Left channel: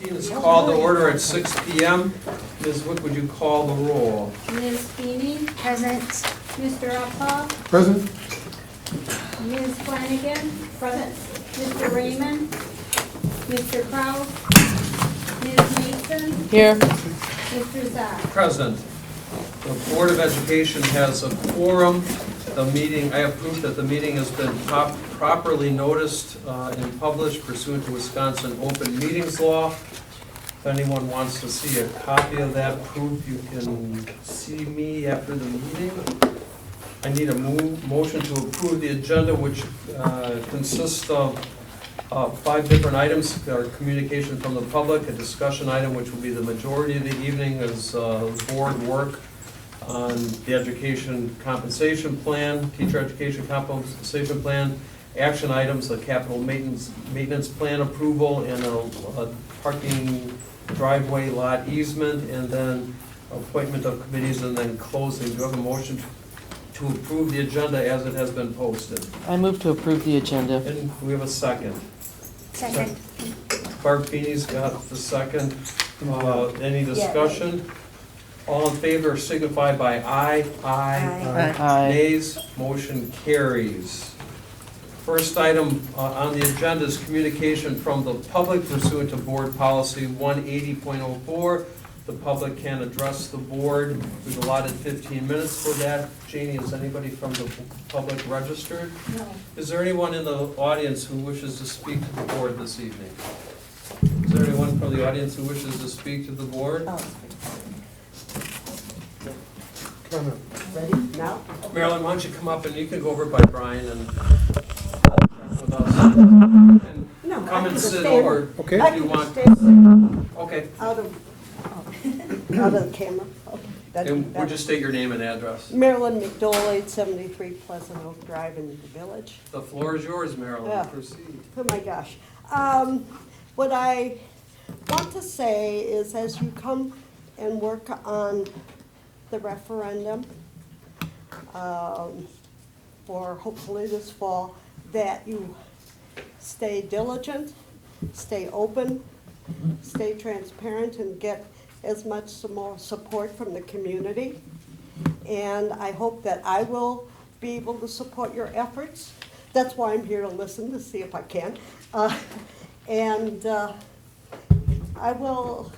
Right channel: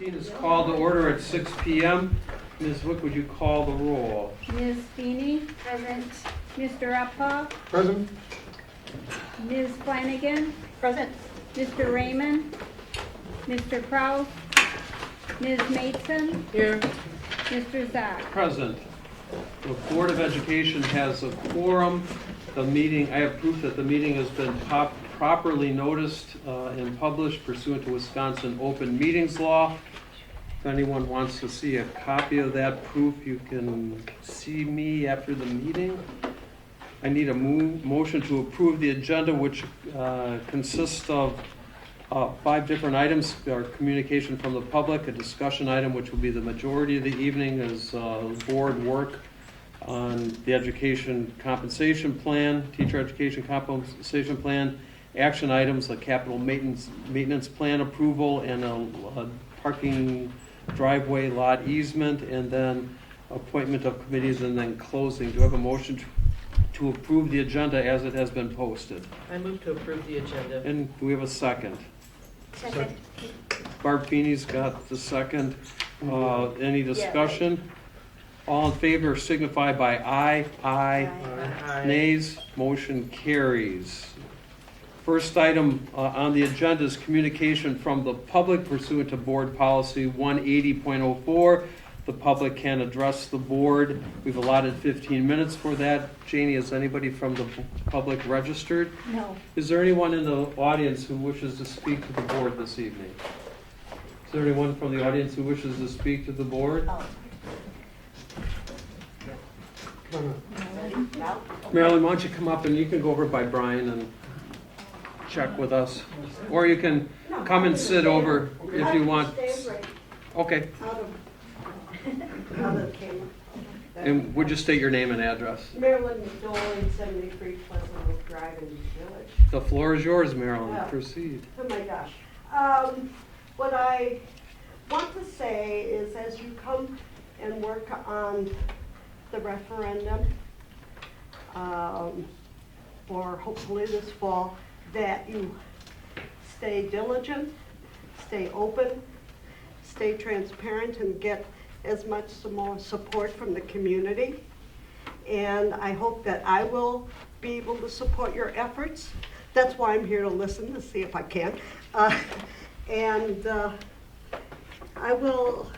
Meeting is called to order at 6 p.m. Ms. Wick, would you call the roll? Ms. Feeney? Present. Mr. Uphaul? Present. Ms. Flanagan? Present. Mr. Raymond? Mr. Kraus? Ms. Mason? Here. Mr. Zock? Present. The Board of Education has a quorum. I have proof that the meeting has been properly noticed and published pursuant to Wisconsin Open Meetings Law. If anyone wants to see a copy of that proof, you can see me after the meeting. I need a motion to approve the agenda, which consists of 5 different items. Our communication from the public, a discussion item, which will be the majority of the evening, is board work on the education compensation plan, teacher education compensation plan, action items, the capital maintenance plan approval, and a parking driveway lot easement, and then appointment of committees, and then closing. Do you have a motion to approve the agenda as it has been posted? I move to approve the agenda. And we have a second. Second. Barb Feeney's got the second. Any discussion? All in favor signify by aye. Aye. Aye. Nays, motion carries. First item on the agenda is communication from the public pursuant to Board Policy 180.04. The public can address the board. We've allotted 15 minutes for that. Janie, is anybody from the public registered? No. Is there anyone in the audience who wishes to speak to the board this evening? Is there anyone from the audience who wishes to speak to the board? Ready now? Marilyn, why don't you come up and you can go over by Brian and check with us. Or you can come and sit over Okay. if you want. Okay. Out of the camera. Okay. And would you state your name and address? Marilyn McDole, 73 Pleasant Oak Drive in the Village. The floor is yours, Marilyn. Yeah. Proceed. Oh my gosh. What I want to say is, as you come and work on the referendum for hopefully this fall, that you stay diligent, stay open, stay transparent, and get as much more support from the community. And I hope that I will be able to support your efforts. That's why I'm here, to listen, to see if I can. I will,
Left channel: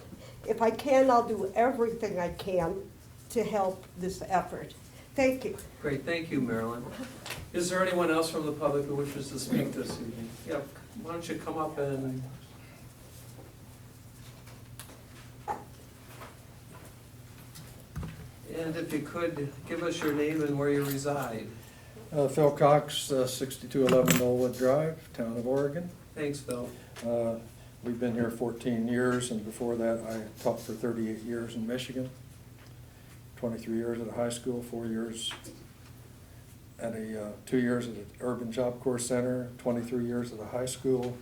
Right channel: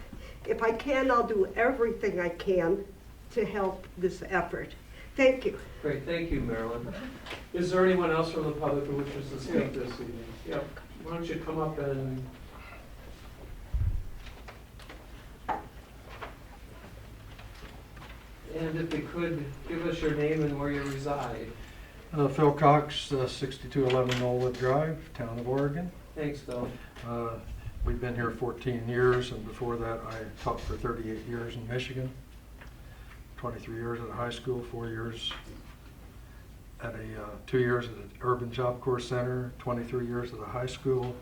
if I can, I'll do everything I can to help this effort. Thank you. Great, thank you, Marilyn. Is there anyone else from the public who wishes to speak this evening? Yeah, why don't you come up and... And if you could, give us your name and where you reside. Phil Cox, 6211 Knollwood Drive, Town of Oregon. Thanks, Phil. We've been here 14 years, and before that I taught for 38 years in Michigan, 23 years at a high school, 4 years at 2 years at an urban job corps center, 23 years at a high school,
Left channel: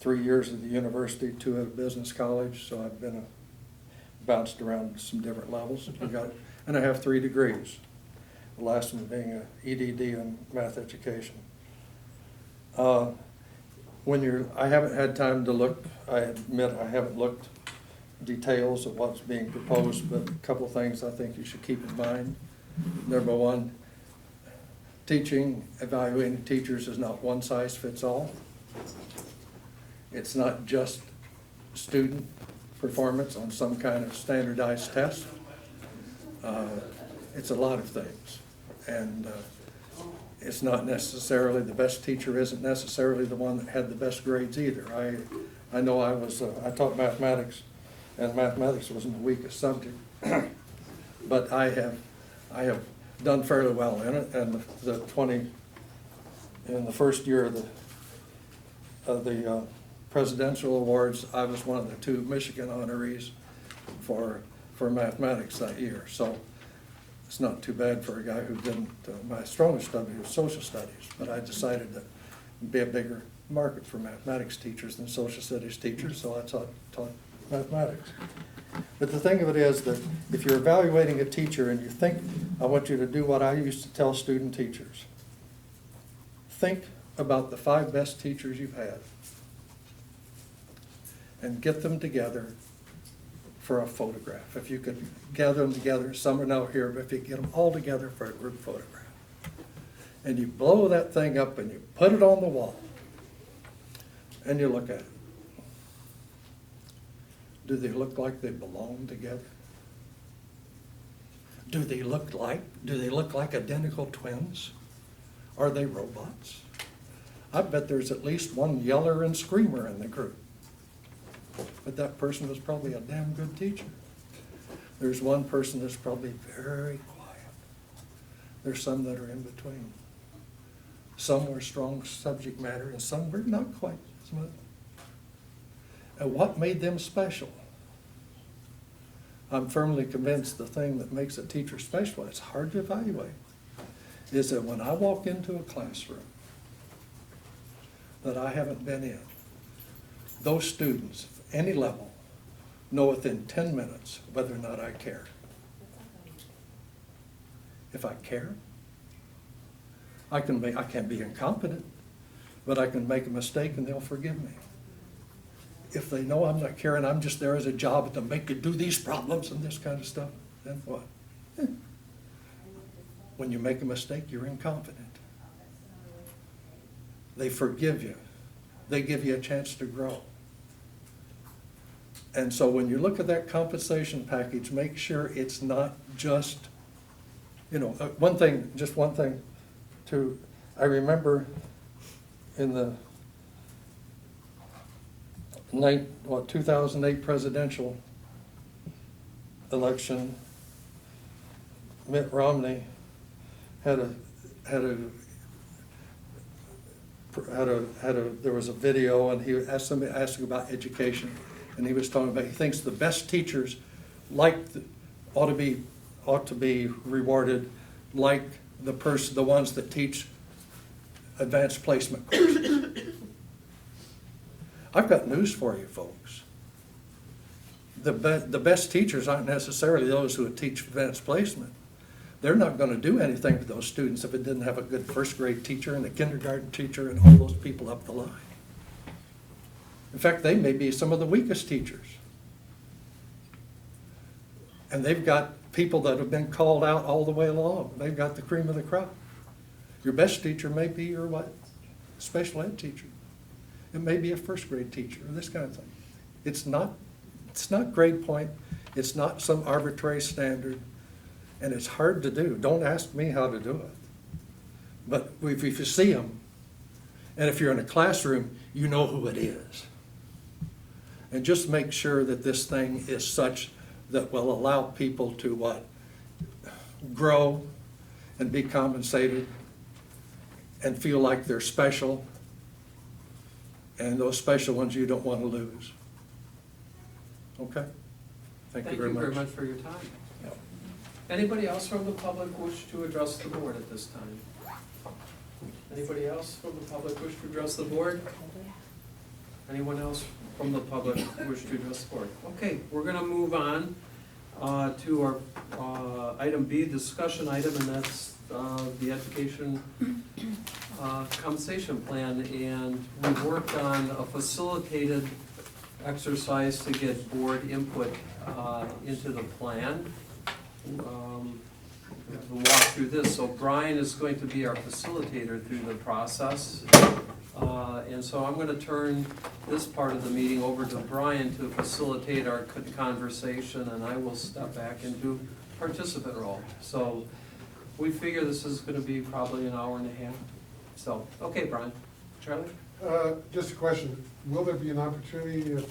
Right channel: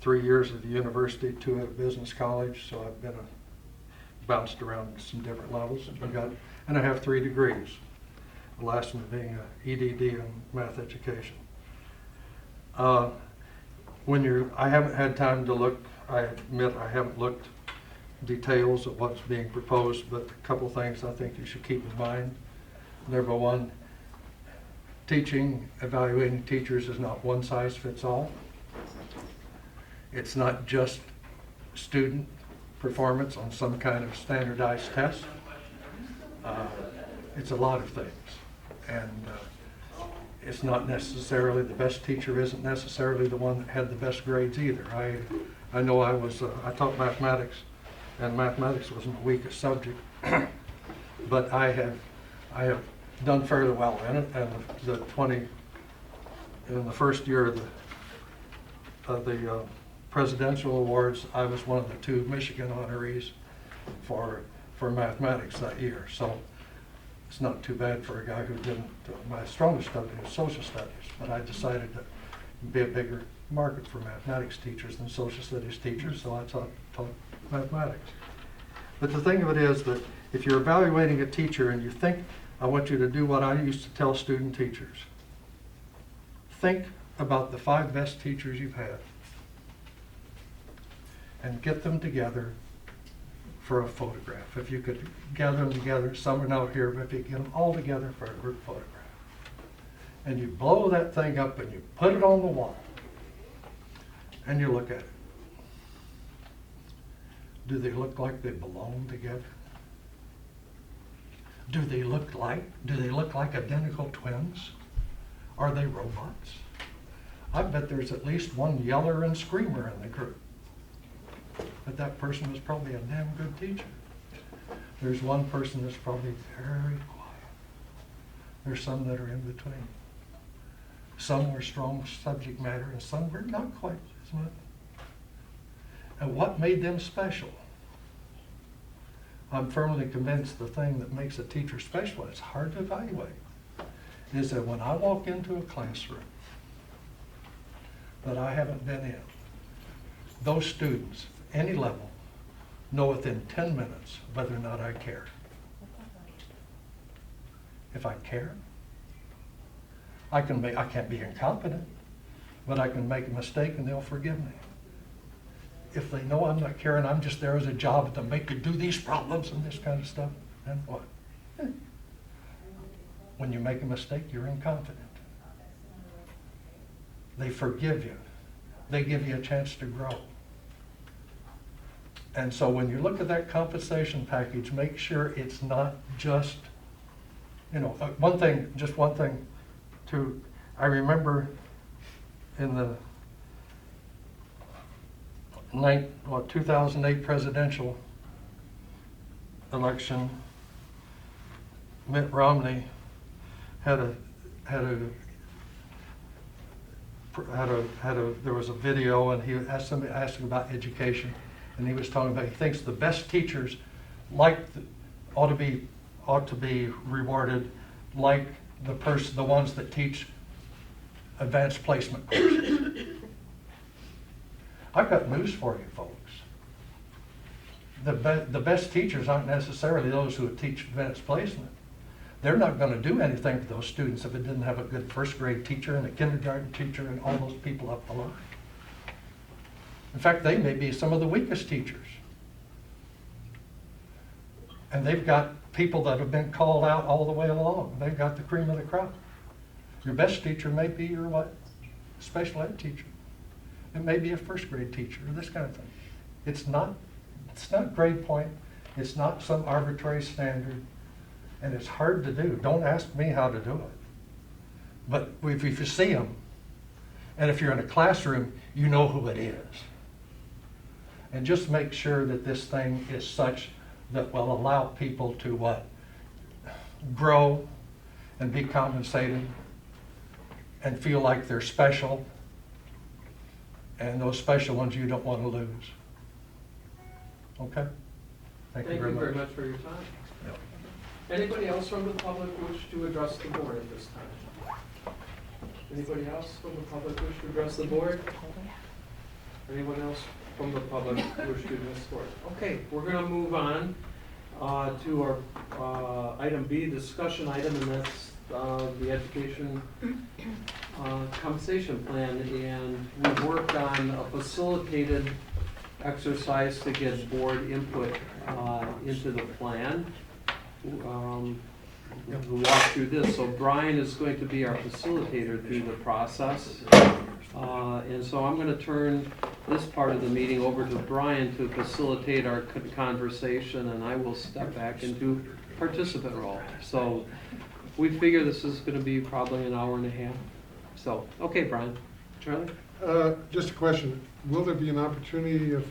3 years at the university, 2 at a business college, so I've been bounced around some different levels. And I have 3 degrees. The last one being an EDD in math education. I haven't had time to look, I admit I haven't looked details of what's being proposed, but a couple things I think you should keep in mind. Number one, evaluating teachers is not one size fits all. It's not just student performance on some kind of standardized test. It's a lot of things. And it's not necessarily, the best teacher isn't necessarily the one that had the best grades either. I know I taught mathematics, and mathematics wasn't the weakest subject, but I have done fairly well in it, and in the first year of the presidential awards, I was one of the 2 Michigan honorees for mathematics that year. So it's not too bad for a guy who didn't, my strongest subject was social studies, but I decided that it'd be a bigger market for mathematics teachers than social studies teachers, so I taught mathematics. But the thing of it is that if you're evaluating a teacher and you think, I want you to do what I used to tell student teachers. Think about the 5 best teachers you've had. and get them together for a photograph. If you could gather them together, some are now here, but if you get them all together for a group photograph. And you blow that thing up and you put it on the wall, and you look at it. Do they look like they belong together? Do they look like identical twins? Are they robots? I bet there's at least one yeller and screamer in the group. But that person was probably a damn good teacher. There's one person that's probably very quiet. There's some that are in between. Some were strong subject matter and some were not quite as much. And what made them special? I'm firmly convinced the thing that makes a teacher special, and it's hard to evaluate, is that when I walk into a classroom that I haven't been in, those students, any level, know within 10 minutes whether or not I care. If I care, I can't be incompetent, but I can make a mistake and they'll forgive me. If they know I'm not caring, I'm just there as a job to make you do these problems and this kind of stuff, then what? When you make a mistake, you're incompetent. They forgive you. They give you a chance to grow. And so when you look at that compensation package, make sure it's not just, one thing too. I remember in the 2008 presidential election, Mitt Romney there was a video, and he asked somebody asking about education, and he was talking about he thinks the best teachers ought to be rewarded like the ones that teach advanced placement courses. I've got news for you, folks. The best teachers aren't necessarily those who teach advanced placement. They're not going to do anything to those students if it didn't have a good first grade teacher and a kindergarten teacher and all those people up the line. In fact, they may be some of the weakest teachers. And they've got people that have been called out all the way along. They've got the cream of the crop. Your best teacher may be your what? Special ed teacher. It may be a first grade teacher, or this kind of thing. It's not grade point. It's not some arbitrary standard. And it's hard to do. Don't ask me how to do it. But if you see them, and if you're in a classroom, you know who it is. And just make sure that this thing is such that will allow people to what? Grow and be compensated and feel like they're special. And those special ones you don't want to lose. Okay? Thank you very much for your time. Yeah. Anybody else from the public wish to address the board at this time? Anybody else from the public wish to address the board? Anyone else from the public wish to address the board? Okay, we're going to move on to our item B, discussion item, and that's the education compensation plan. And we worked on a facilitated exercise to get board input into the plan. To walk through this. So Brian is going to be our facilitator through the process. And so I'm going to turn this part of the meeting over to Brian to facilitate our conversation, and I will step back and do participant role. So we figure this is going to be probably an hour and a half. So, okay, Brian. Charlie? Just a question. Will there be an opportunity if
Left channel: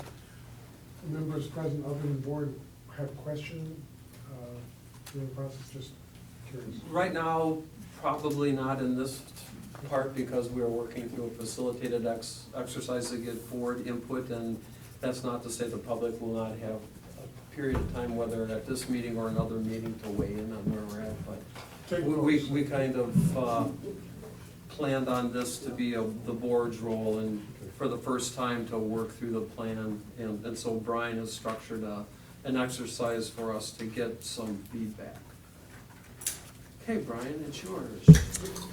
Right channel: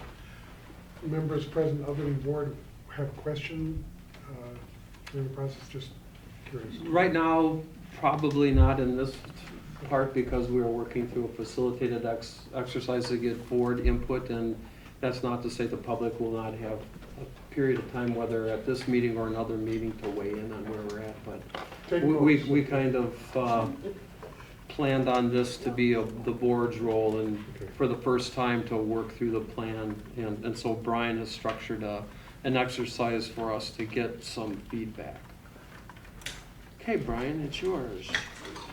members present other than the board have questions during the process? Just curious. Right now, probably not in this part because we're working through a facilitated exercise to get board input, and that's not to say the public will not have a period of time, whether at this meeting or another meeting, to weigh in on where we're at. But we kind of planned on this to be the board's role, and for the first time to work through the plan, and so Brian has structured an exercise for us to get some feedback. Okay, Brian, it's yours.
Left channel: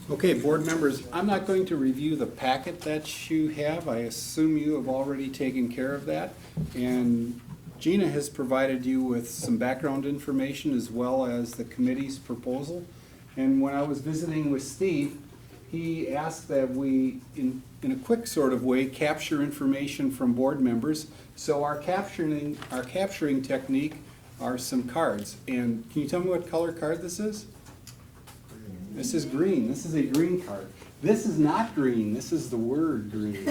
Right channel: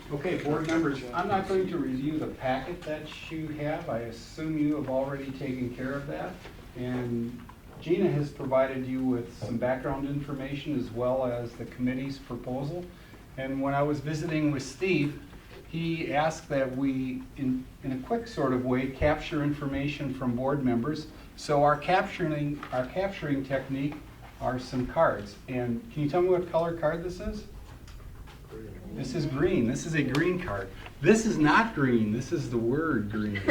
Okay, board members, I'm not going to review the packet that you have. I assume you have already taken care of that. And Gina has provided you with some background information as well as the committee's proposal. And when I was visiting with Steve, he asked that we, in a quick sort of way, capture information from board members. So our capturing technique are some cards. And can you tell me what color card this is? This is green. This is a green card. This is not green. This is the word green.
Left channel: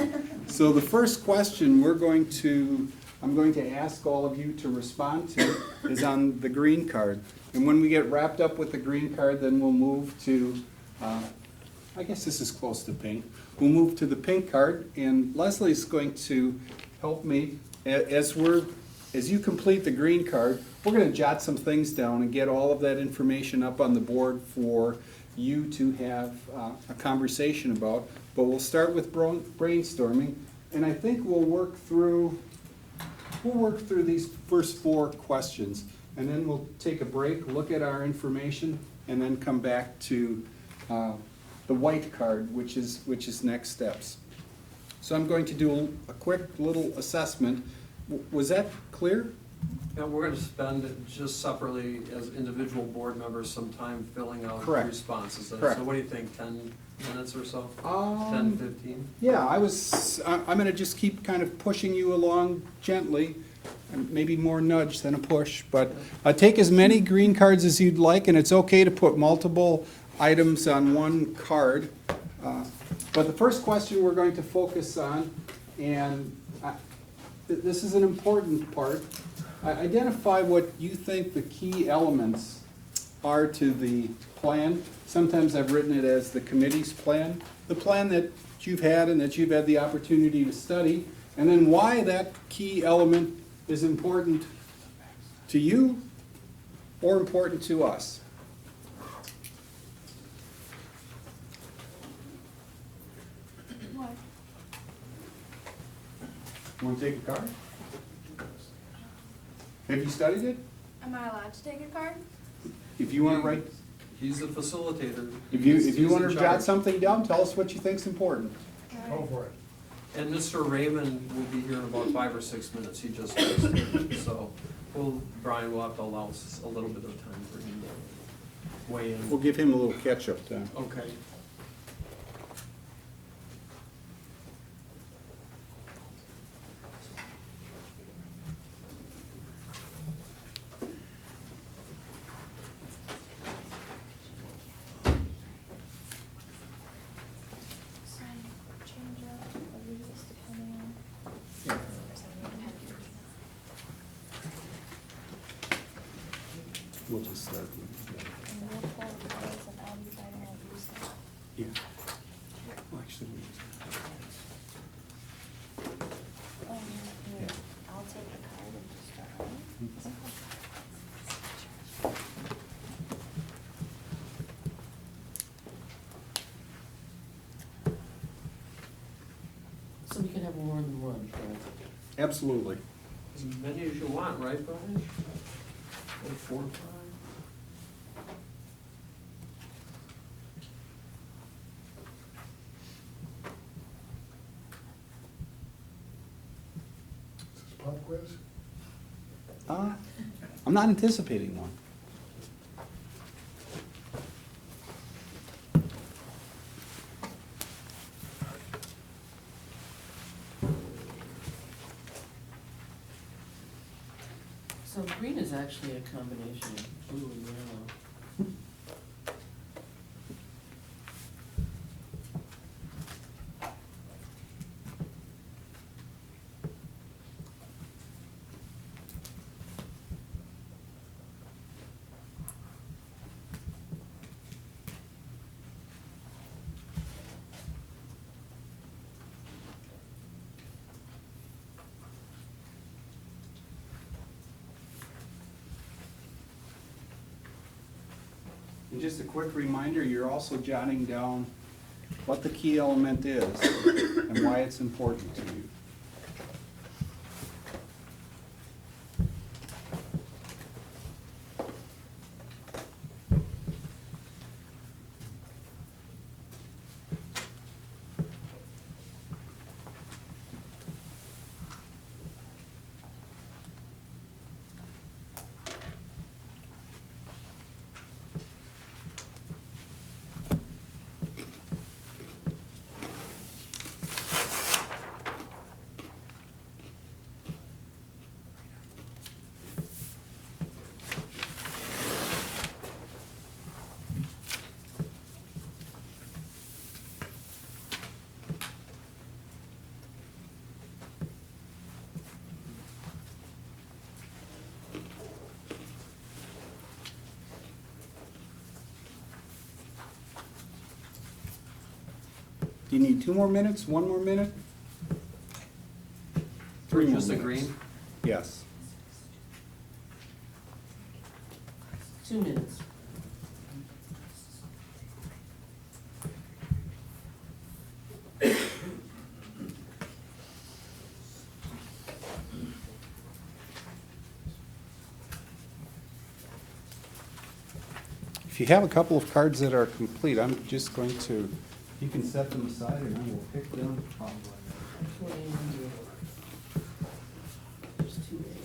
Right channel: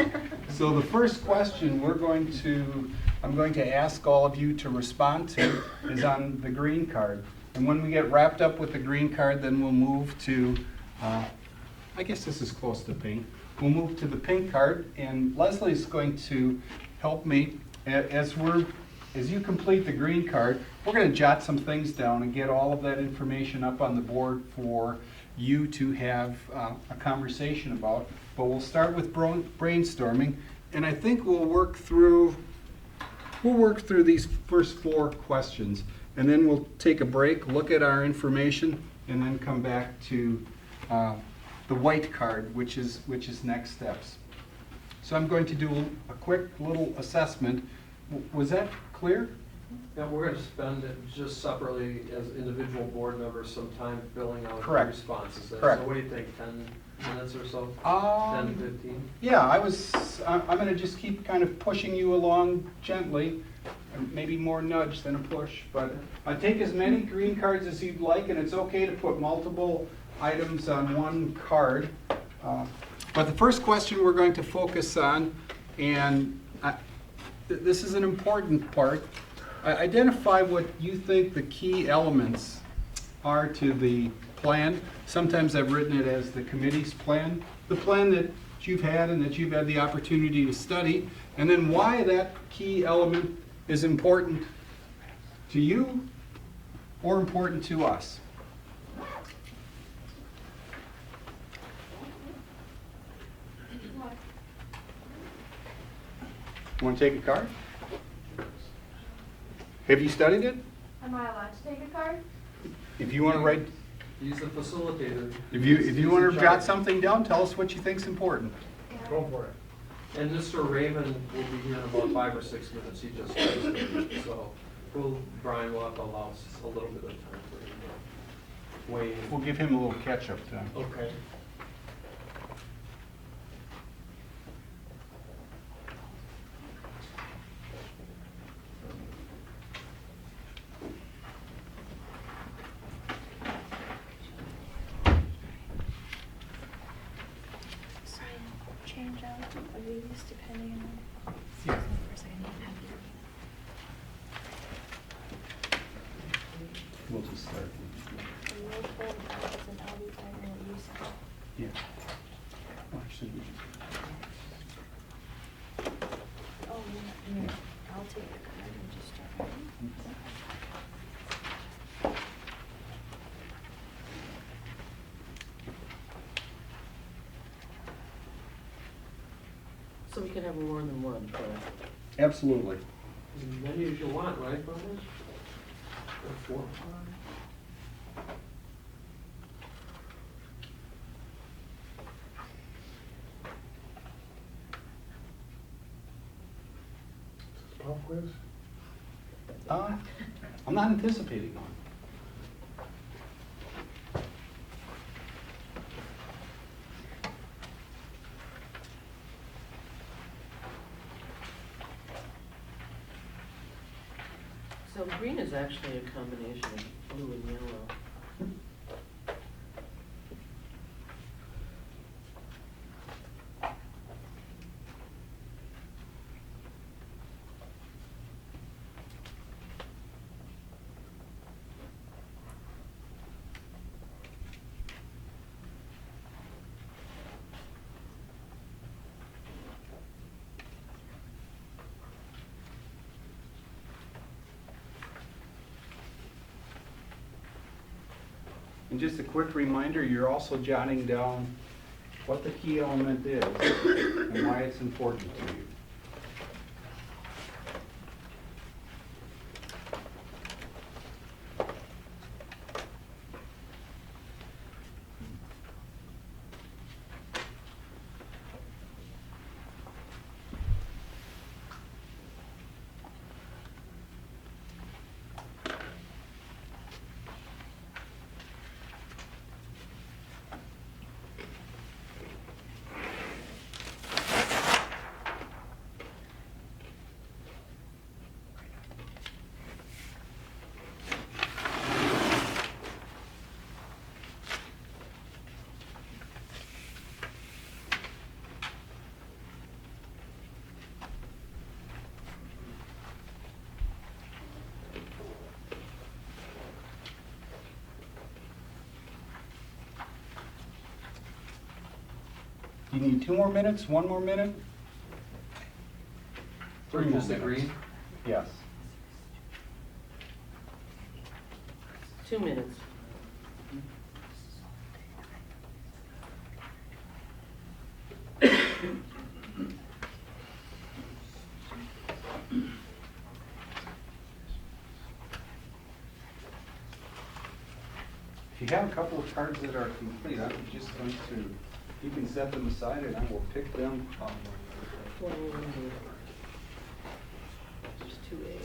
So the first question I'm going to ask all of you to respond to is on the green card. And when we get wrapped up with the green card, then we'll move to, I guess this is close to pink. We'll move to the pink card, and Leslie's going to help me as you complete the green card. We're going to jot some things down and get all of that information up on the board for you to have a conversation about. But we'll start with brainstorming, and I think we'll work through these first 4 questions, and then we'll take a break, look at our information, and then come back to the white card, which is next steps. So I'm going to do a quick little assessment. Was that clear? Yeah, we're gonna spend it just separately as individual board members some time filling out Correct. responses. Correct. So what do you think, 10 minutes or so? 10, Um, 15? Yeah, I'm gonna just keep kind of pushing you along gently, maybe more nudge than a push, but take as many green cards as you'd like, and it's okay to put multiple items on one card. But the first question we're going to focus on, and this is an important part, identify what you think the key elements are to the plan. Sometimes I've written it as the committee's plan, the plan that you've had and that you've had the opportunity to study, and then why that key element is important to you or important to us. Want to take a card? Have you studied it? Am I allowed to take a card? If you want to write, He's the facilitator. if you He's want in to charge. jot something down, tell us what you think's important. Go for it. And Mr. Raymond will be here in about 5 or 6 minutes, he just started. So, Brian will have to allow us a little bit of time for him to weigh in. We'll give him a little catch-up time. Okay. We'll just start. Yeah. Well, I shouldn't. So we can have more than one, right? Absolutely. As many as you want, right, Brian? Like 4 or 5? Is this pop quiz? I'm not anticipating one. So green is actually a combination of blue and yellow. And just a quick reminder, you're also jotting down what the key element is and why it's important to you. You need 2 more minutes, 1 more minute? 3 more Just minutes. agreeing? Yes. 2 minutes. If you have a couple of cards that are complete, I'm just going to, you can set them aside and I will pick them up. Just 2A.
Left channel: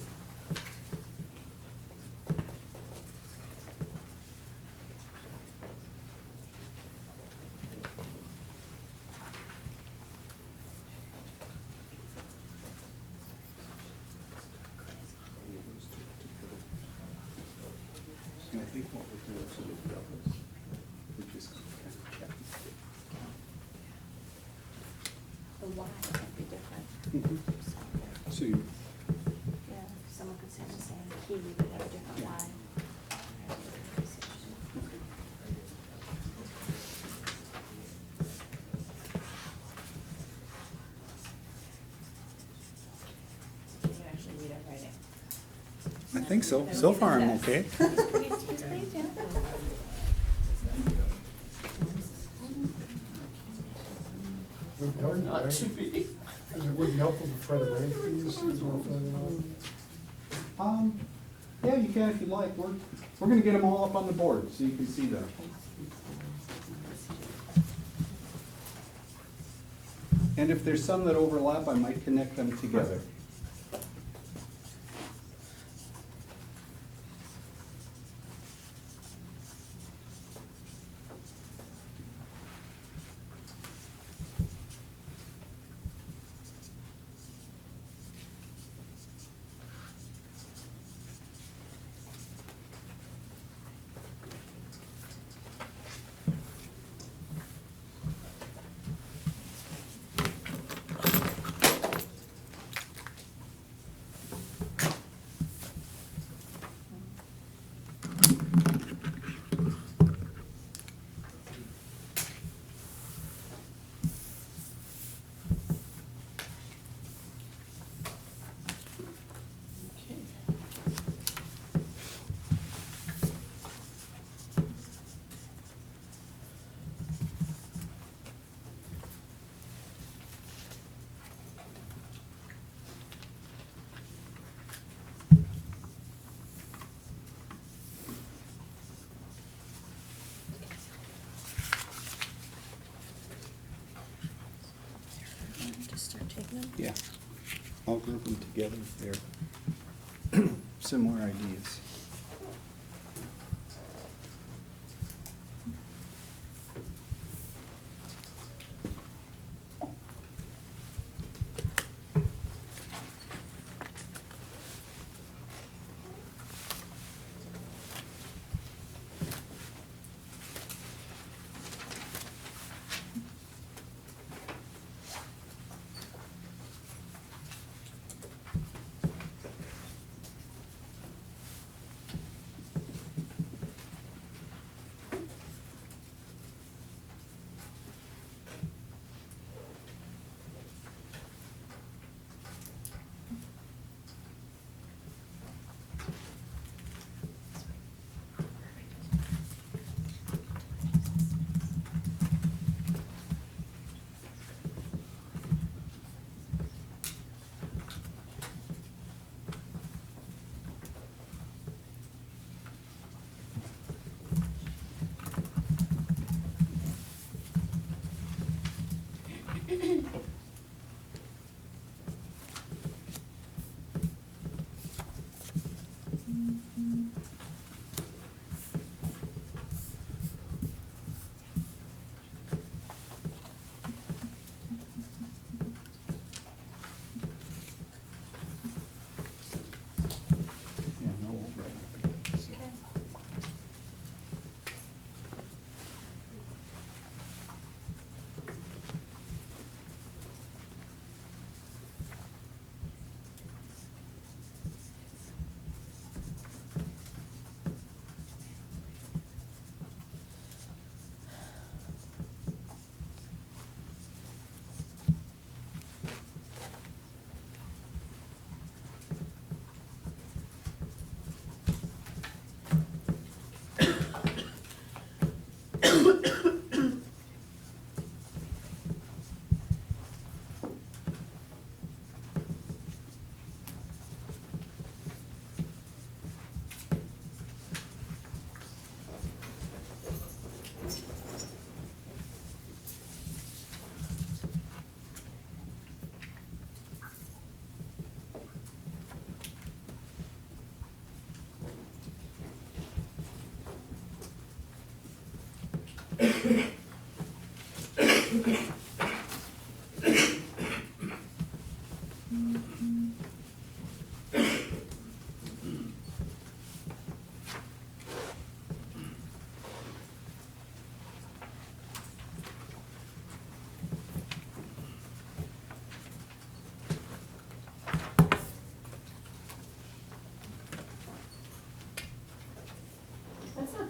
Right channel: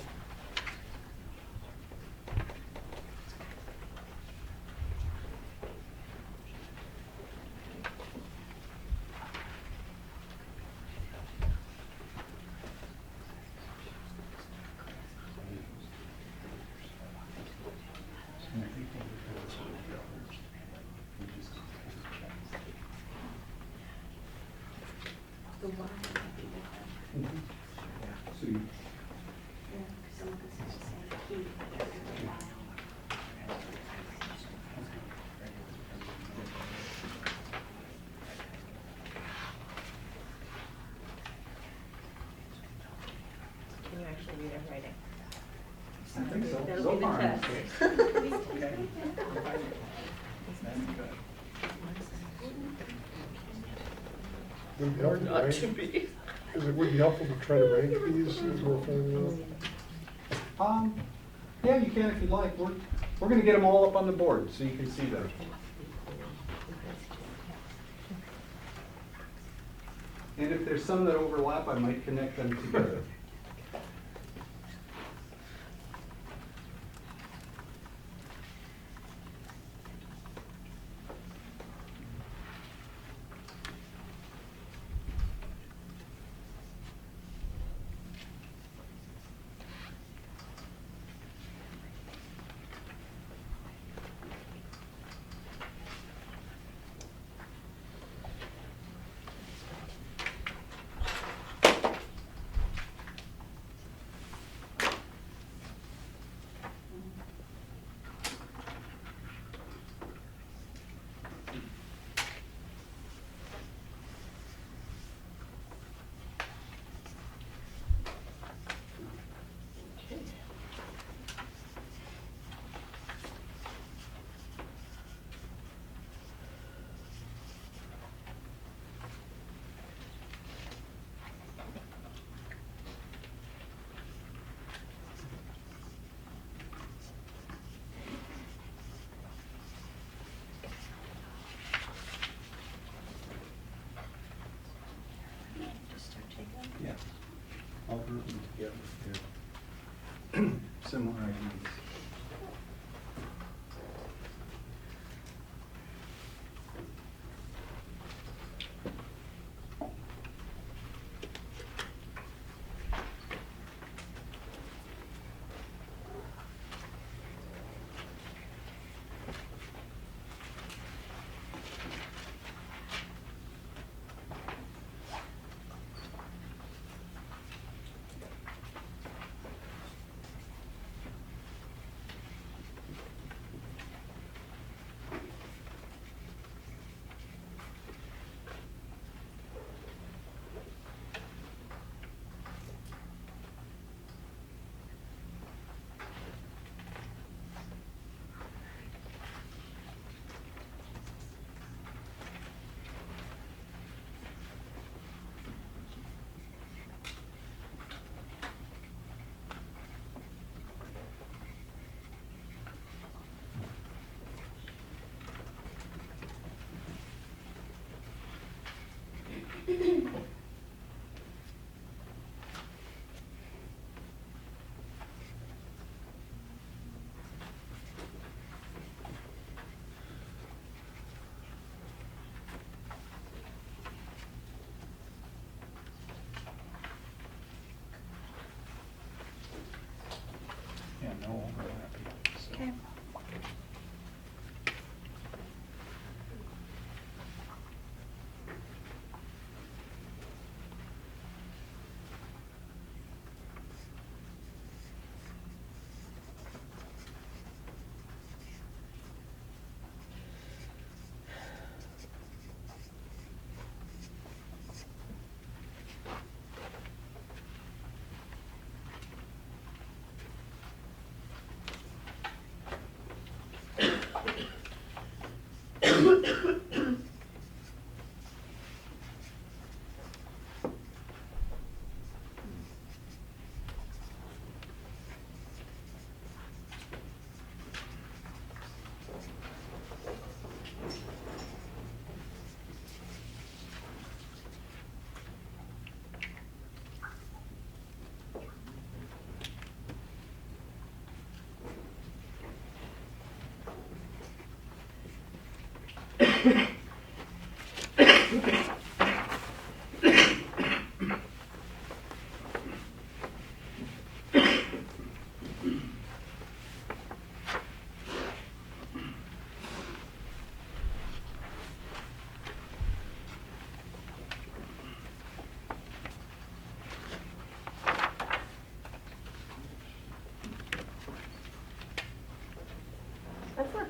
The one might be different. So you- Yeah, because someone could say the same key, but they're a different line. Can you actually read it writing? I think so. So far, I'm okay. Would it be helpful to Not range- to be. would it be helpful to try to range these as we're filling out? Yeah, you can if you'd like. We're gonna get them all up on the board so you can see them. And if there's some that overlap, I might connect them together. Okay. Just start taking them. Yeah. I'll group them together. They're similar ideas.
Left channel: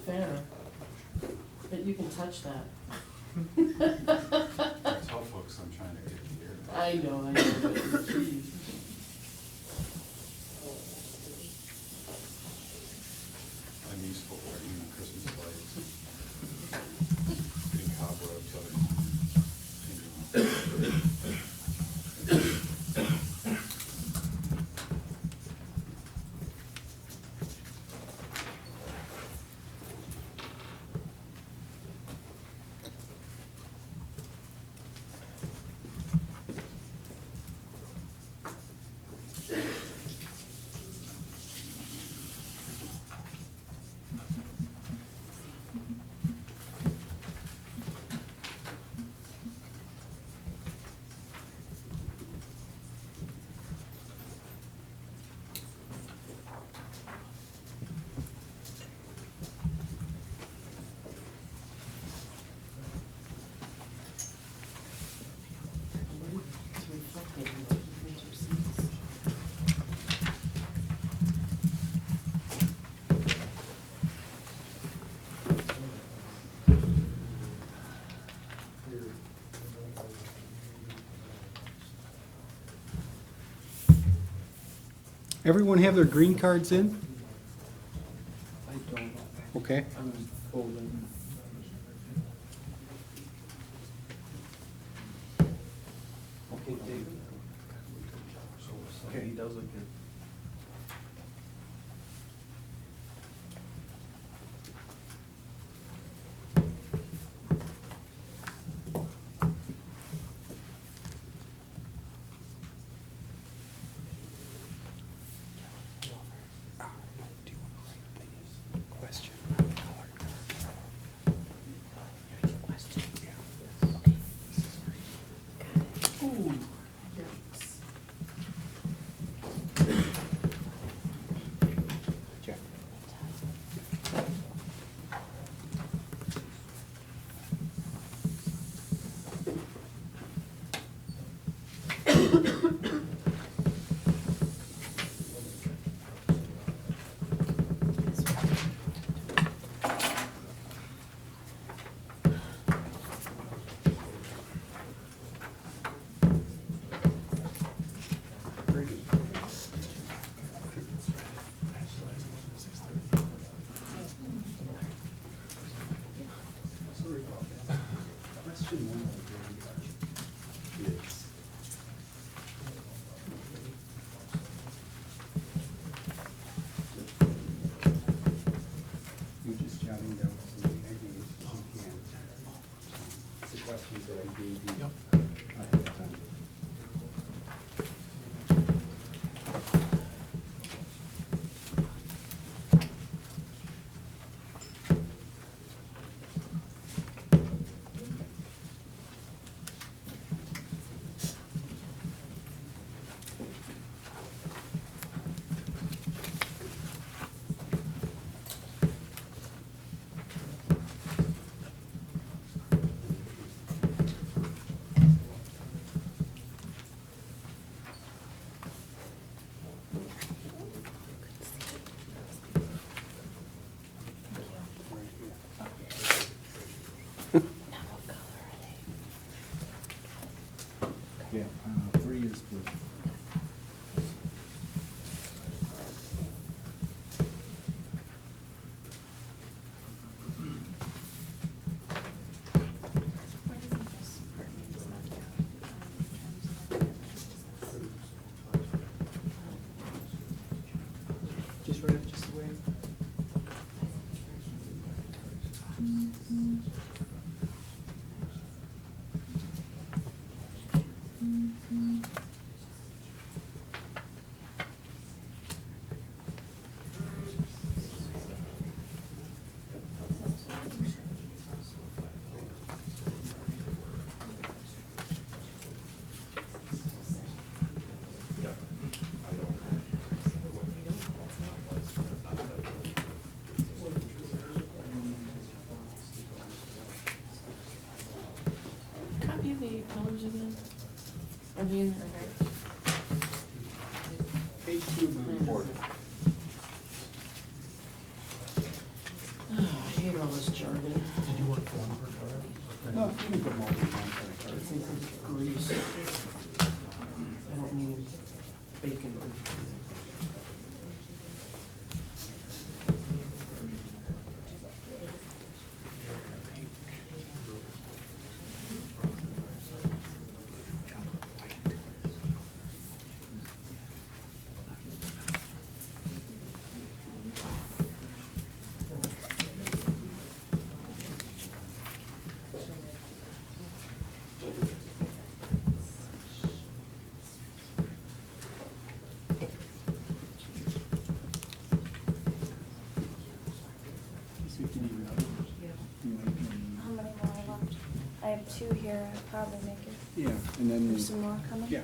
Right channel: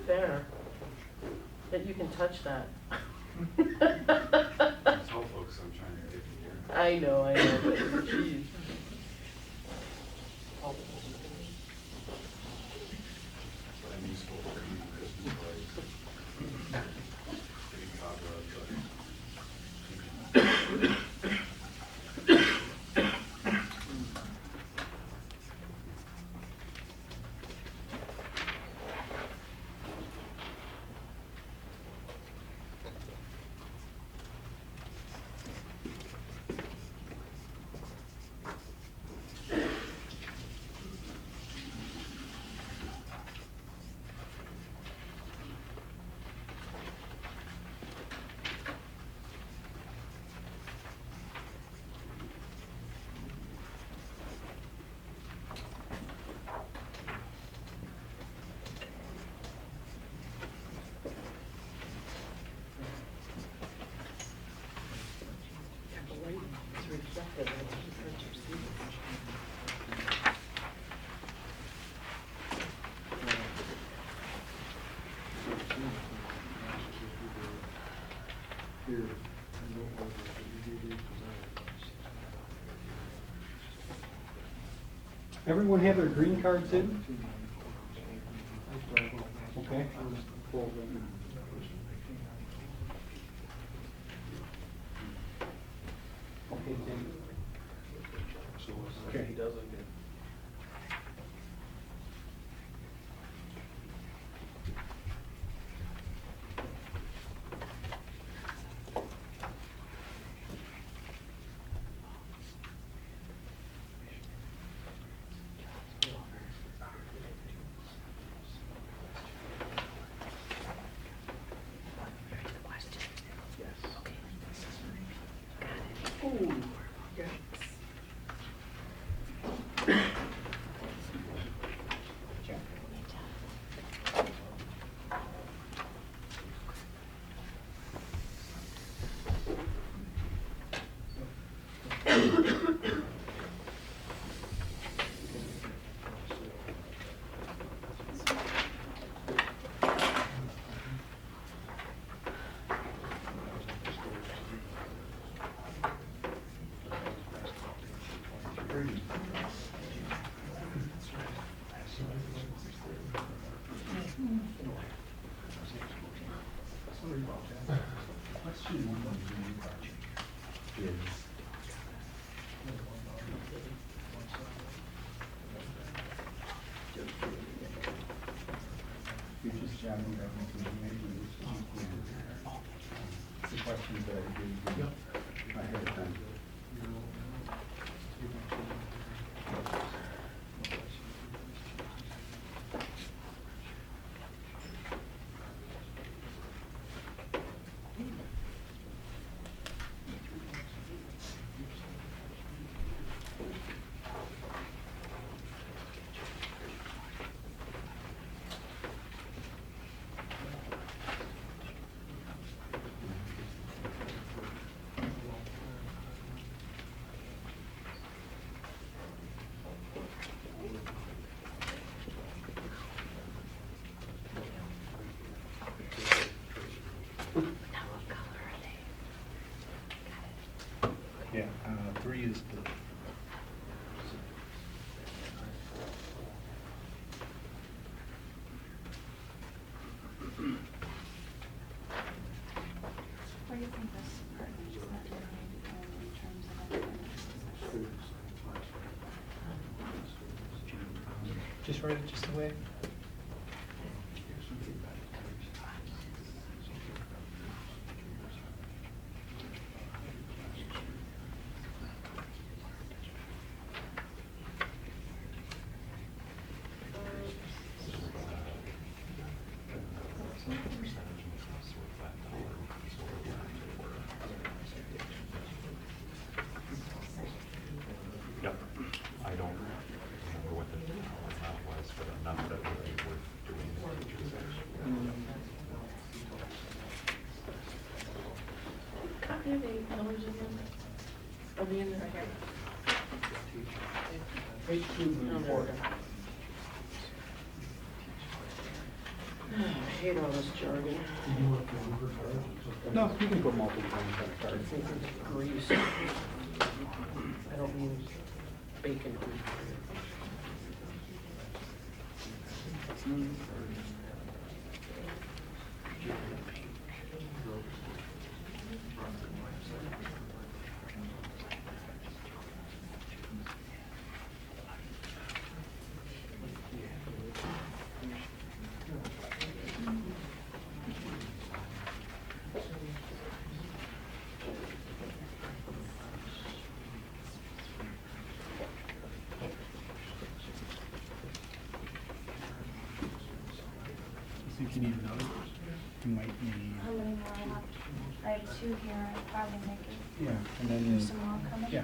fair that you can touch that. Tell folks I'm trying to get here. I know, but geez. Unuseful for eating Christmas lights. Getting cobwebs, It's reflective in the difference you see. Everyone have their green cards in? Okay. Okay, he does it. Ooh. You're just jotting down some ideas. It's the questions that I gave you. Ahead of time. Yeah, 3 is blue. Where do you think this part needs to be in terms of? Just write it just the way. Yep. I don't remember what the amount was for the amount that we were Copy of the colors again? Are they in there? Page 2 of the report. Oh, hate all this jargon. Did you want to for card? No, you can put multiple on the I card. think it's grease. I don't mean bacon grease. See if you need another. You might need, How many more are left? I have 2 here, I'd probably make it. yeah, and then. There's some more coming? Yeah.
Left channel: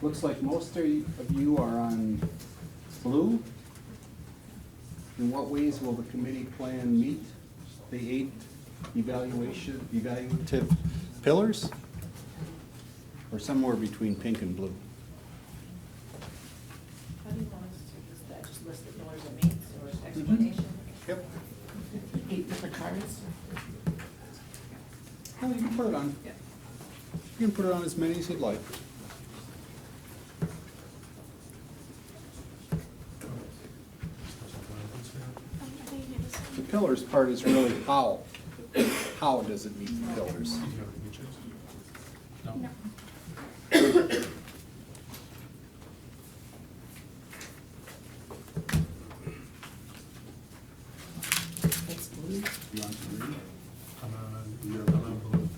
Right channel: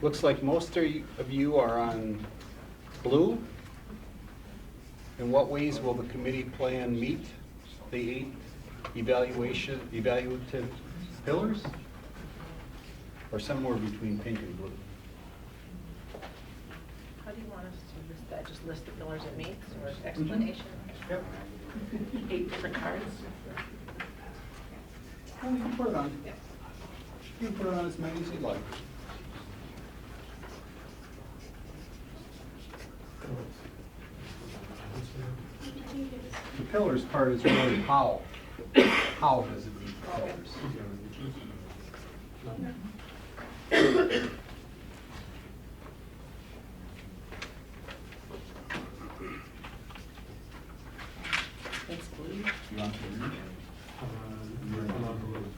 Looks like most of you are on blue. In what ways will the committee plan meet the 8 evaluative pillars? Or somewhere between pink and blue? How do you want us to list that? Just list the pillars it meets or explanation? Yep. 8 different cards. No, you can put it on. Yep. You can put it on as many as you'd like. The pillars part is really how. How does it meet the pillars? No. That's blue. You want to read? You're allowed to move.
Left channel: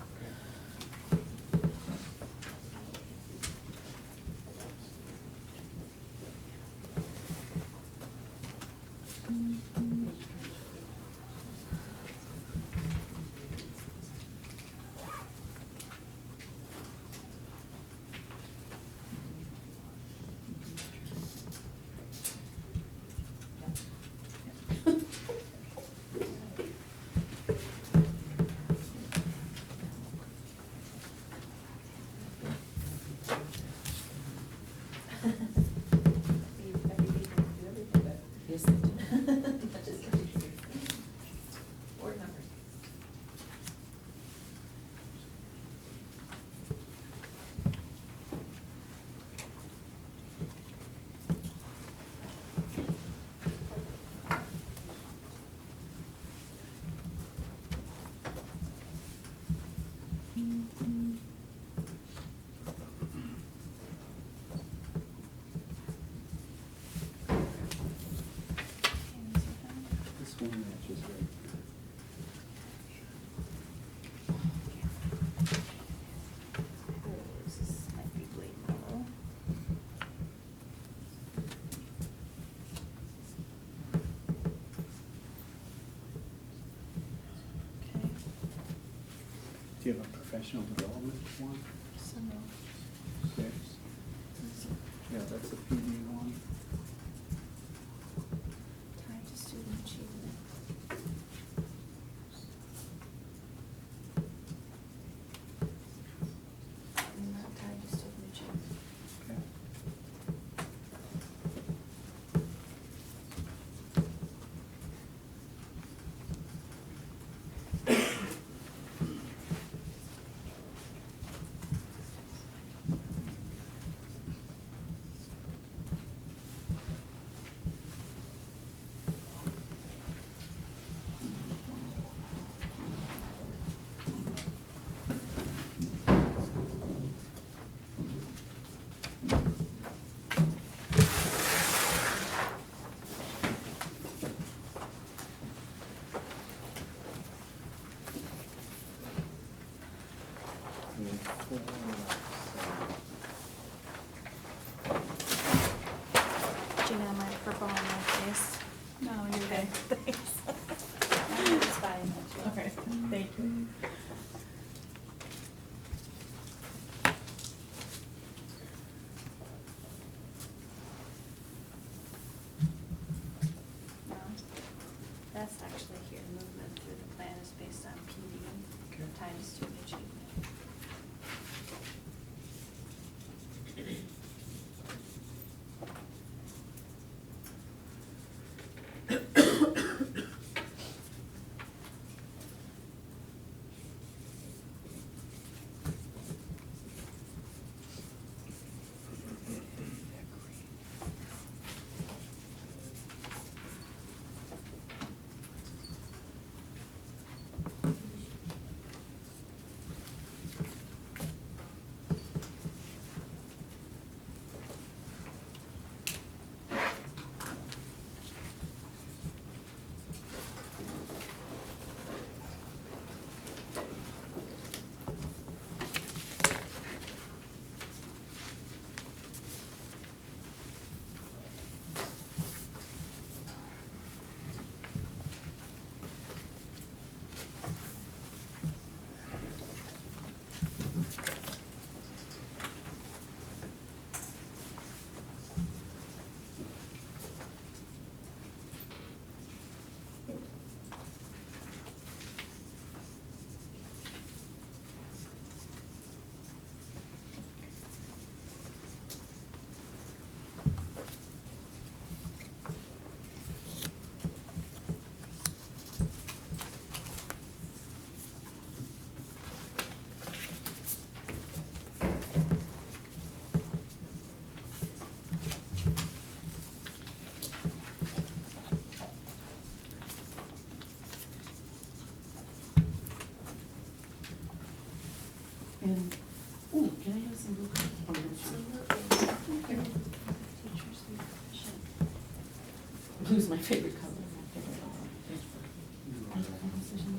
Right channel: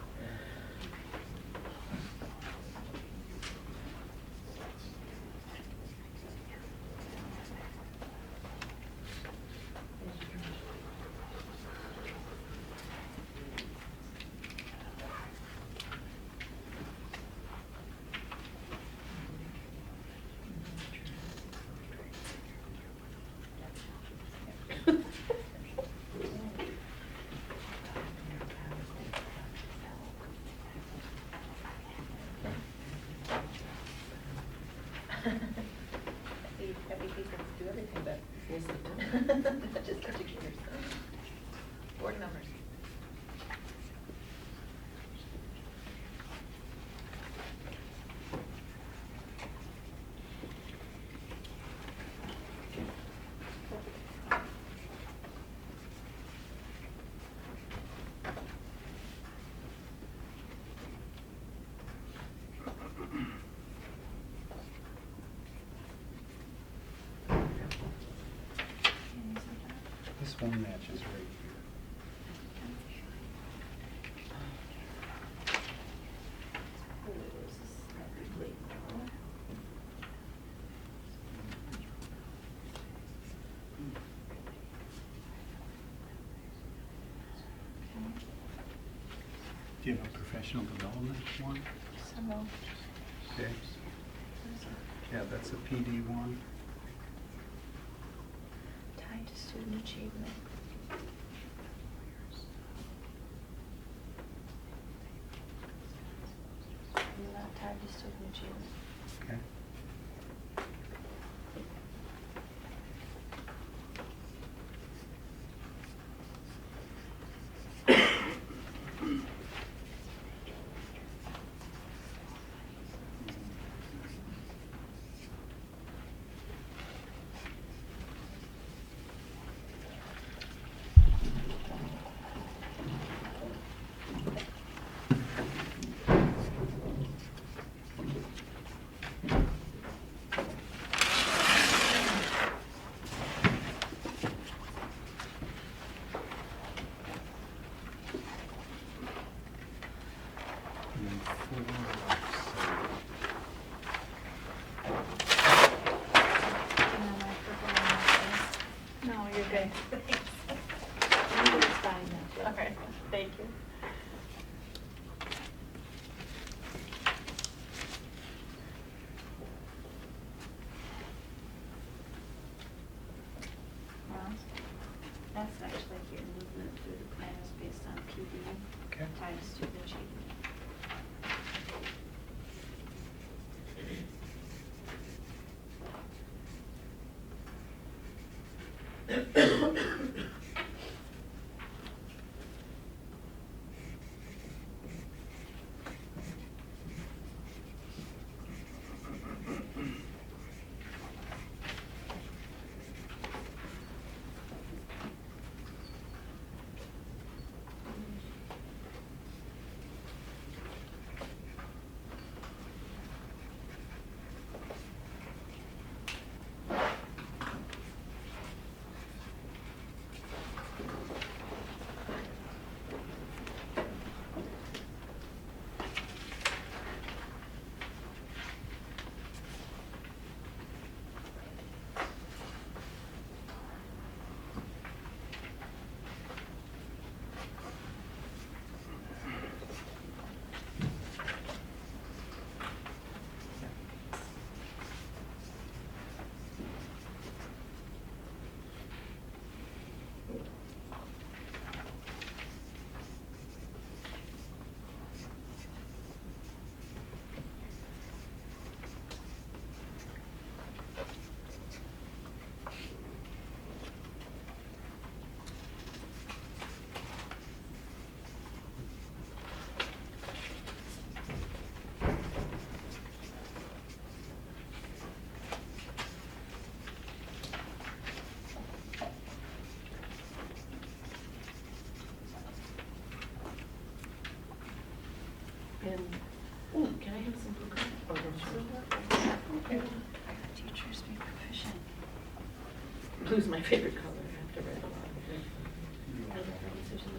Happy people do everything, but Yes, they do. not just particular. Board members. This one matches right here. This is happy blade yellow. Do you have a professional development one? So, Okay. Yeah, that's a PD one. tied to student achievement. Not tied to student achievement. Okay. Gina, my purple on my face. No, you're good. Thanks. It's fine, that's what. Okay, thank you. Well, that's actually here, movement through the plan is based on PD, Okay. tied to student achievement. And, oh, can I have some blue cards? Oh, no, sure. Okay. Teachers be proficient. Blue's my favorite color after red. That's my decision.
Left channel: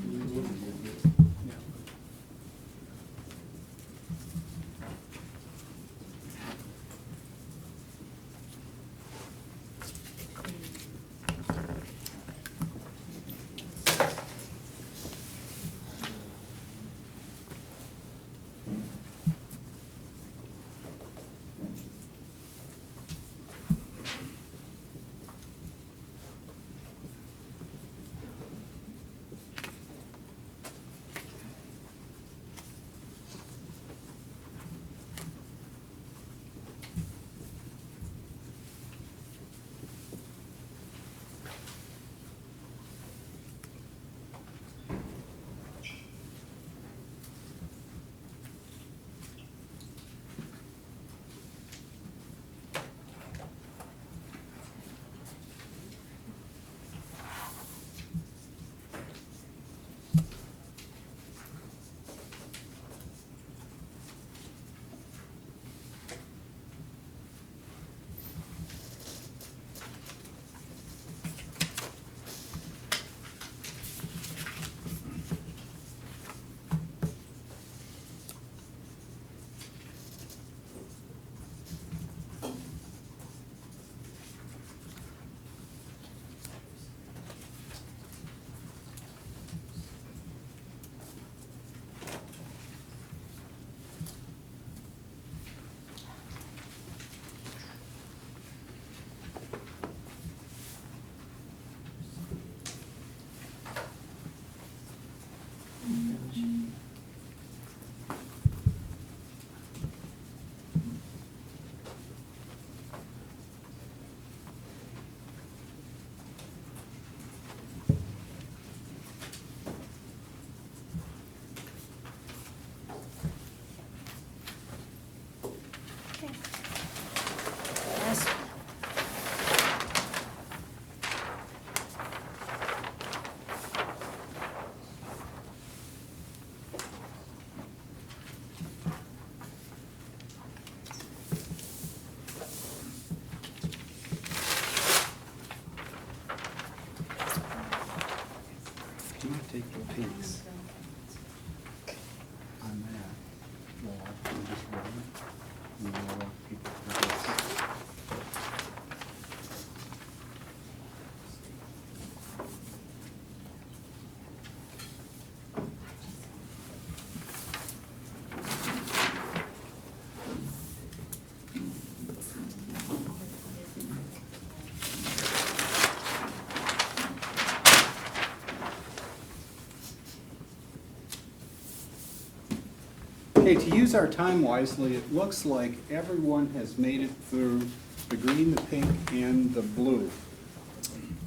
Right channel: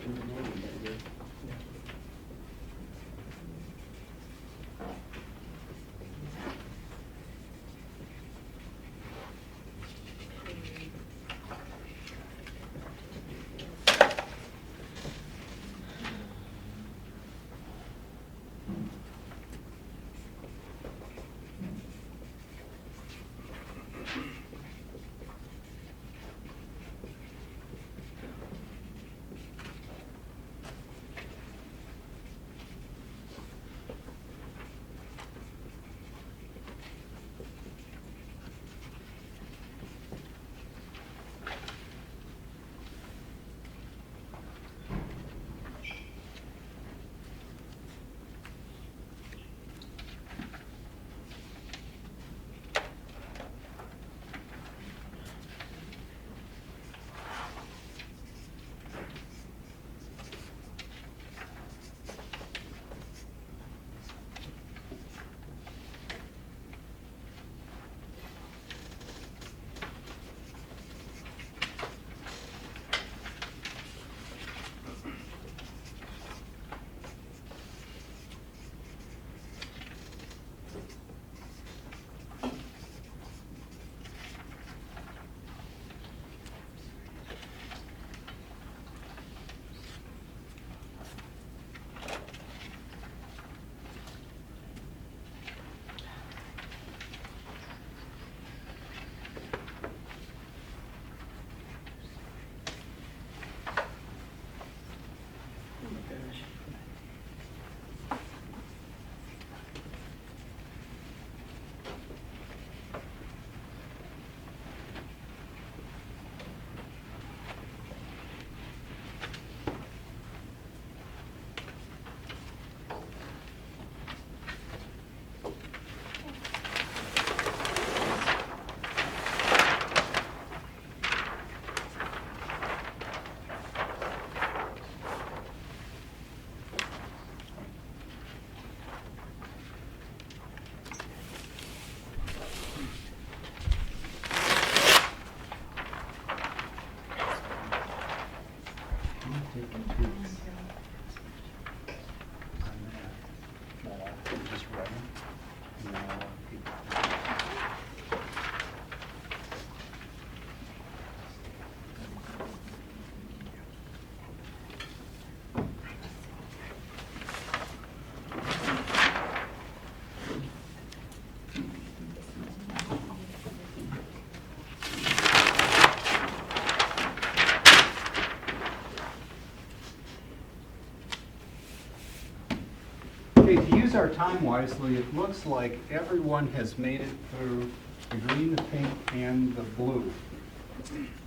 Okay, to use our time wisely, it looks like everyone has made it through the green, the pink, and the blue.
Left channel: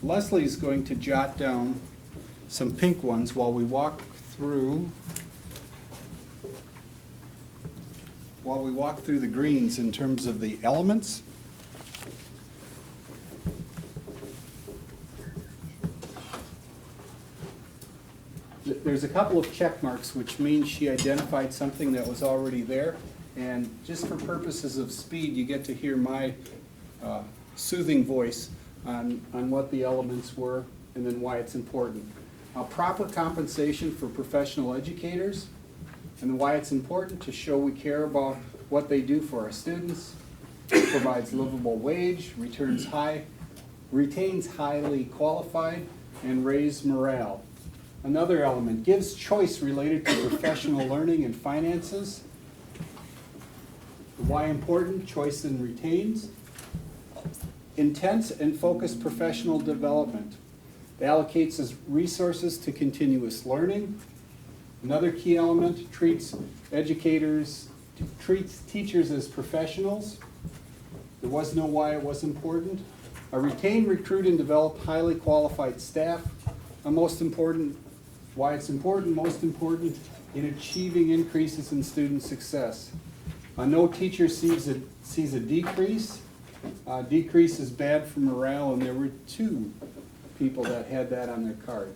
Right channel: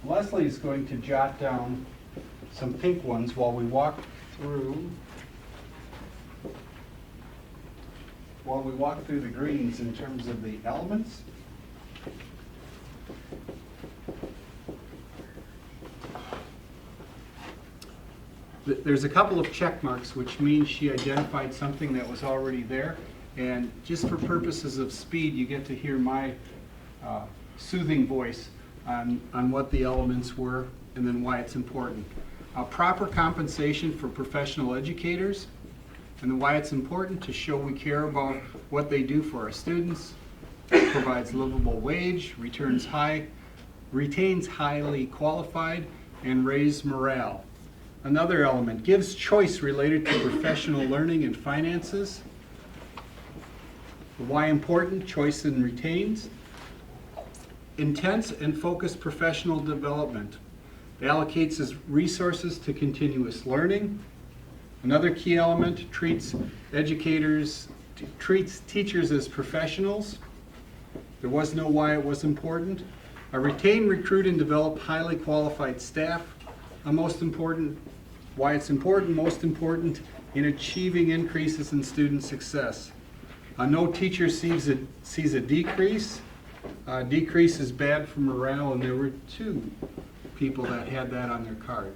Leslie's going to jot down some pink ones while we walk through the greens in terms of the elements. There's a couple of check marks, which means she identified something that was already there. And just for purposes of speed, you get to hear my soothing voice on what the elements were and then why it's important. Proper compensation for professional educators, and then why it's important to show we care about what they do for our students, provides livable wage, retains highly qualified, and raise morale. Another element, gives choice related to professional learning and finances. Why important, choice and retains. Intense and focused professional development. Allocates as resources to continuous learning. Another key element, treats teachers as professionals. There was no why it was important. Retain, recruit, and develop highly qualified staff. Most important, why it's important, most important in achieving increases in student success. No teacher sees a decrease. Decrease is bad for morale, and there were 2 people that had that on their card.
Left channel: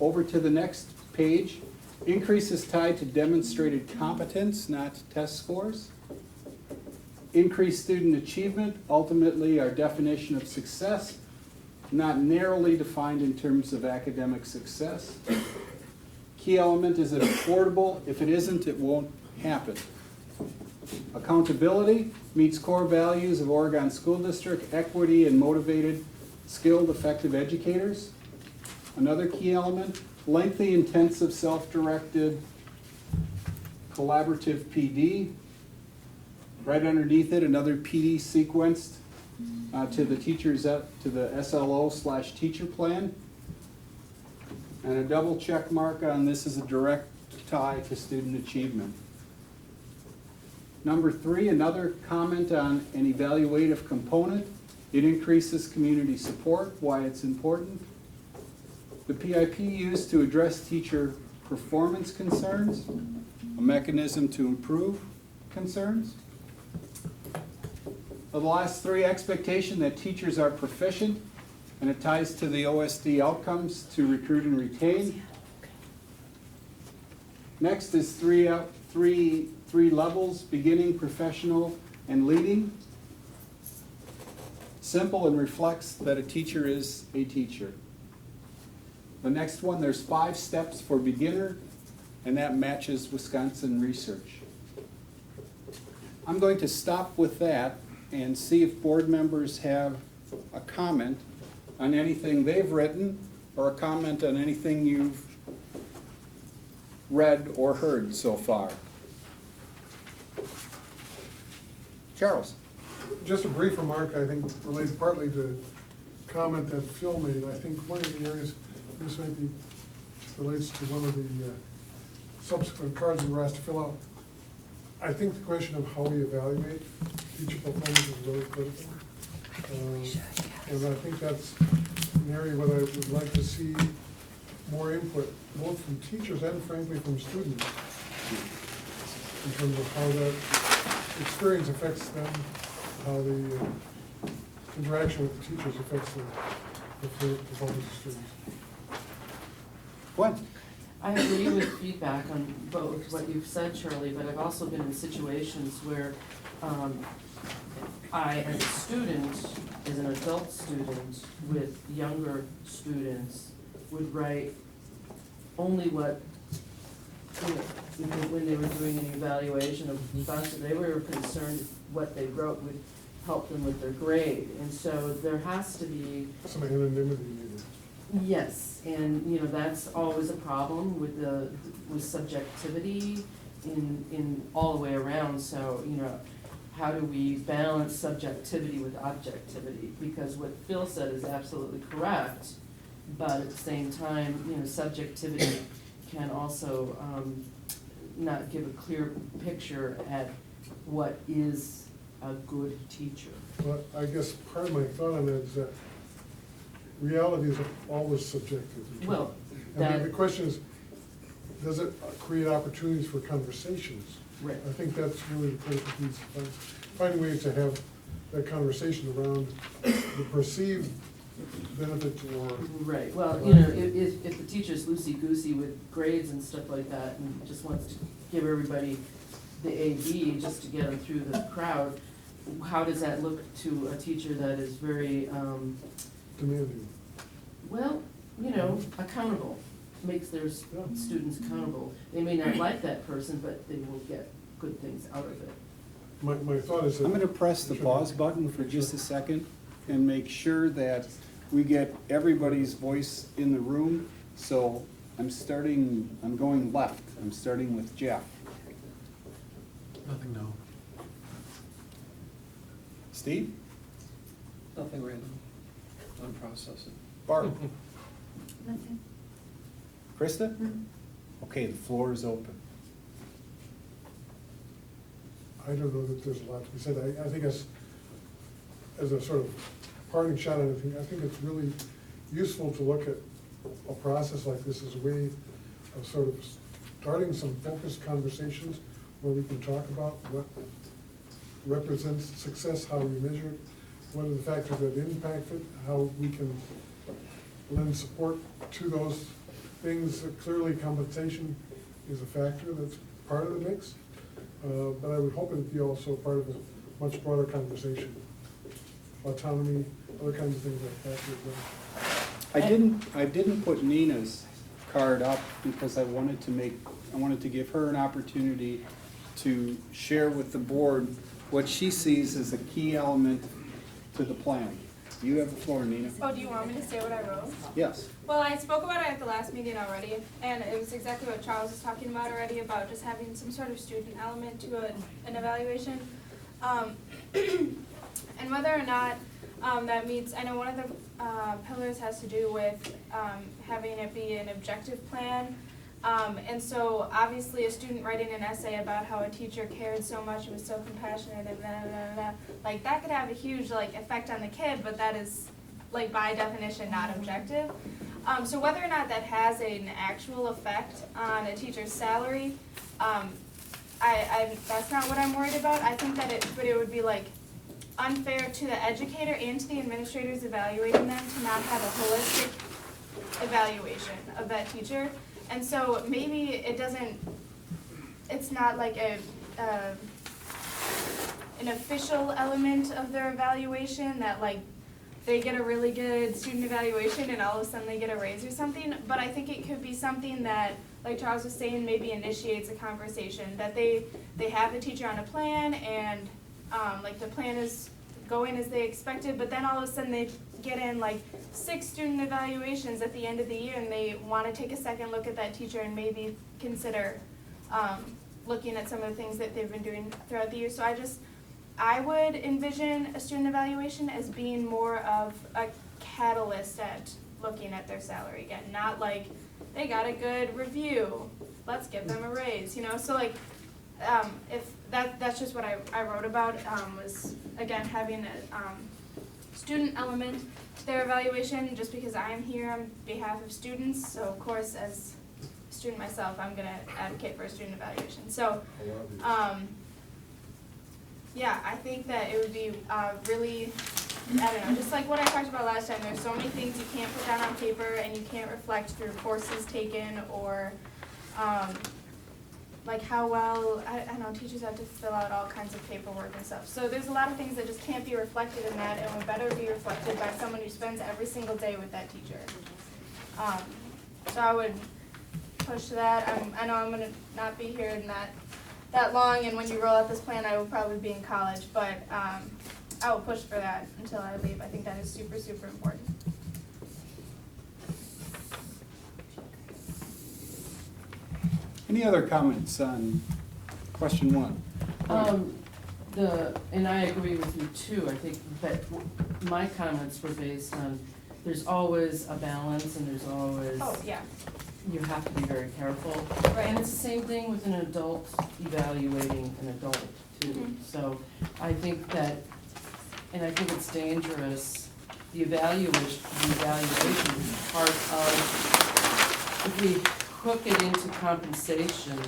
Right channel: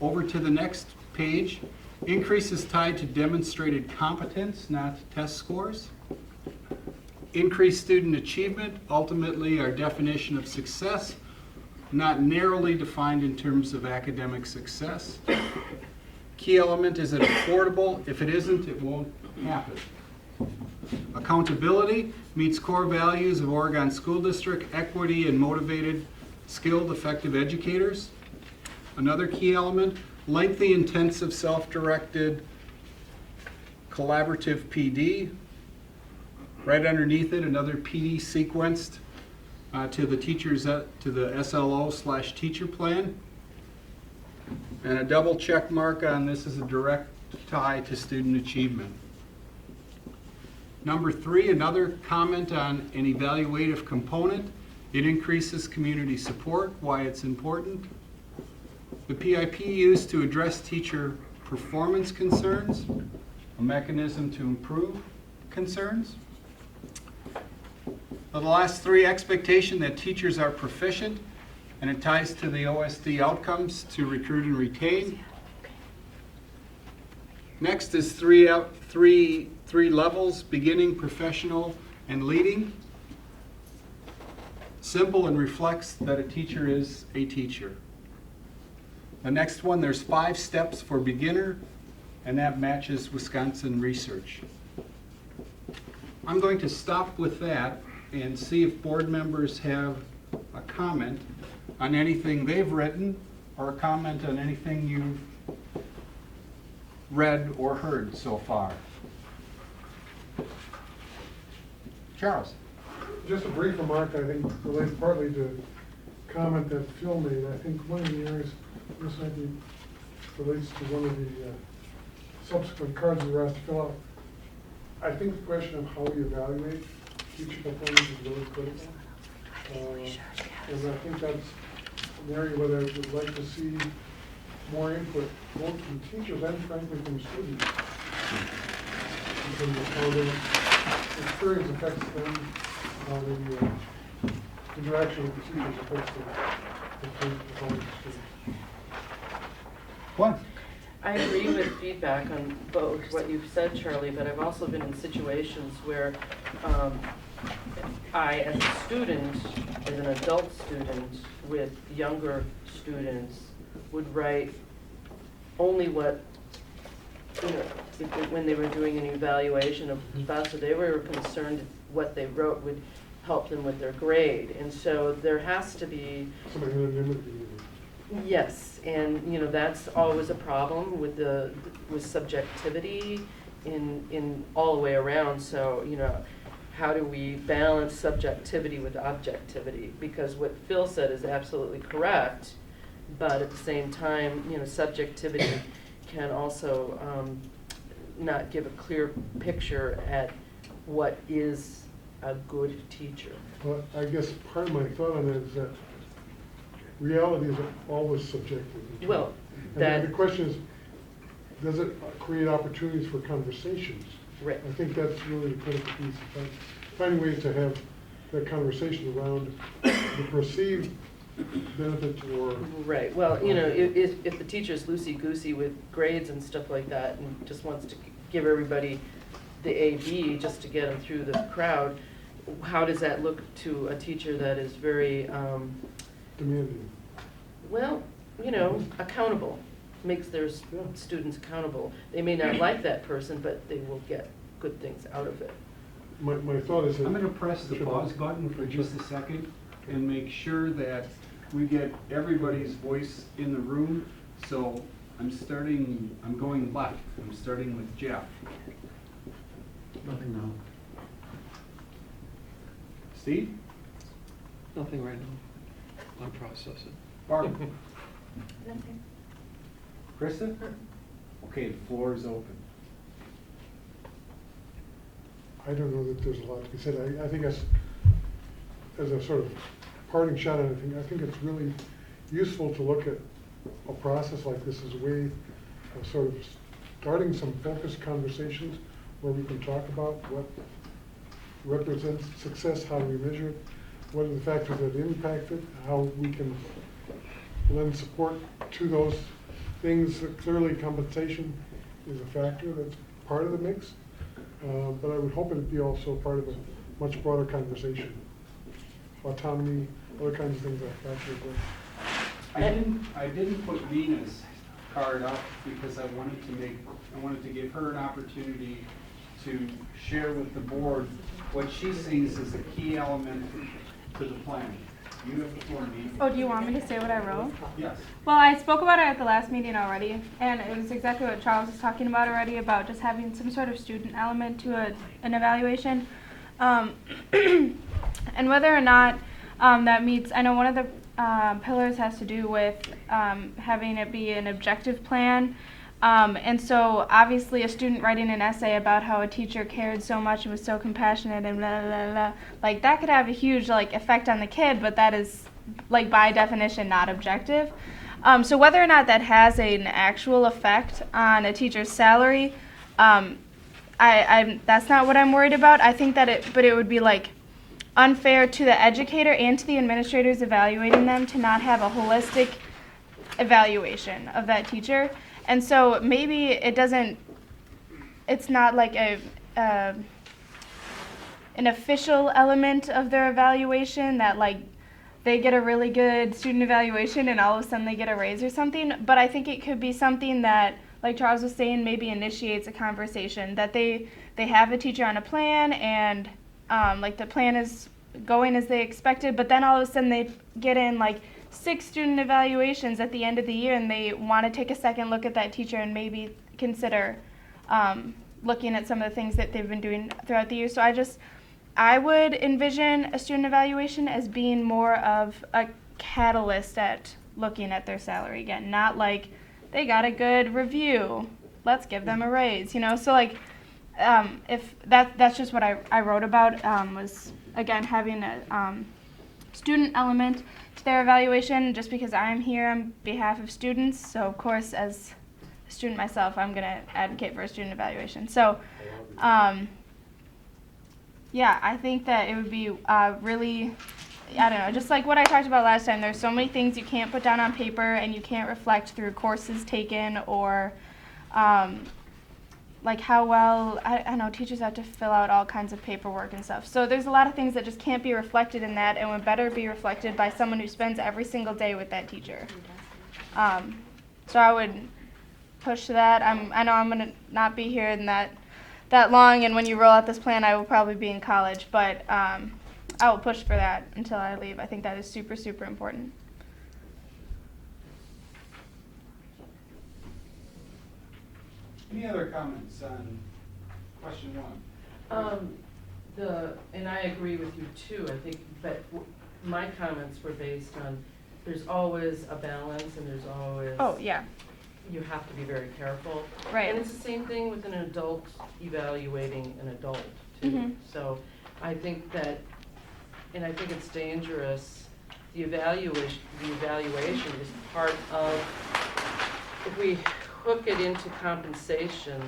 Over to the next page, Increase is tied to demonstrated competence, not test scores. Increased student achievement, ultimately our definition of success, not narrowly defined in terms of academic success. Key element, is it affordable? If it isn't, it won't happen. Accountability meets core values of Oregon School District, equity and motivated, skilled, effective educators. Another key element, lengthy, intensive, self-directed, collaborative PD. Right underneath it, another PD sequenced to the SLO/teacher plan. And a double check mark on this is a direct tie to student achievement. Number 3, another comment on an evaluative component. It increases community support, why it's important. The PIP used to address teacher performance concerns, a mechanism to improve concerns. The last 3, expectation that teachers are proficient, and it ties to the OSD outcomes to recruit and retain. Next is three levels, beginning, professional, and leading. Simple and reflects that a teacher is a teacher. The next one, there's 5 steps for beginner, and that matches Wisconsin research. I'm going to stop with that and see if board members have a comment on anything they've written or a comment on anything you've read or heard so far. Charles? Just a brief remark, I think relates partly to comment that Phil made. I think one of the areas, this might be, relates to one of the subsequent cards we were asked to fill out. I think the question of how we evaluate teacher performance is really critical. And I think that's an area where I would like to see more input, both from teachers and frankly from students, in terms of how that experience affects them, how the interaction with the teachers affects the performance of students. One. I agree with feedback on both what you've said, Charlie, but I've also been in situations where I, as a student, as an adult student with younger students, would write only what, you know, when they were doing an evaluation of the professor, they were concerned what they wrote would help them with their grade. And so there has to be Some anonymity. yes, and you know that's always a problem with subjectivity in all the way around. So you know, how do we balance subjectivity with objectivity? Because what Phil said is absolutely correct, but at the same time, you know, subjectivity can also not give a clear picture at what is a good teacher. Well, I guess part of my thought on that is that reality is always subjective. Well, And the question is, does it create opportunities for conversations? right. I think that's really a critical piece. Finding ways to have that conversation around the perceived benefits or. Right, well, you know, if the teacher's loosey-goosey with grades and stuff like that and just wants to give everybody the A/B just to get them through the crowd, how does that look to a teacher that is very, Demanding. well, you know, accountable, makes their students accountable? They may not like that person, but they will get good things out of it. My thought is that. I'm going to press the pause button for just a second and make sure that we get everybody's voice in the room. So I'm going left. I'm starting with Jeff. Nothing now. Steve? Nothing right now. I'm processing. Barb? Nothing. Krista? Okay, the floor is open. I don't know that there's a lot to be said. I think as a sort of parting shot on it, I think it's really useful to look at a process like this as a way of sort of starting some focused conversations where we can talk about what represents success, how do we measure it, what are the factors that impact it, how we can lend support to those things. Clearly compensation is a factor that's part of the mix. But I would hope it'd be also part of a much broader conversation. Autonomy, other kinds of things like that. I didn't put Nina's card up because I wanted to give her an opportunity to share with the board what she sees as a key element to the plan. You have the floor, Nina. Oh, do you want me to say what I wrote? Yes. Well, I spoke about it at the last meeting already, and it was exactly what Charles was talking about already, about just having some sort of student element to an evaluation. And whether or not that meets, I know one of the pillars has to do with having it be an objective plan. And so obviously a student writing an essay about how a teacher cared so much and was so compassionate and blah, blah, blah, like that could have a huge like effect on the kid, but that is like by definition not objective. So whether or not that has an actual effect on a teacher's salary, that's not what I'm worried about. I think that it would be like unfair to the educator and to the administrators evaluating them to not have a holistic evaluation of that teacher. And so maybe it's not like an official element of their evaluation that like they get a really good student evaluation and all of a sudden they get a raise or something. But I think it could be something that, like Charles was saying, maybe initiates a conversation that they have the teacher on a plan and like the plan is going as they expected, but then all of a sudden they get in like 6 student evaluations at the end of the year and they want to take a second look at that teacher and maybe consider looking at some of the things that they've been doing throughout the year. So I would envision a student evaluation as being more of a catalyst at looking at their salary again, not like they got a good review, let's give them a raise, you know? So like if that's just what I wrote about, was again having a student element to their evaluation, just because I'm here on behalf of students. So of course, as a student myself, I'm going to advocate for a student evaluation. So yeah, I think that it would be really, I don't know, just like what I talked about last time. There's so many things you can't put down on paper and you can't reflect through courses taken or like how well, I know teachers have to fill out all kinds of paperwork and stuff. So there's a lot of things that just can't be reflected in that and would better be reflected by someone who spends every single day with that teacher. So I would push that. I know I'm going to not be here in that long, and when you roll out this plan I will probably be in college, but I will push for that until I leave. I think that is super, super important. Any other comments on question 1? And I agree with you too. I think that my comments were based on, there's always a balance and there's always, Oh, yeah. you have to be very careful. Right. And it's the same thing with an adult evaluating an adult too. Mhm. So I think that, and I think it's dangerous, the evaluation is part of, if we hook it into compensation,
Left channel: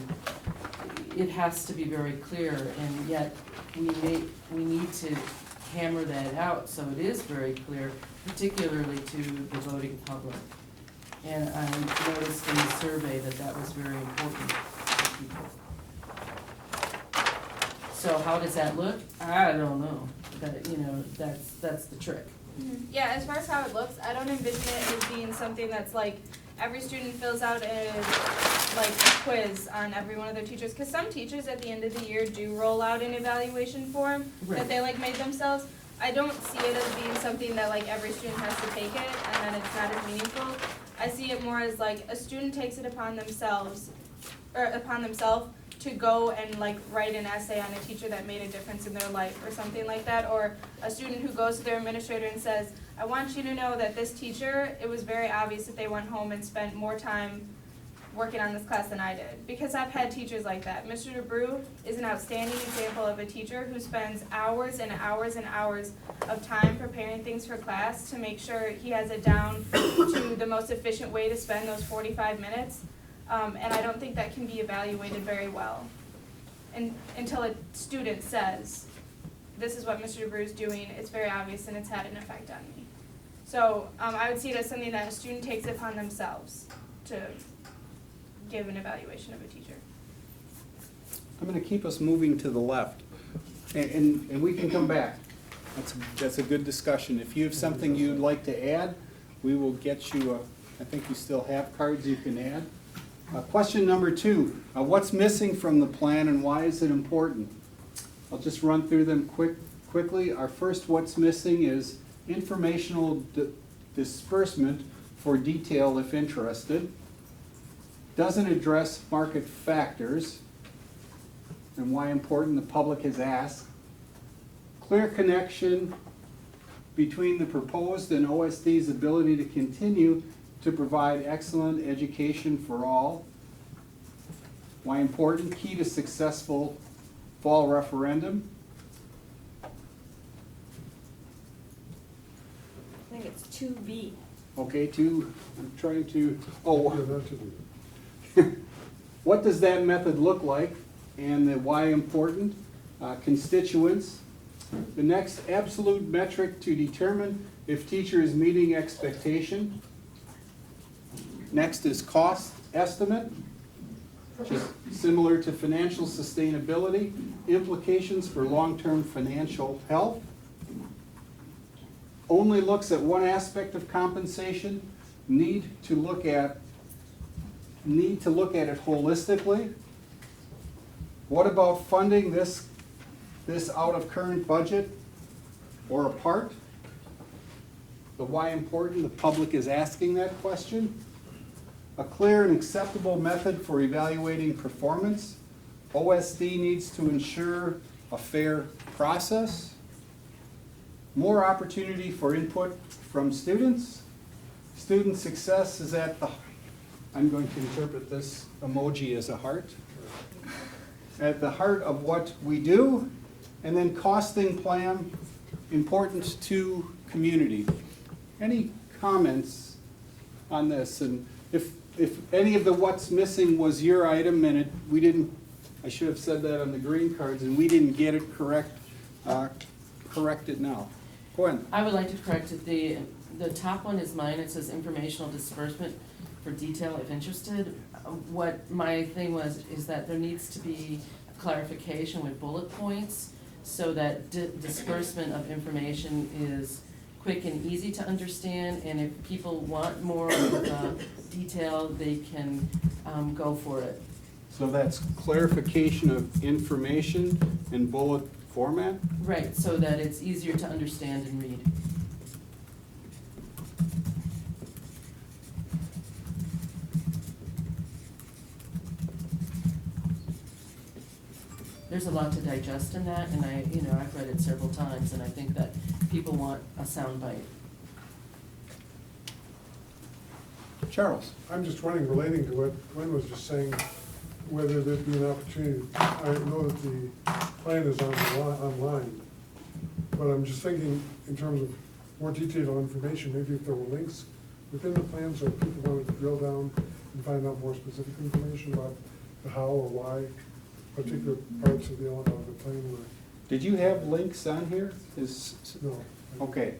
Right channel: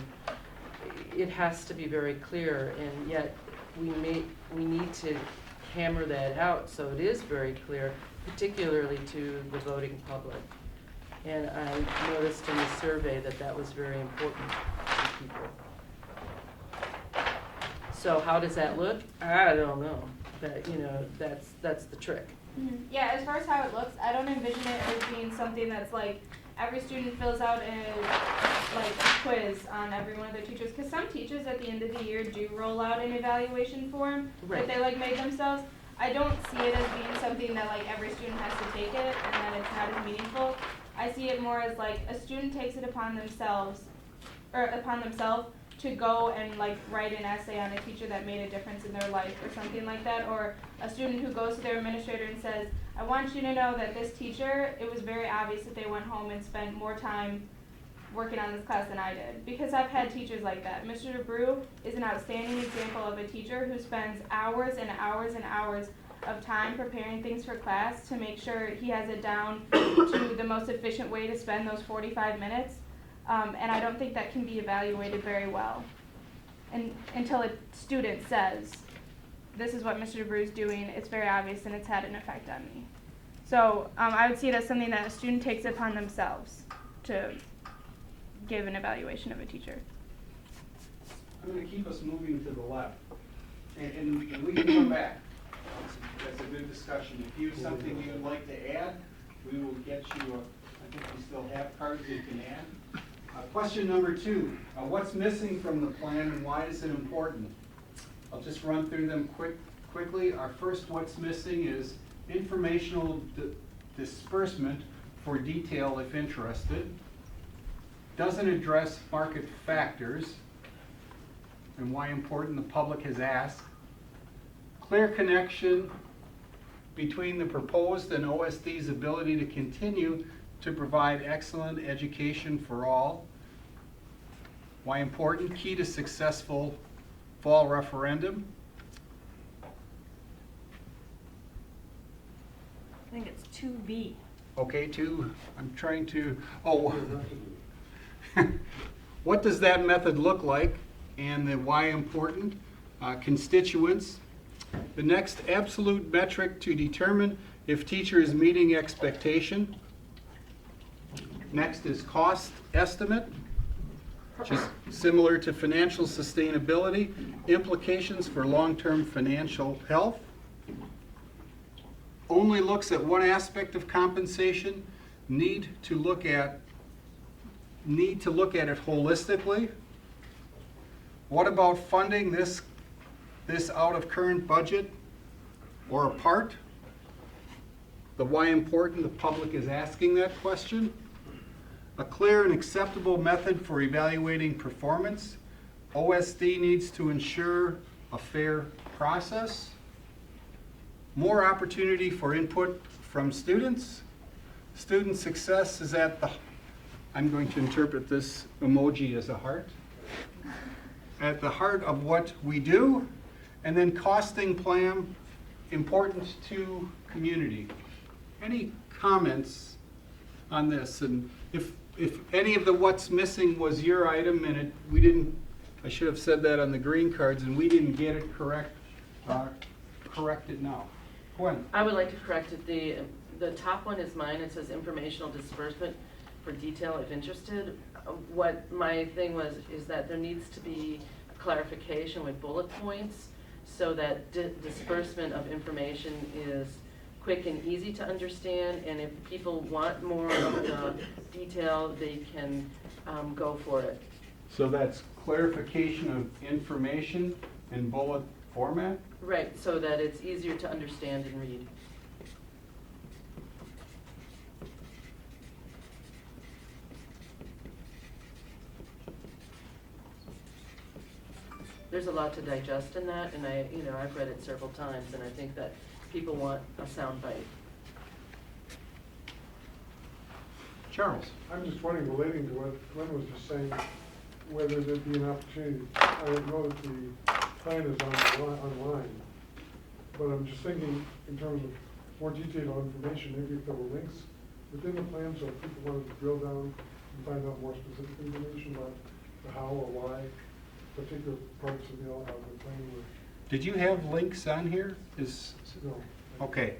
it has to be very clear, and yet we need to hammer that out so it is very clear, particularly to the voting public. And I noticed in the survey that was very important to people. So how does that look? I don't know. That, you know, that's the trick. Mhm. Yeah, as far as how it looks, I don't envision it as being something that's like every student fills out a quiz on every one of their teachers. Because some teachers at the end of the year do roll out an evaluation form that they made themselves. I don't see it as being something that like every student has to take it and then it's not as meaningful. I see it more as like a student takes it upon themselves to go and like write an essay on a teacher that made a difference in their life or something like that, or a student who goes to their administrator and says, I want you to know that this teacher, it was very obvious that they went home and spent more time working on this class than I did. Because I've had teachers like that. Mr. DeBrew is an outstanding example of a teacher who spends hours and hours and hours of time preparing things for class to make sure he has it down to the most efficient way to spend those 45 minutes. And I don't think that can be evaluated very well until a student says, this is what Mr. DeBrew is doing, it's very obvious and it's had an effect on me. So I would see it as something that a student takes it upon themselves to give an evaluation of a teacher. I'm gonna keep us moving to the left, and we can come back. That's a good discussion. If you have something you'd like to add, we will get you, I think you still have cards you can add. Question number 2, what's missing from the plan and why is it important? I'll just run through them quickly. Our first what's missing is informational disbursement for detail if interested. Doesn't address market factors and why important the public has asked. Clear connection between the proposed and OSD's ability to continue to provide excellent education for all. Why important? Key to successful fall referendum. I think it's 2B. Okay, I'm trying to, Yeah, not to do. what does that method look like and the why important? Constituents. The next absolute metric to determine if teacher is meeting expectation. Next is cost estimate, which is similar to financial sustainability, implications for long-term financial health. Only looks at one aspect of compensation, need to look at it holistically. What about funding this out of current budget or a part? The why important, the public is asking that question. A clear and acceptable method for evaluating performance. OSD needs to ensure a fair process. More opportunity for input from students. Student success is at the, I'm going to interpret this emoji as a heart, at the heart of what we do. And then costing plan, important to community. Any comments on this? And if any of the what's missing was your item and we didn't, I should have said that on the green cards, and we didn't get it corrected now. Gwen? I would like to correct it. The top one is mine. It says informational disbursement for detail if interested. What my thing was is that there needs to be clarification with bullet points so that disbursement of information is quick and easy to understand, and if people want more detail, they can go for it. So that's clarification of information in bullet format? Right, so that it's easier to understand and read. There's a lot to digest in that, and I've read it several times, and I think that people want a sound bite. Charles? I'm just wondering, relating to what Glenn was just saying, whether there'd be an opportunity. I know that the plan is online, but I'm just thinking in terms of more detailed information, maybe if there were links within the plan, so if people wanted to drill down and find out more specific information about the how or why particular parts of the plan were. Did you have links on here? No. Okay,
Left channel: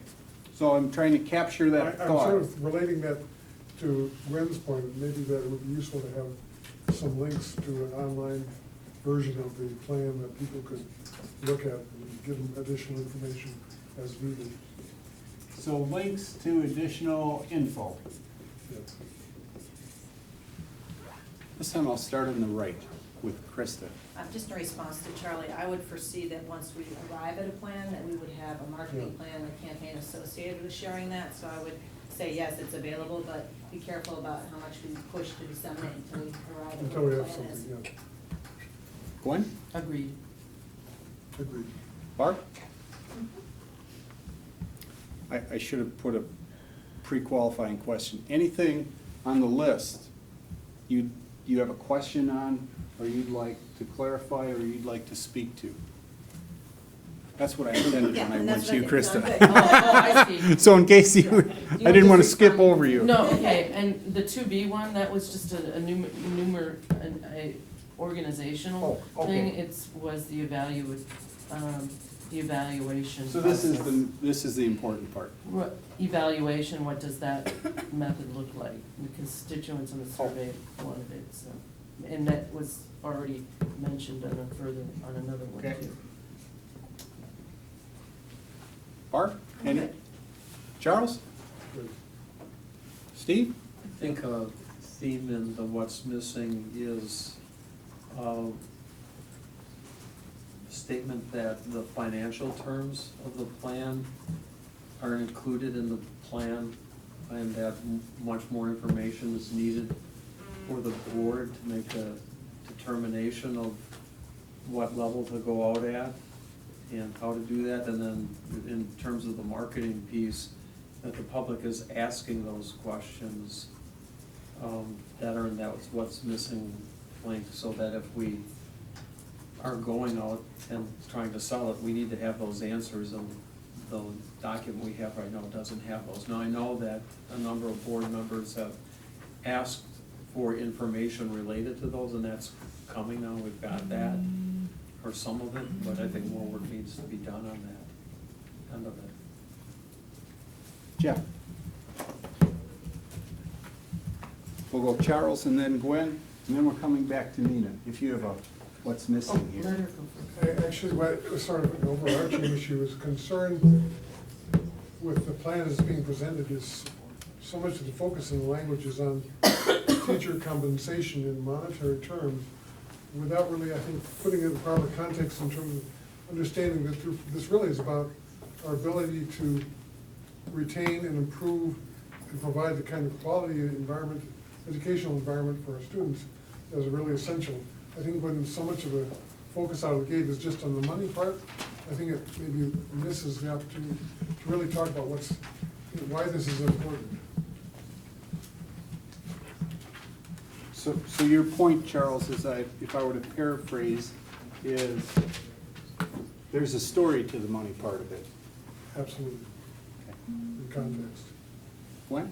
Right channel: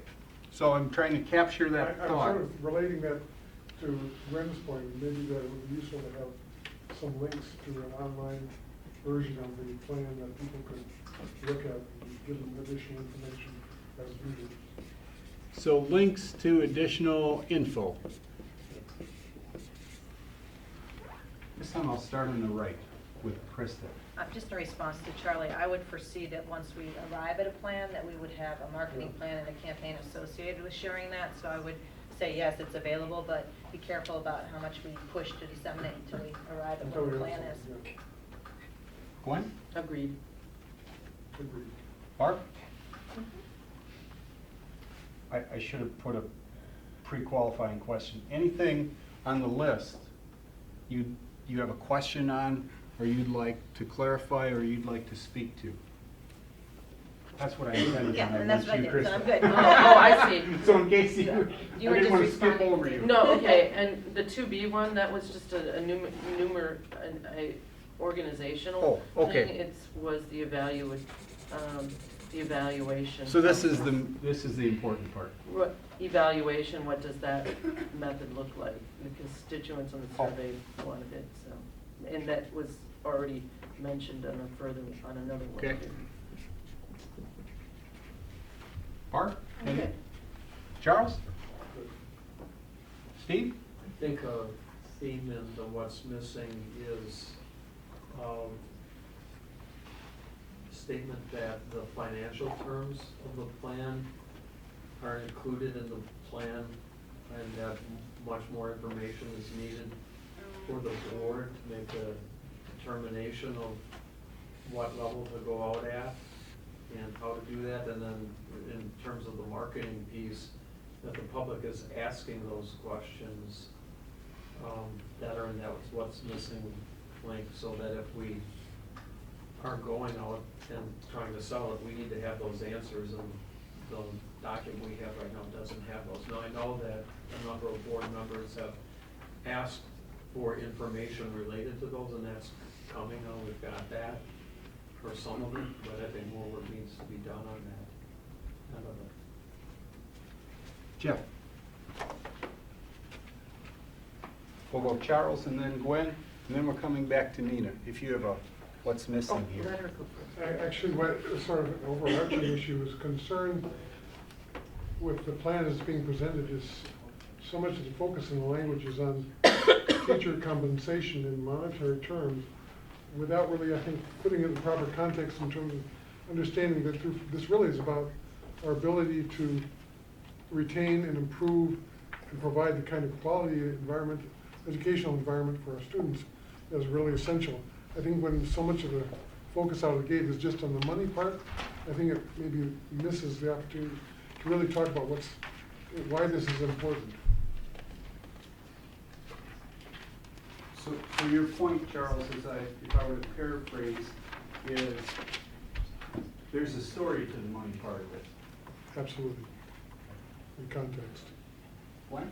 so I'm trying to capture that I'm thought. sort of relating that to Gwen's point, maybe that it would be useful to have some links to an online version of the plan that people could look at and give them additional information as needed. So links to additional info. Yeah. This time I'll start on the right with Krista. Just in response to Charlie, I would foresee that once we arrive at a plan, that we would have a marketing plan and a campaign associated with sharing that. So I would say, yes, it's available, but be careful about how much we push to disseminate until we arrive at Until what we the have plan is. something, yeah. Gwen? Agreed. Agreed. Barb? I should have put a pre-qualifying question. Anything on the list you have a question on, or you'd like to clarify, or you'd like to speak to? That's what I intended Yeah, when I and went that's to you, what I did. So Krista. good. I see. So in case you, You I were didn't want to just skip responding. over you. No, okay, and the 2B one, that was just a organizational Oh, okay. thing. Was the The evaluation. So this is process. this is the important part. What, evaluation, what does that method look like? The constituents on the survey wanted it, so, and that was already mentioned on a further, on another one Okay. too. Bart? Any? Charles? Steve? I think a theme in the what's missing is a statement that the financial terms of the plan are included in the plan, and that much more information is needed for the board to make a determination of what level to go out at and how to do that, and then in terms of the marketing piece, that the public is asking those questions that are in that what's missing link, so that if we are going out and trying to sell it, we need to have those answers, and the document we have right now doesn't have those. Now, I know that a number of board members have asked for information related to those, and that's coming now, we've got that, or some of it, but I think more work needs to be done on that end of it. Jeff? We'll go Charles and then Gwen, and then we're coming back to Nina, if you have a, what's missing here. Let her go first. Actually, what sort of an overarching issue is concerned with the plan as being presented is so much of the focus in the language is on teacher compensation in monetary terms, without really, I think, putting it in proper context in terms of understanding that this really is about our ability to retain and improve and provide the kind of quality environment, educational environment for our students that is really essential. I think when so much of the focus out of the gate is just on the money part, I think it maybe misses the opportunity to really talk about why this is important. So your point, Charles, is that if I were to paraphrase, is there's a story to the money part of it. Absolutely. In context. Gwen?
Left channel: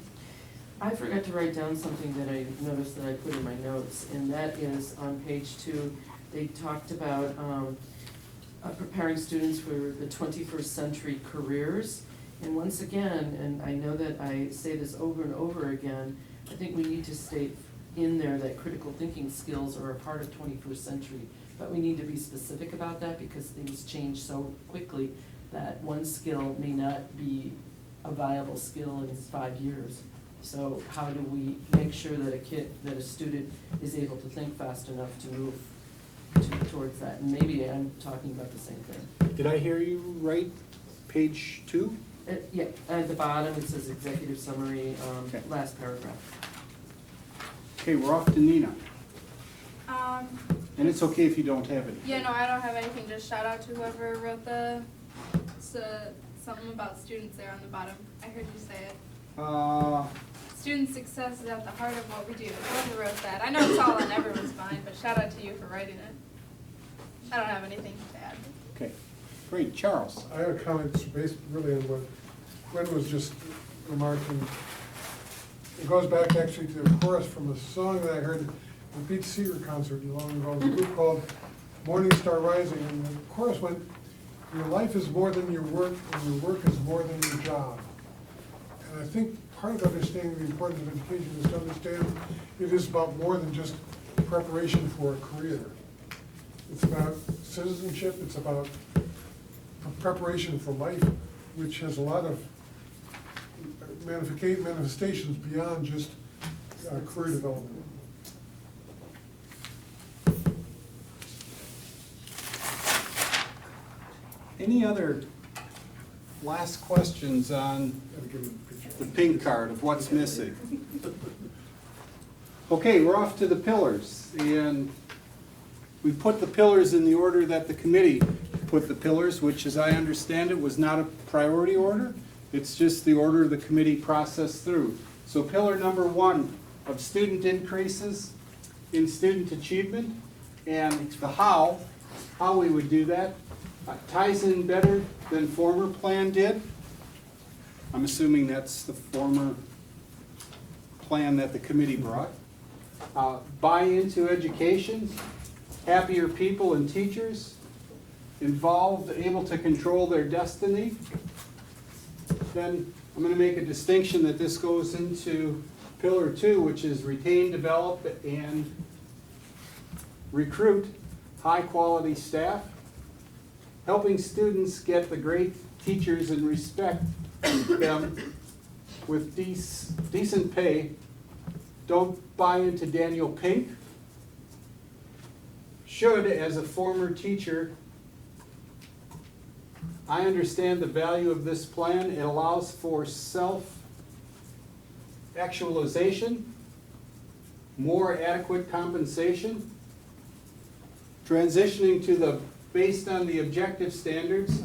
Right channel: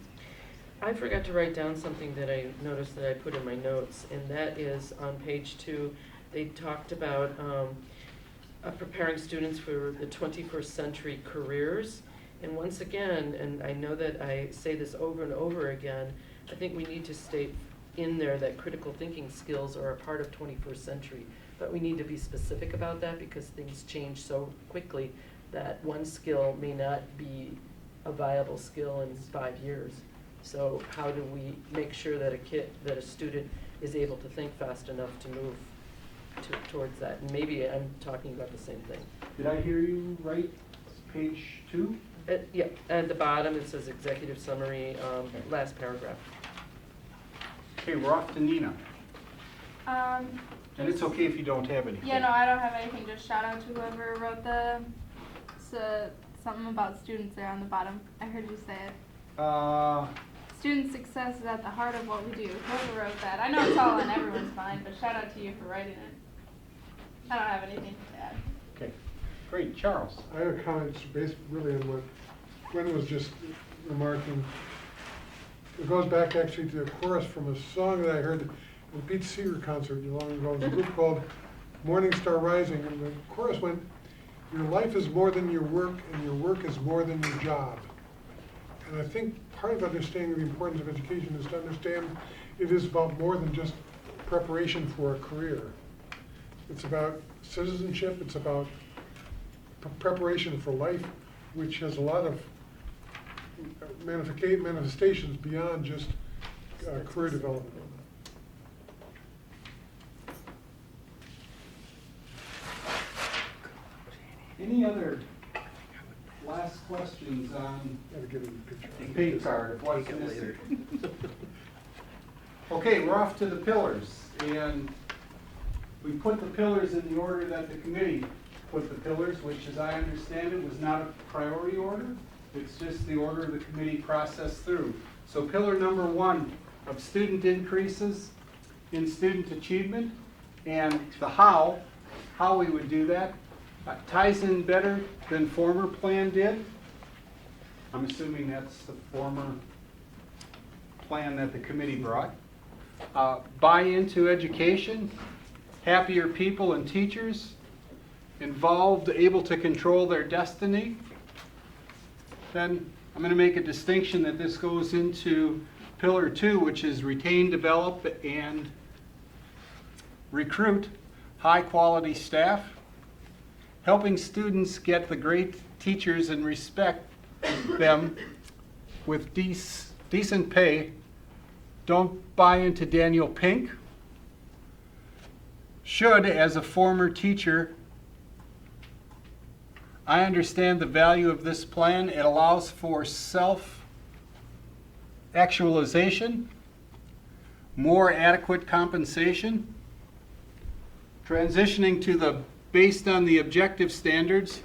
I forgot to write down something that I noticed that I put in my notes, and that is on page 2, they talked about preparing students for the 21st century careers. And once again, and I know that I say this over and over again, I think we need to state in there that critical thinking skills are a part of 21st century. But we need to be specific about that because things change so quickly that one skill may not be a viable skill in 5 years. So how do we make sure that a student is able to think fast enough to move towards that? And maybe I'm talking about the same thing. Did I hear you right? Page 2? Yeah, at the bottom it says executive summary, Okay. last paragraph. Okay, we're off to Nina. And it's just- okay if you don't have any. Yeah, no, I don't have anything, just shout out to whoever wrote something about students there on the bottom. I heard you say it. Student success is at the heart of what we do. Whoever wrote that. I know it's all in everyone's mind, but shout out to you for writing it. I don't have anything to add. Okay, great. Charles? I have a comment based really on what Gwen was just remarking. It goes back actually to a chorus from a song that I heard at a Pete Seeger concert long ago, a group called Morning Star Rising, and the chorus went, "Your life is more than your work, and your work is more than your job." And I think part of understanding the importance of education is to understand it is about more than just preparation for a career. It's about citizenship, it's about preparation for life, which has a lot of manifestations beyond just career development. Any other last questions on Gotta give it a picture. the pink card of what's missing? Okay, we're off to the pillars, and we put the pillars in the order that the committee put the pillars, which, as I understand it, was not a priority order. It's just the order the committee processed through. So pillar number 1 of student increases in student achievement, and the how we would do that, ties in better than former plan did. I'm assuming that's the former plan that the committee brought. Buy into education, happier people and teachers, involved, able to control their destiny, then I'm going to make a distinction that this goes into pillar 2, which is retain, develop, and recruit high-quality staff, helping students get the great teachers and respect them with decent pay. Don't buy into Daniel Pink. Should, as a former teacher, I understand the value of this plan. It allows for self-actualization, more adequate compensation, transitioning to the based on the objective standards.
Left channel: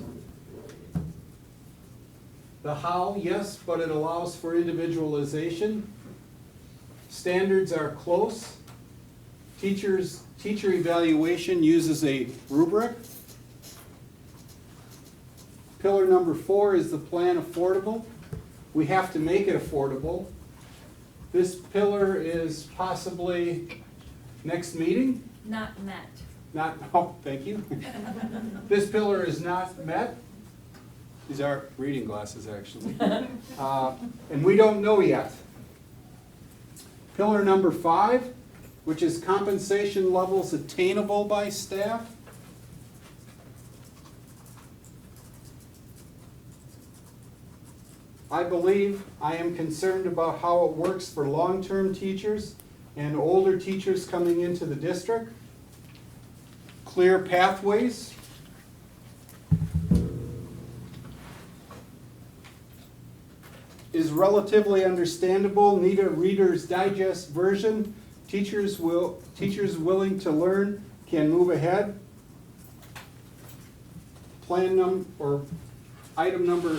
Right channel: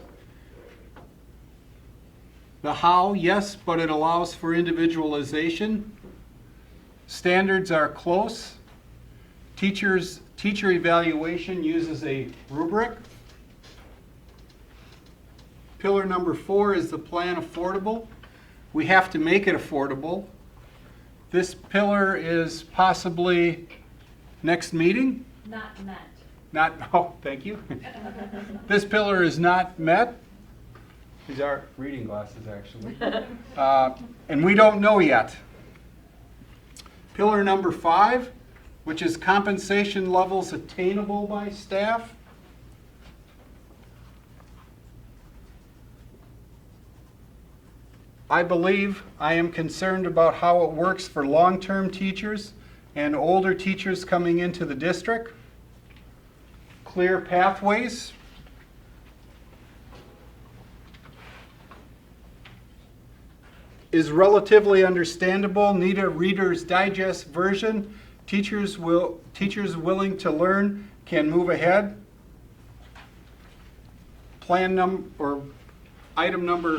The how, yes, but it allows for individualization. Standards are close. Teacher evaluation uses a rubric. Pillar number 4 is the plan affordable. We have to make it affordable. This pillar is possibly next meeting. Not met. Oh, thank you. This pillar is not met. These are reading glasses, actually. And we don't know yet. Pillar number 5, which is compensation levels attainable by staff. I am concerned about how it works for long-term teachers and older teachers coming into the district. Clear pathways. Is relatively understandable, need a Reader's Digest version. Teachers willing to learn can move ahead. Item number,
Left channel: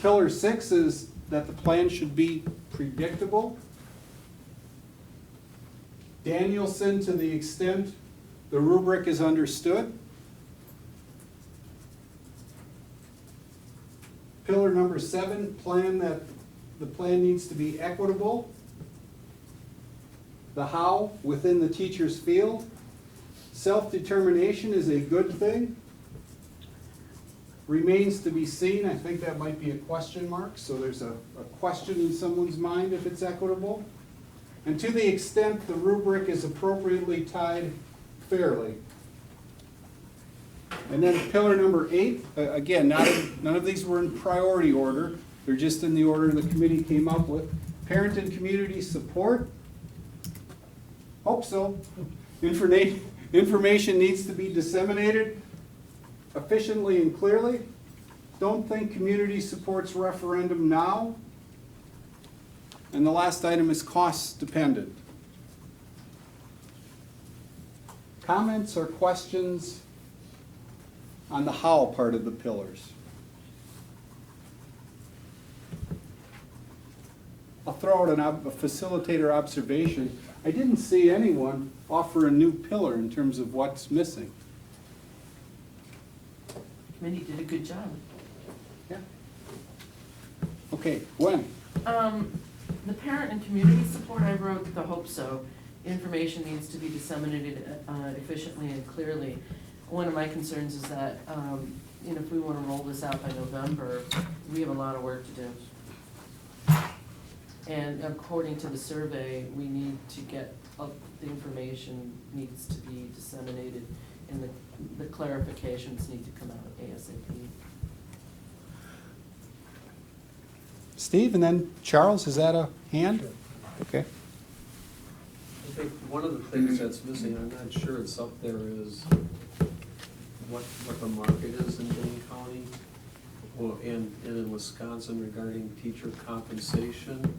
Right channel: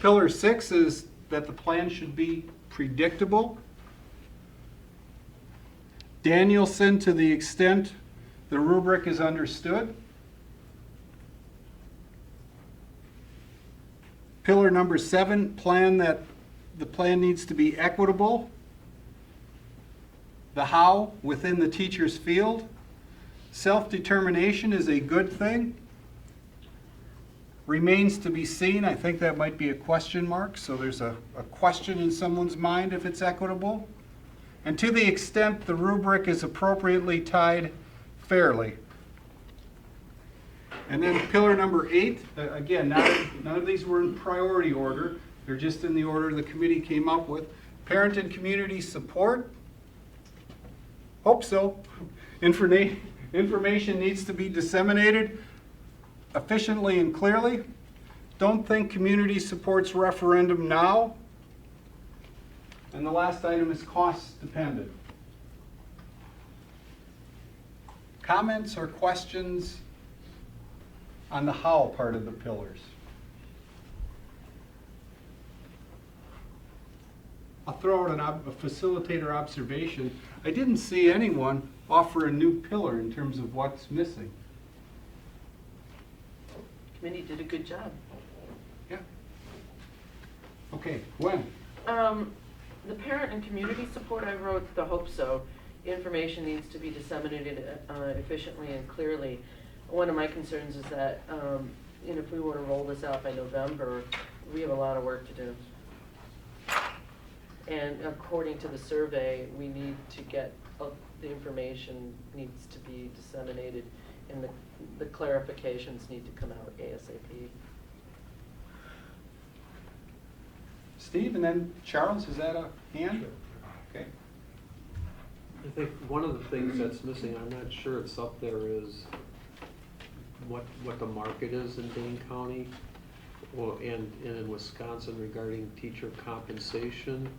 pillar 6 is that the plan should be predictable. Danielson, to the extent the rubric is understood. Pillar number 7, the plan needs to be equitable. The how, within the teacher's field. Self-determination is a good thing. Remains to be seen. I think that might be a question mark, so there's a question in someone's mind if it's equitable. And to the extent the rubric is appropriately tied fairly. And then pillar number 8, again, none of these were in priority order. They're just in the order the committee came up with. Parent and community support. Hope so. Information needs to be disseminated efficiently and clearly. Don't think community supports referendum now. And the last item is cost dependent. Comments or questions on the how part of the pillars? I'll throw out a facilitator observation. I didn't see anyone offer a new pillar in terms of what's missing. Committee did a good job. Yeah. Okay, when? The parent and community support, I wrote the hope so. Information needs to be disseminated efficiently and clearly. One of my concerns is that, if we want to roll this out by November, we have a lot of work to do. And according to the survey, we need to get, the information needs to be disseminated and the clarifications need to come out ASAP. Steve, and then Charles, is that a hand? Okay. I think one of the things that's missing, I'm not sure it's up there, is what the market is in Dane County and in Wisconsin regarding teacher compensation.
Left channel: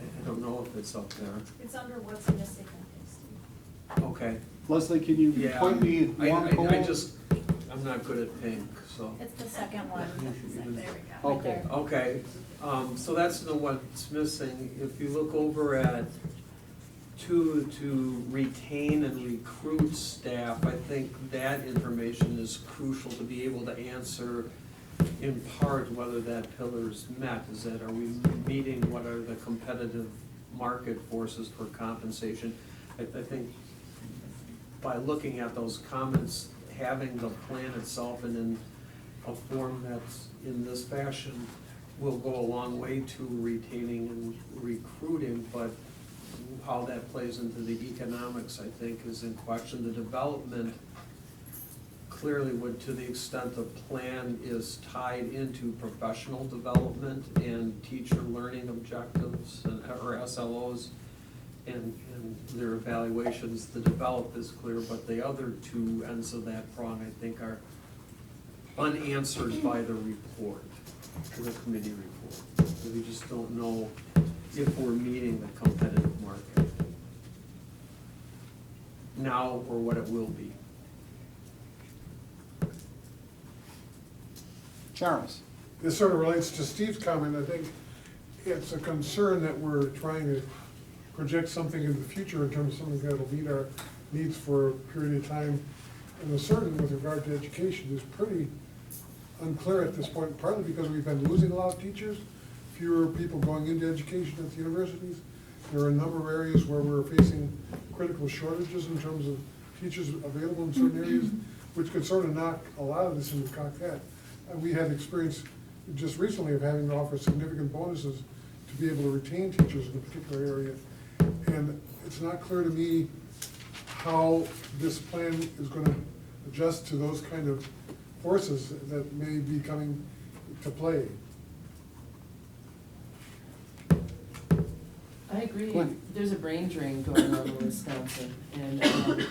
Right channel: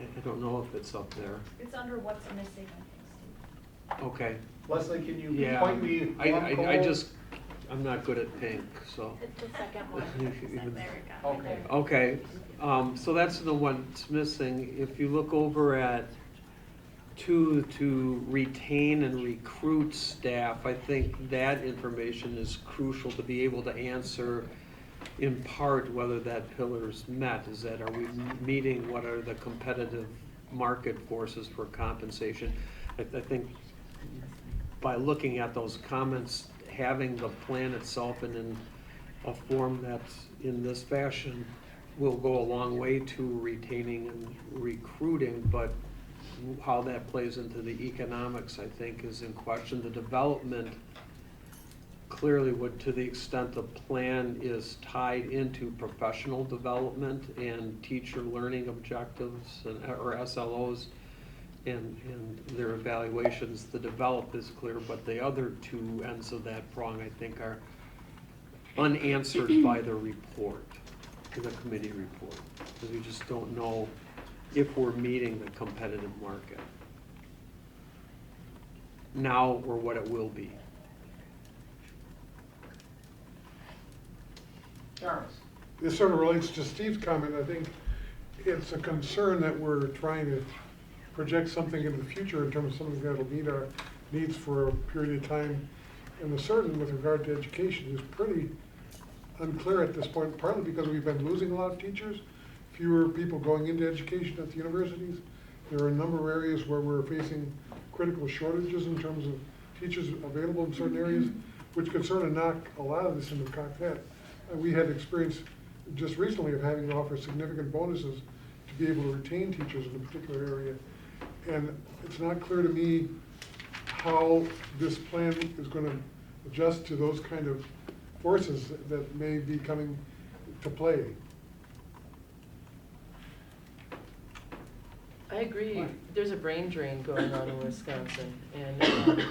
I don't know if it's up there. It's under what's missing, Steve. Okay. Leslie, can you Yeah, point me one goal? I'm not good at pink, so. It's the second one. It's like, there we go. Right there. Okay, so that's the one that's missing. If you look over at 2, to retain and recruit staff, I think that information is crucial to be able to answer in part whether that pillar is met. Is that, are we meeting what are the competitive market forces for compensation? I think by looking at those comments, having the plan itself in a form that's in this fashion will go a long way to retaining and recruiting, but how that plays into the economics, I think, is in question. The development clearly would, to the extent the plan is tied into professional development and teacher learning objectives and, or SLOs and their evaluations, the develop is clear, but the other two ends of that prong, I think, are unanswered by the report, the committee report. We just don't know if we're meeting the competitive market now or what it will be. Charles? This sort of relates to Steve's comment. I think it's a concern that we're trying to project something in the future in terms of something that'll meet our needs for a period of time. And the certain with regard to education is pretty unclear at this point, partly because we've been losing a lot of teachers, fewer people going into education at the universities. There are a number of areas where we're facing critical shortages in terms of teachers available in certain areas, which could sort of knock a lot of this into cocked hat. We had experience just recently of having to offer significant bonuses to be able to retain teachers in a particular area. And it's not clear to me how this plan is going to adjust to those kind of forces that may be coming to play. I agree, there's a brain drain going on in Wisconsin, and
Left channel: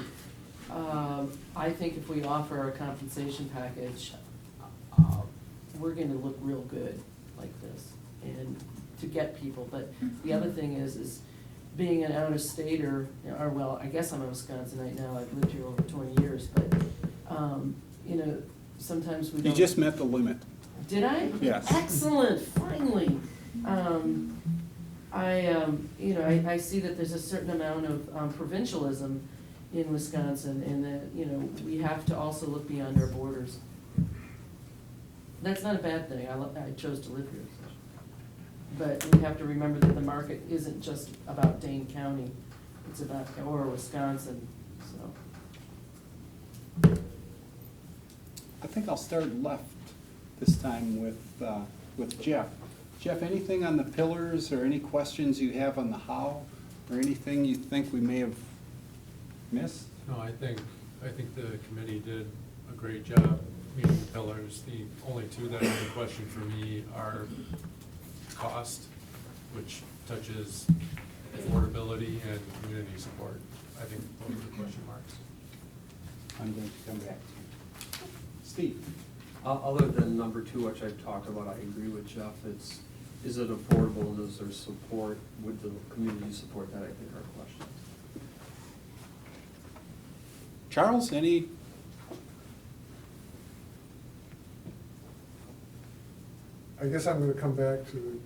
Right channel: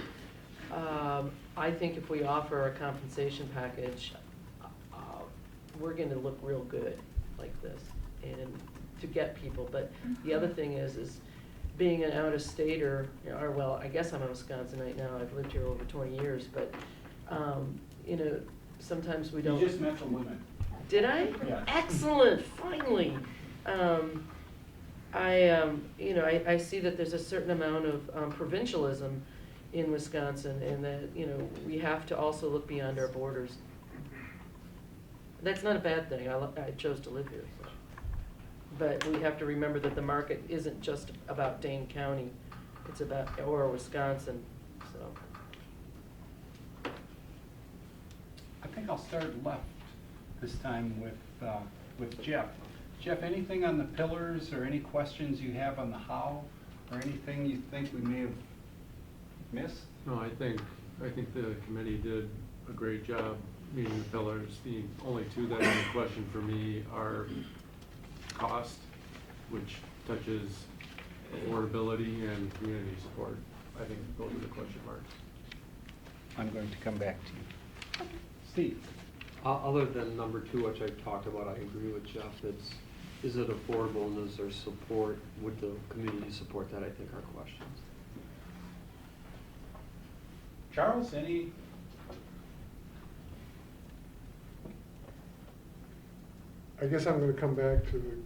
I think if we offer a compensation package, we're gonna look real good like this, and to get people, but the other thing is being an out-of-stater, or well, I guess I'm a Wisconsinite now, I've lived here over 20 years, but, you know, sometimes we You don't. just met the limit. Did I? Yes. Excellent, finally. You know, I see that there's a certain amount of provincialism in Wisconsin, and that, you know, we have to also look beyond our borders. That's not a bad thing, I chose to live here, so. But we have to remember that the market isn't just about Dane County, it's about, or Wisconsin, so. I think I'll start left this time with Jeff. Jeff, anything on the pillars or any questions you have on the how, or anything you think we may have missed? No, I think the committee did a great job meeting the pillars. The only two that are in question for me are cost, which touches affordability and community support. I think those are the question marks. I'm going to come back to you. Steve? Other than number two, which I've talked about, I agree with Jeff, is it affordable and is there support, would the community support that, I think are questions. Charles, any? I guess I'm gonna come back to the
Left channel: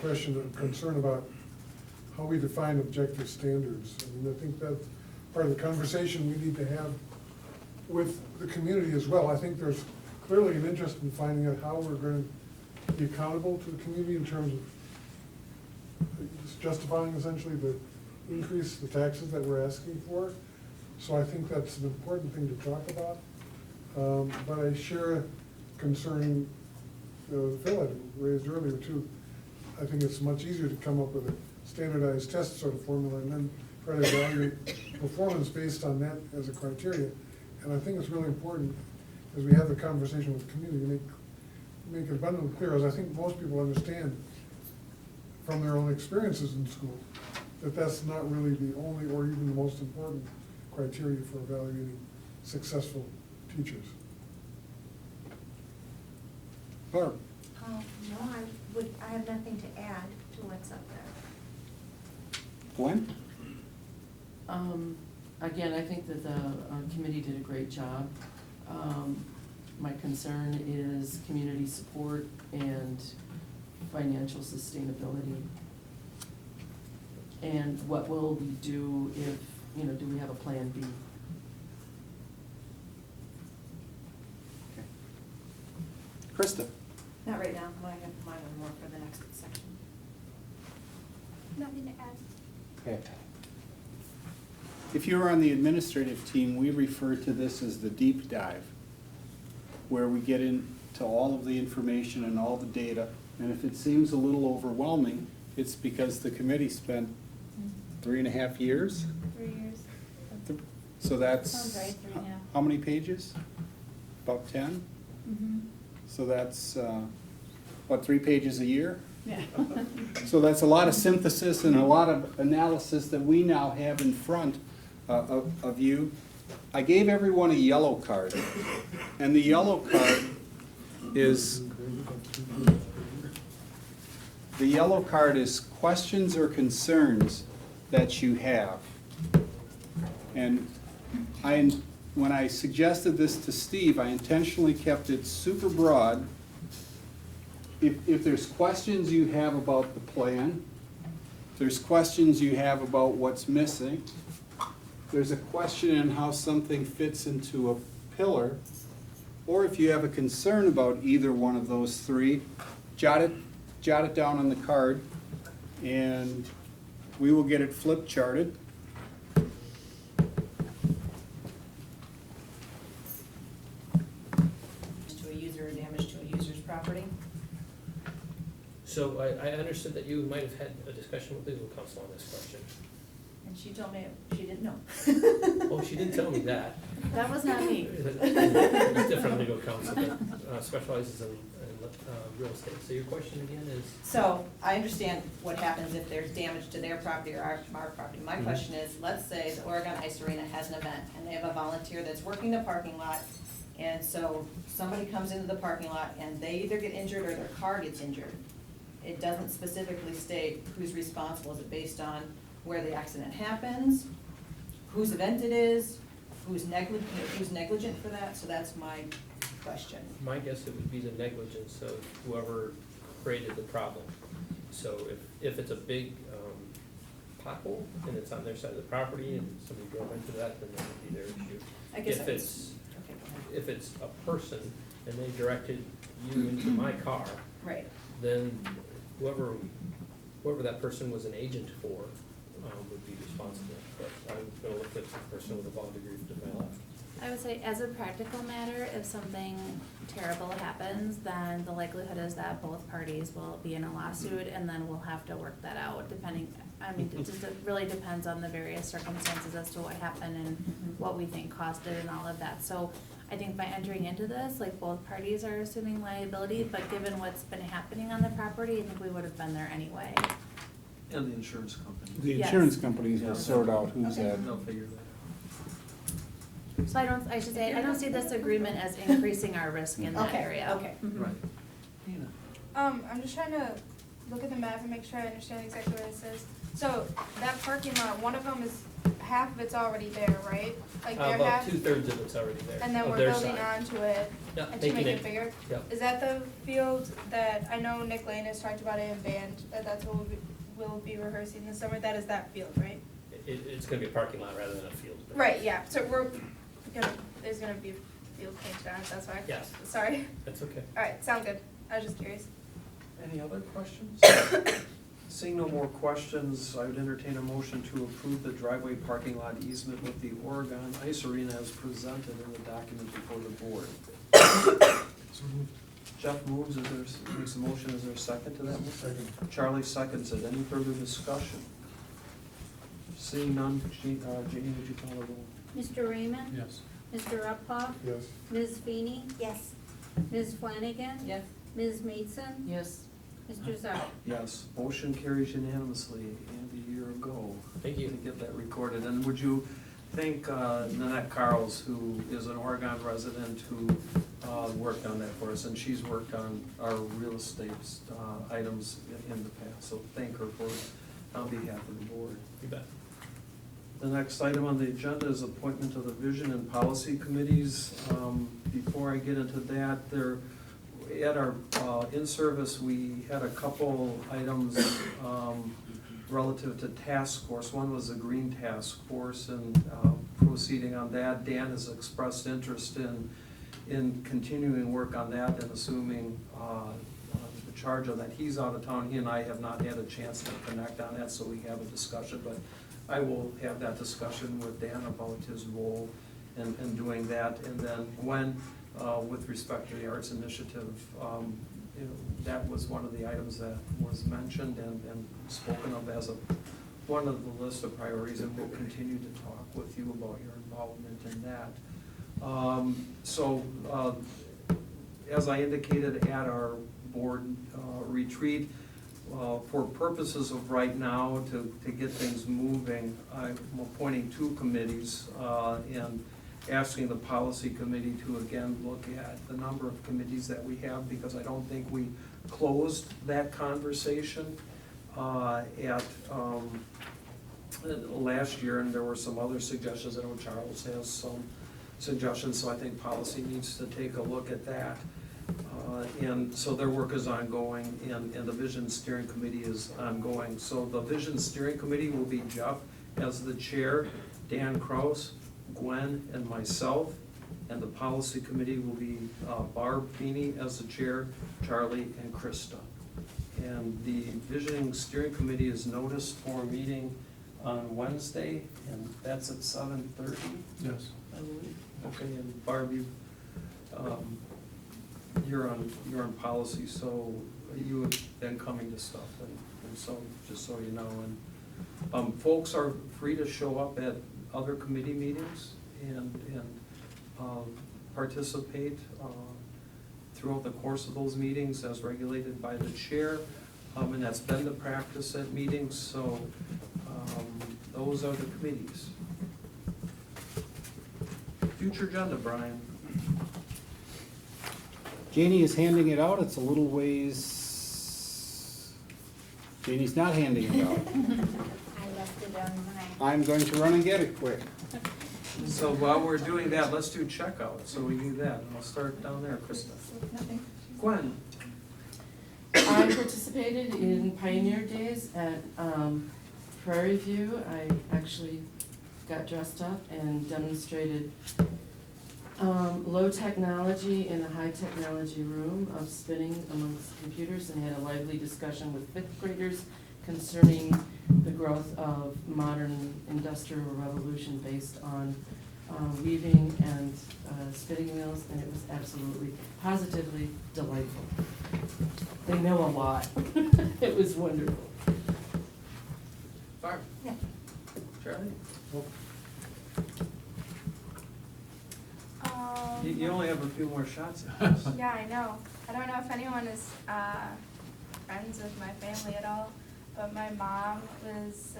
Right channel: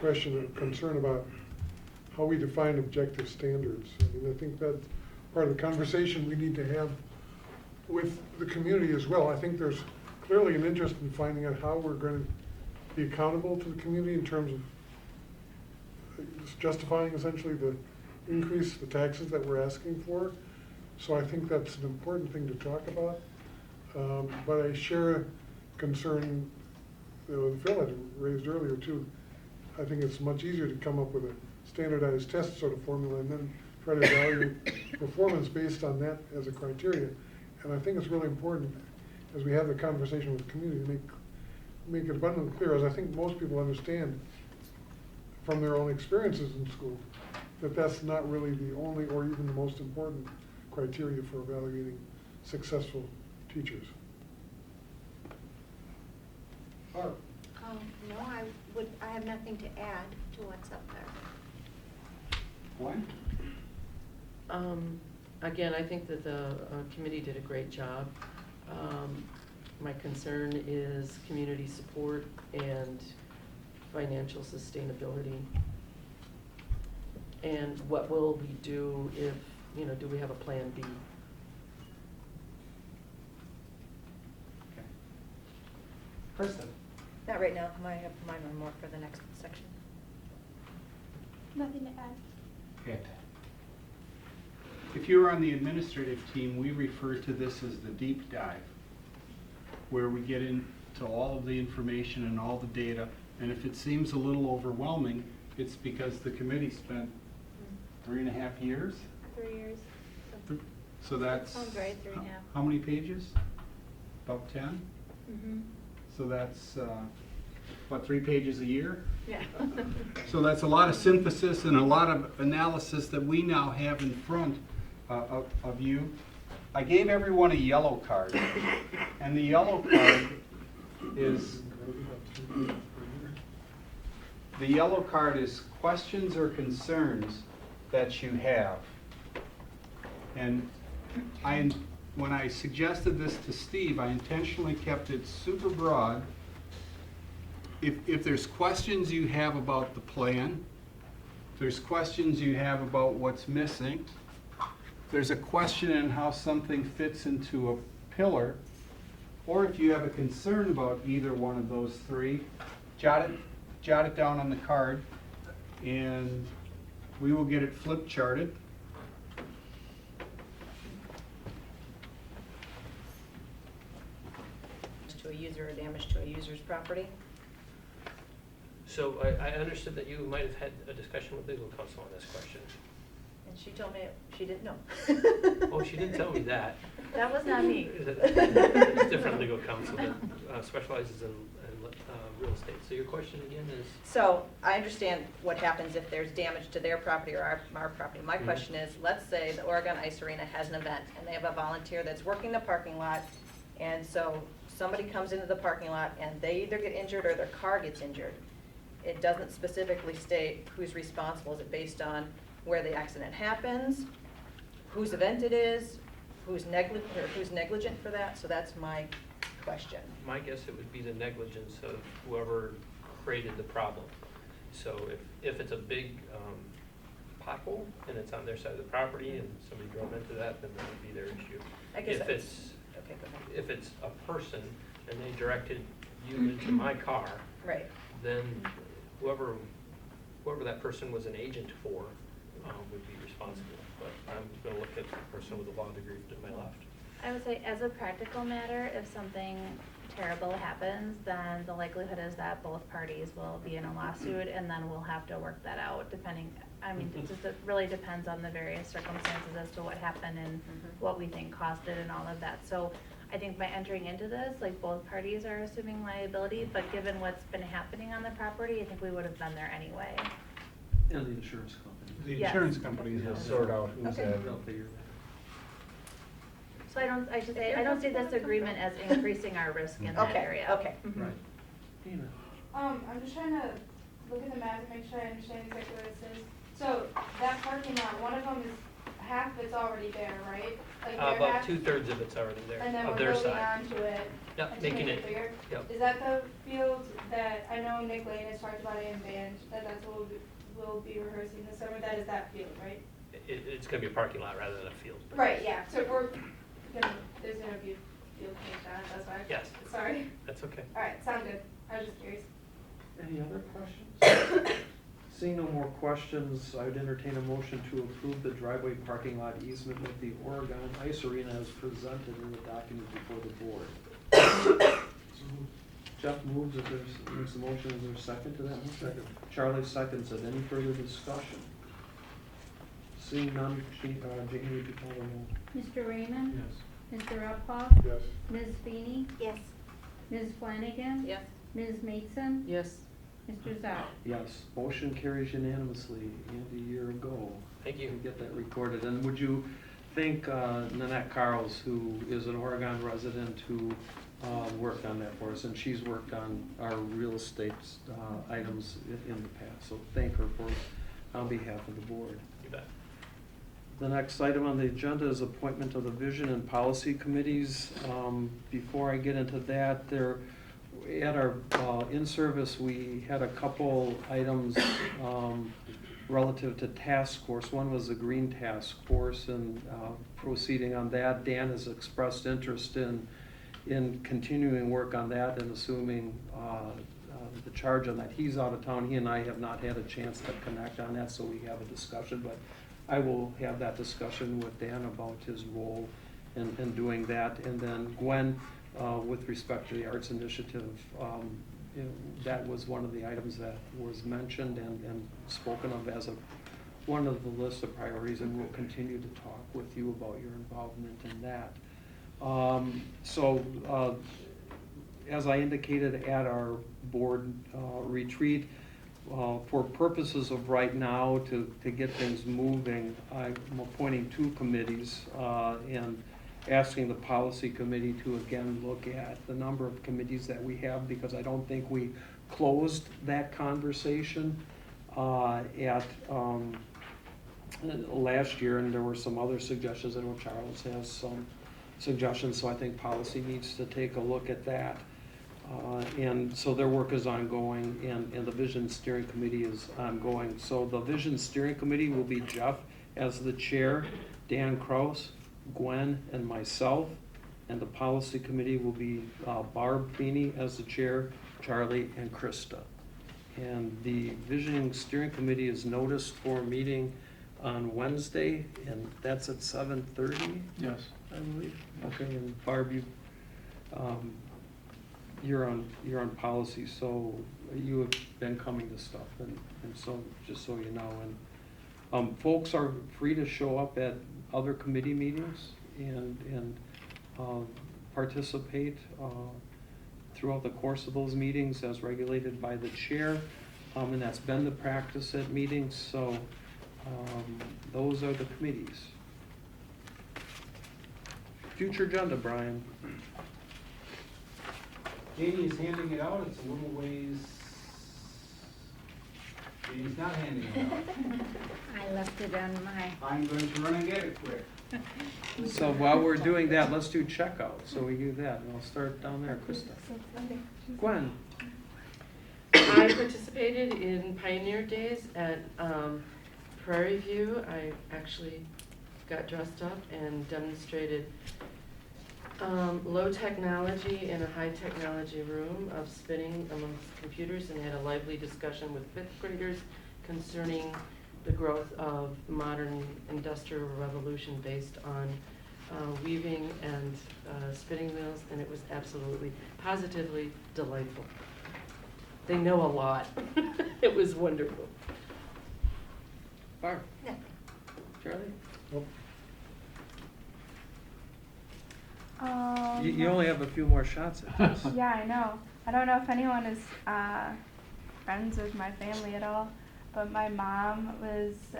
question of concern about how we define objective standards. I mean, I think that's part of the conversation we need to have with the community as well. I think there's clearly an interest in finding out how we're gonna be accountable to the community in terms of justifying essentially the increase, the taxes that we're asking for. So I think that's an important thing to talk about. But I share a concern Phil had raised earlier too. I think it's much easier to come up with a standardized test sort of formula and then try to evaluate performance based on that as a criteria. And I think it's really important as we have the conversation with the community to make it abundantly clear, as I think most people understand from their own experiences in school, that that's not really the only or even the most important criteria for evaluating successful teachers. Barb? No, I have nothing to add to what's up there. Gwen? Again, I think that the committee did a great job. My concern is community support and financial sustainability. And what will we do if, you know, do we have a plan B? Okay. Krista? Not right now, I have mine on more for the next section. Nothing to add. Ed? If you're on the administrative team, we refer to this as the deep dive, where we get into all of the information and all the data. And if it seems a little overwhelming, it's because the committee spent 3.5 years. 3 years. So that's. Sounds right, 3.5. How many pages? About 10? Mm-hmm. So that's, what, 3 pages a year? Yeah. So that's a lot of synthesis and a lot of analysis that we now have in front of you. I gave everyone a yellow card, and the yellow card is, questions or concerns that you have. And when I suggested this to Steve, I intentionally kept it super broad. If there's questions you have about the plan, if there's questions you have about what's missing, if there's a question in how something fits into a pillar, or if you have a concern about either one of those three, jot it down on the card, and we will get it flip charted. To a user or damage to a user's property. So I understood that you might have had a discussion with legal counsel on this question. And she told me she didn't know. Well, she did tell me that. That was not me. There's different legal counsel that specializes in real estate. So your question again is? So I understand what happens if there's damage to their property or our property. My question is, let's say the Oregon Ice Arena has an event and they have a volunteer that's working the parking lot. And so somebody comes into the parking lot and they either get injured or their car gets injured. It doesn't specifically state who's responsible. Is it based on where the accident happens, whose event it is, who's negligent for that? So that's my question. My guess it would be the negligence of whoever created the problem. So if it's a big pothole and it's on their side of the property and somebody drove into that, then it would be their issue. I guess If that it's, okay, go ahead. if it's a person and they directed you into my car, Right. then whoever that person was an agent for would be responsible. But I'm gonna look at the person with a law degree to my left. I would say as a practical matter, if something terrible happens, then the likelihood is that both parties will be in a lawsuit and then we'll have to work that out depending, I mean, it really depends on the various circumstances as to what happened and what we think caused it and all of that. So I think by entering into this, like both parties are assuming liability, but given what's been happening on the property, I think we would have been there anyway. And the insurance company. The Yes. insurance companies will Yes. sort out who's Okay. at. They'll figure that So I should say, I don't see this agreement as increasing our risk in that area. Okay. out. Right. Nina? I'm just trying to look at the map and make sure I understand exactly what it says. So that parking lot, one of them is, half of it's already there, right? Like their About half, 2/3 of it's already there, and then of we're their building side. onto it Yep, and to make making it bigger? Yep. Is that the field that, I know Nick Lane has talked about it in band, that's what we'll be rehearsing this summer, that is that field, right? It's gonna be a parking lot rather than a field. Right, yeah, so there's gonna be field pitched on, that's why. Yes. Sorry. That's okay. Alright, sound good, I was just curious. Any other questions? Seeing no more questions, I would entertain a motion to approve the driveway parking lot easement with the Oregon Ice Arena as presented in the document before the board. So moved. Jeff moves, makes a motion, is there a second to that? Second. Charlie seconds it, any further discussion? Seeing none, Janie, would you call the roll? Mr. Raymond? Yes. Mr. Uphoff? Yes. Ms. Feeney? Yes. Ms. Flanagan? Yes. Ms. Maidson? Yes. Mr. Zhao? Yes, motion carries unanimously, and a year ago. Thank you. To get that recorded, and would you thank Nanette Carls, who is an Oregon resident who worked on that for us, and she's worked on our real estate items in the past, so thank her for, on behalf of the board. You bet. The next item on the agenda is appointment of the vision and policy committees. Before I get into that, at our in-service, we had a couple items relative to task force. One was the green task force, and proceeding on that. Dan has expressed interest in continuing work on that and assuming the charge on that. He's out of town. He and I have not had a chance to connect on that, so we have a discussion, but I will have that discussion with Dan about his role in doing that. And then Gwen, with respect to the Arts Initiative, you know, that was one of the items that was mentioned and spoken of as one of the list of priorities, and we'll continue to talk with you about your involvement in that. As I indicated at our board retreat, for purposes of right now, to get things moving, I'm appointing 2 committees and asking the policy committee to again look at the number of committees that we have, because I don't think we closed that conversation at last year, and there were some other suggestions. I know Charles has some suggestions, so I think policy needs to take a look at that. And so their work is ongoing, and the Vision Steering Committee is ongoing. So the Vision Steering Committee will be Jeff as the chair, Dan Kraus, Gwen, and myself. And the Policy Committee will be Barb Feeney as the chair, Charlie, and Krista. And the Vision Steering Committee is noticed for a meeting on Wednesday, and that's at 7:30, Yes. I believe. Okay, and Barb, you're on policy, so you have been coming to stuff, and so, just so you know. And folks are free to show up at other committee meetings and participate throughout the course of those meetings as regulated by the chair, and that's been the practice at meetings, so those are the committees. Future agenda, Brian. Janie is handing it out, it's a little ways, Janie's not handing it out. I left it on my. I'm going to run and get it quick. So while we're doing that, let's do checkout, so we do that, and I'll start down there, Krista. Gwen? I participated in Pioneer Days at Prairie View. I actually got dressed up and demonstrated low technology in a high technology room of spinning amongst computers, and had a lively discussion with 5th graders concerning the growth of modern industrial revolution based on weaving and spinning mills, and it was absolutely, positively delightful. They know a lot. It was wonderful. Barb? Yeah. Charlie? Nope. You only have a few more shots at this. Yeah, I know. I don't know if anyone is friends with my family at all, but my mom was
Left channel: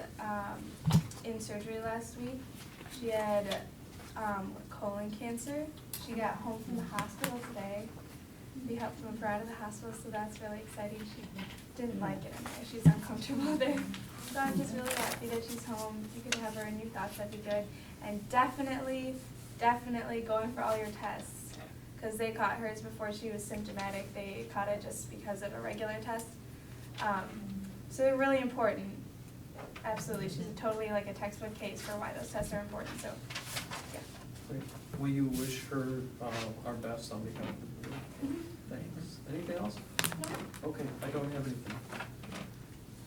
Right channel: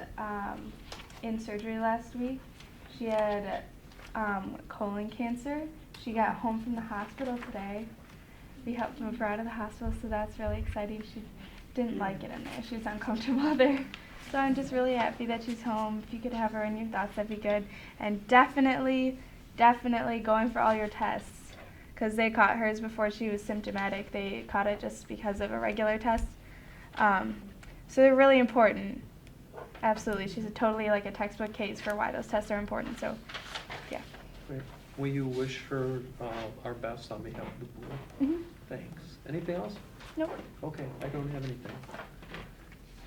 in surgery last week. She had colon cancer. She got home from the hospital today. We helped move her out of the hospital, so that's really exciting. She didn't like it in there. She was uncomfortable there. So I'm just really happy that she's home. If you could have her in your thoughts, that'd be good. And definitely going for all your tests, because they caught hers before she was symptomatic. They caught it just because of a regular test. So they're really important. Absolutely. She's totally like a textbook case for why those tests are important. So, yeah. Great. Will you wish her our best on behalf of the board? Mm-hmm. Thanks. Anything else? Nope. Okay, I don't have anything.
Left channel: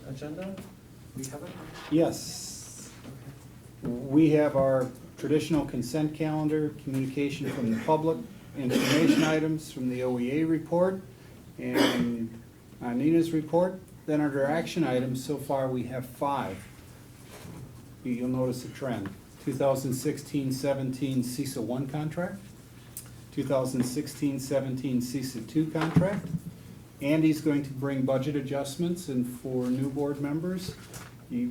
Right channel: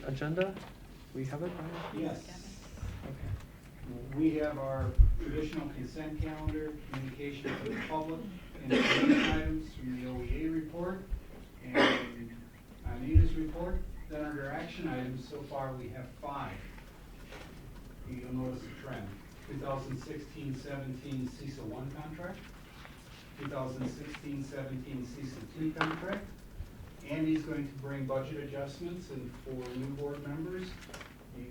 Agenda? We have it? Yes. We have our traditional consent calendar, communication from the public, information items from the OEA report, and Nina's report. Then under action items, so far we have 5. You'll notice a trend. 2016-17 CISA 1 contract, 2016-17 CISA 2 contract. Andy's going to bring budget adjustments, and for new board members, you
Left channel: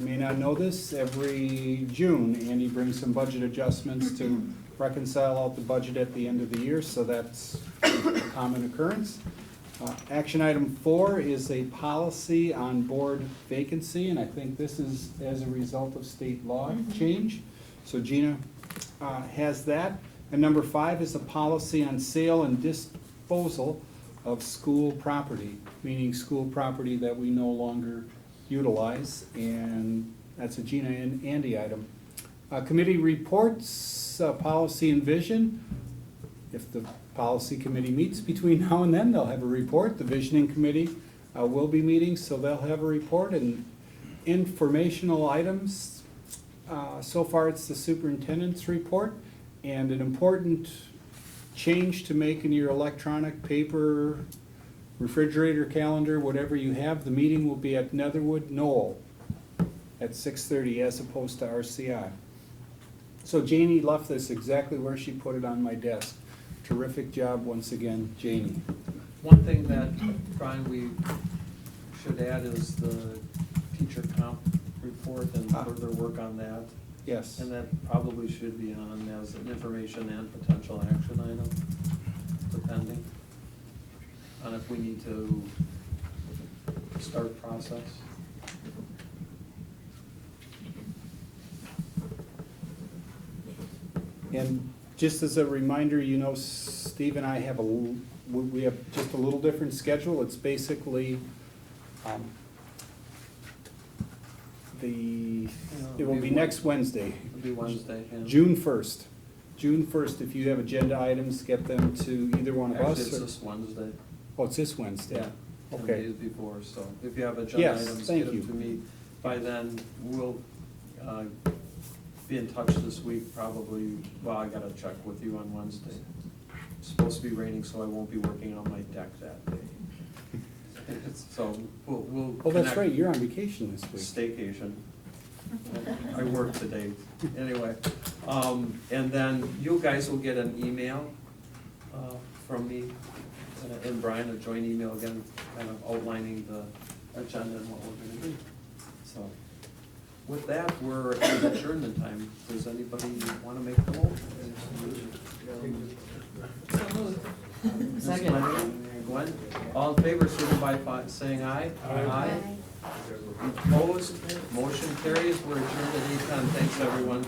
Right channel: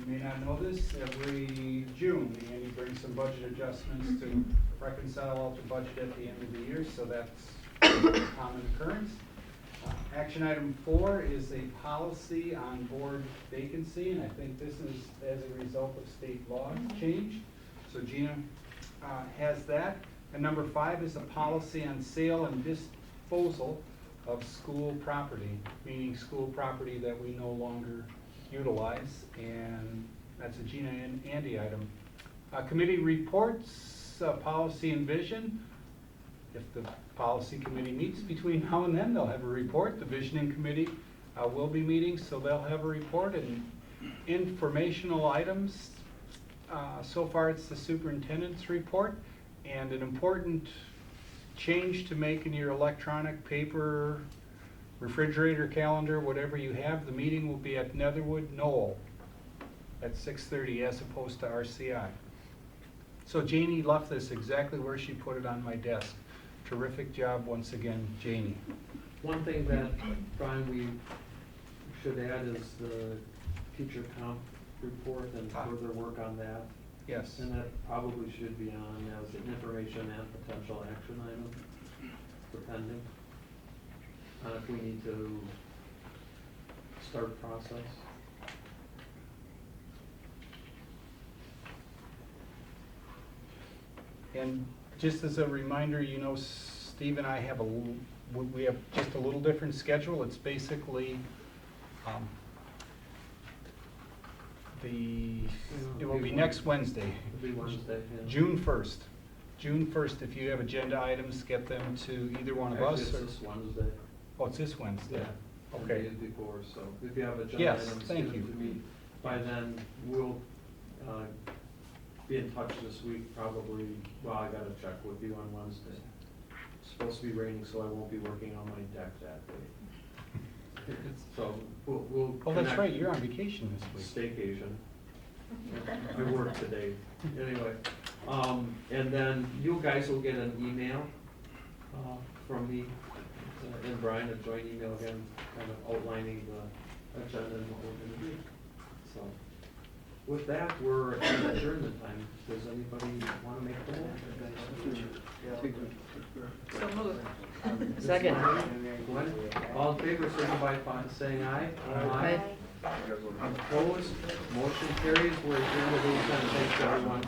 may not know this, every June, Andy brings some budget adjustments to reconcile out the budget at the end of the year, so that's a common occurrence. Action item 4 is a policy on board vacancy, and I think this is as a result of state law change. So Gina has that. And number 5 is a policy on sale and disposal of school property, meaning school property that we no longer utilize, and that's a Gina and Andy item. Committee reports, policy and vision. If the policy committee meets between now and then, they'll have a report. The visioning committee will be meeting, so they'll have a report, and informational items. So far, it's the superintendent's report, and an important change to make in your electronic paper, refrigerator, calendar, whatever you have. The meeting will be at Netherwood Knoll at 6:30 as opposed to RCI. So Janie left this exactly where she put it on my desk. Terrific job once again, Janie. One thing that, Brian, we should add is the teacher comp report and further work on that. Yes. And that probably should be on as an information and potential action item, depending on if we need to start process. And just as a reminder, you know, Steve and I have we have just a little different schedule. It's basically, it will be next Wednesday. It'll be Wednesday, yeah. June 1st. June 1st, if you have agenda items, get them to either one of Actually, us. it's or- this Wednesday. Oh, it's this Wednesday? Yeah. 10 Okay. days before, so if you have agenda Yes, items, thank get them you. to me. By then, we'll be in touch this week, probably, well, I gotta check with you on Wednesday. It's supposed to be raining, so I won't be working on my deck that day. So, we'll Oh, that's connect. right, you're on vacation this week. Staycation. I work today, anyway. And then you guys will get an email from me and Brian, a joint email again, kind of outlining the agenda and what we're gonna do. So, with that, we're at adjournment time. Does anybody wanna make a call? Second. Glenn, all in favor, signify by saying aye. Aye. Opposed, motion carries, we're adjourned at 8:10, thanks everyone.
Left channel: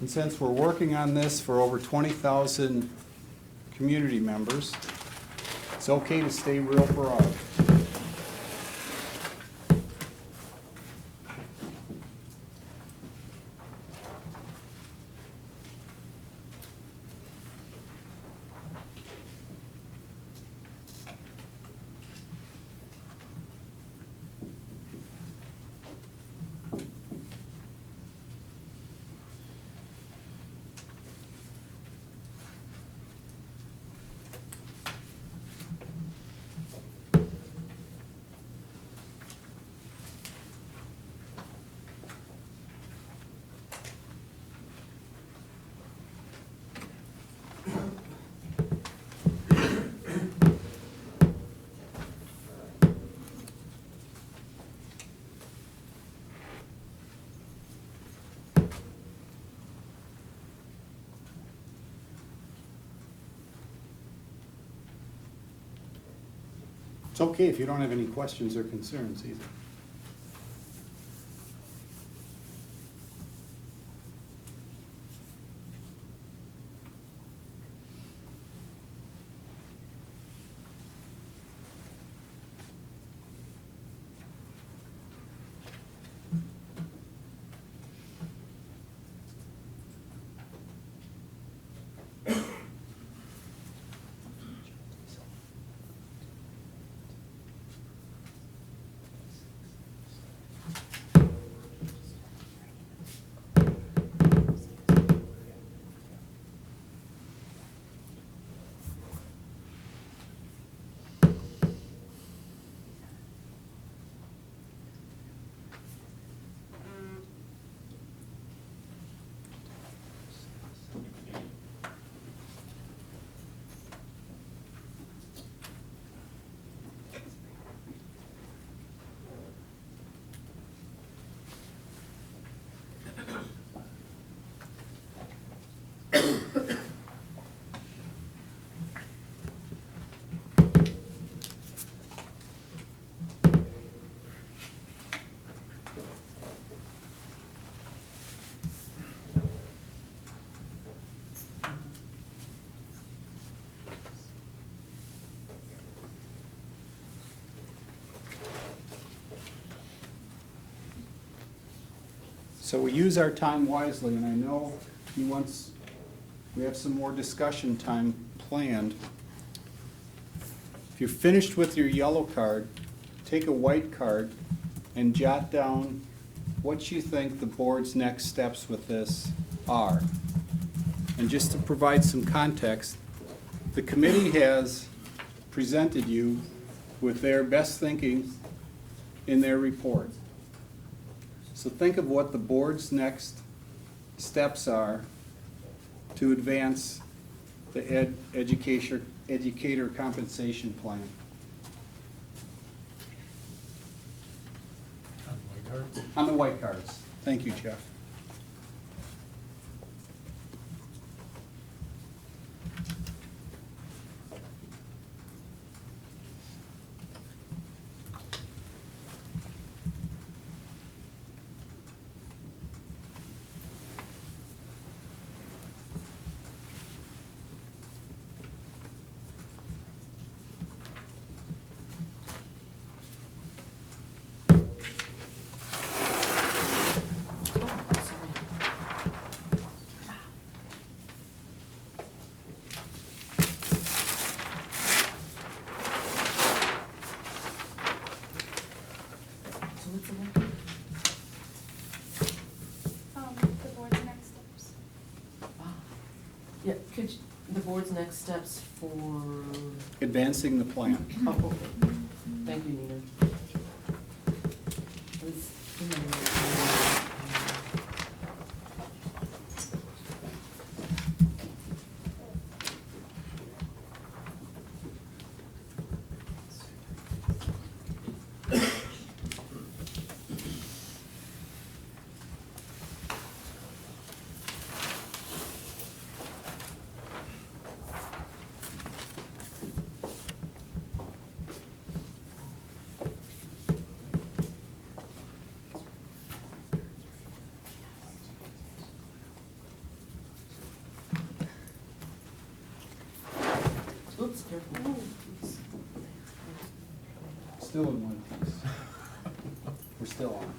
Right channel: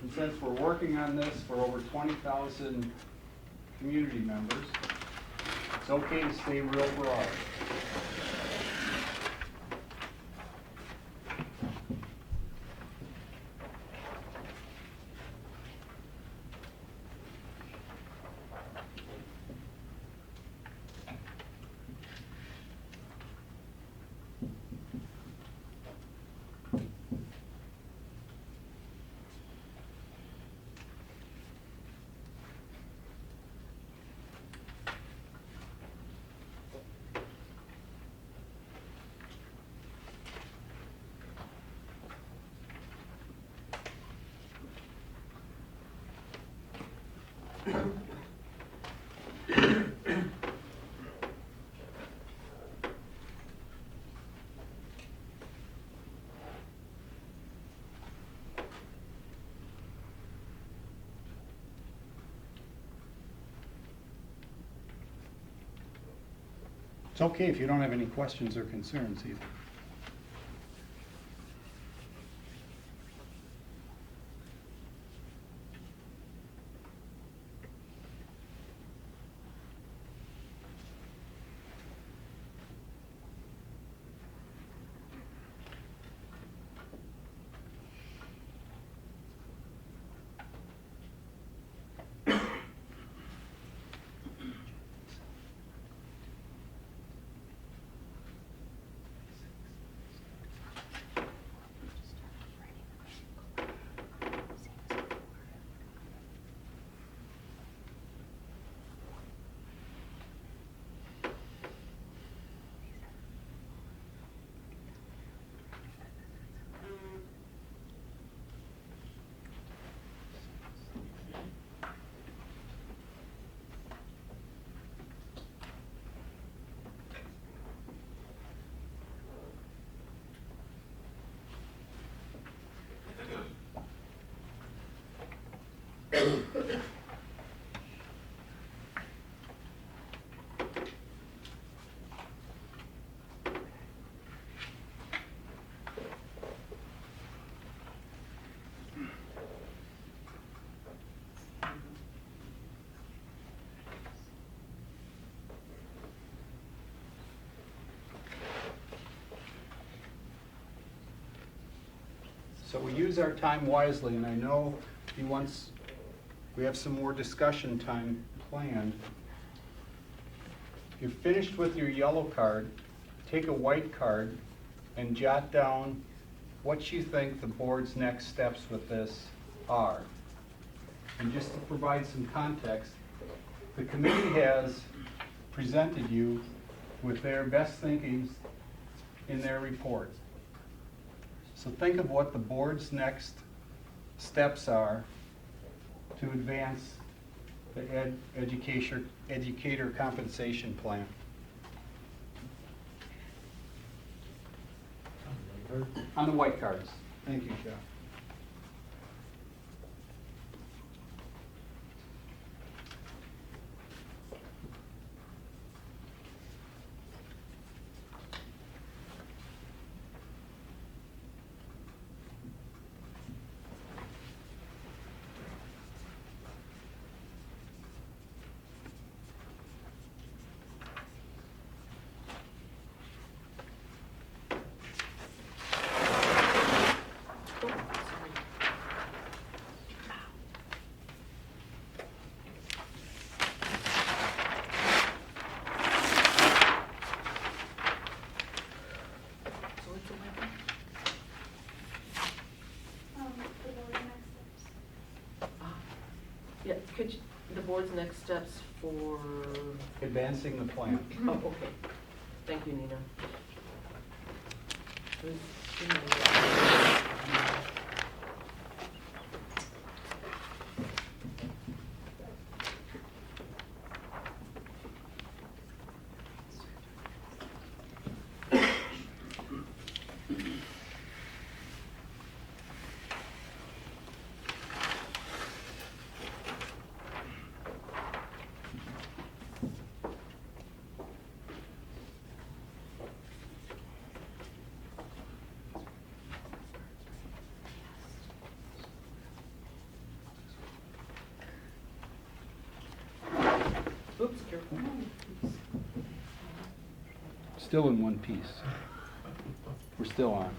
And since we're working on this for over 20,000 community members, it's okay to stay real broad. It's okay if you don't have any questions or concerns either. So we use our time wisely, and I know we have some more discussion time planned. If you're finished with your yellow card, take a white card and jot down what you think the board's next steps with this are. And just to provide some context, the committee has presented you with their best thinking in their report. So think of what the board's next steps are to advance the educator compensation plan. On the white cards. Thank you, Jeff. The board's next steps. Yeah, could you, the board's next steps for, Advancing the plan. oh, okay. Thank you, Nina. Oops, careful. Oops. Still in one piece. We're still on.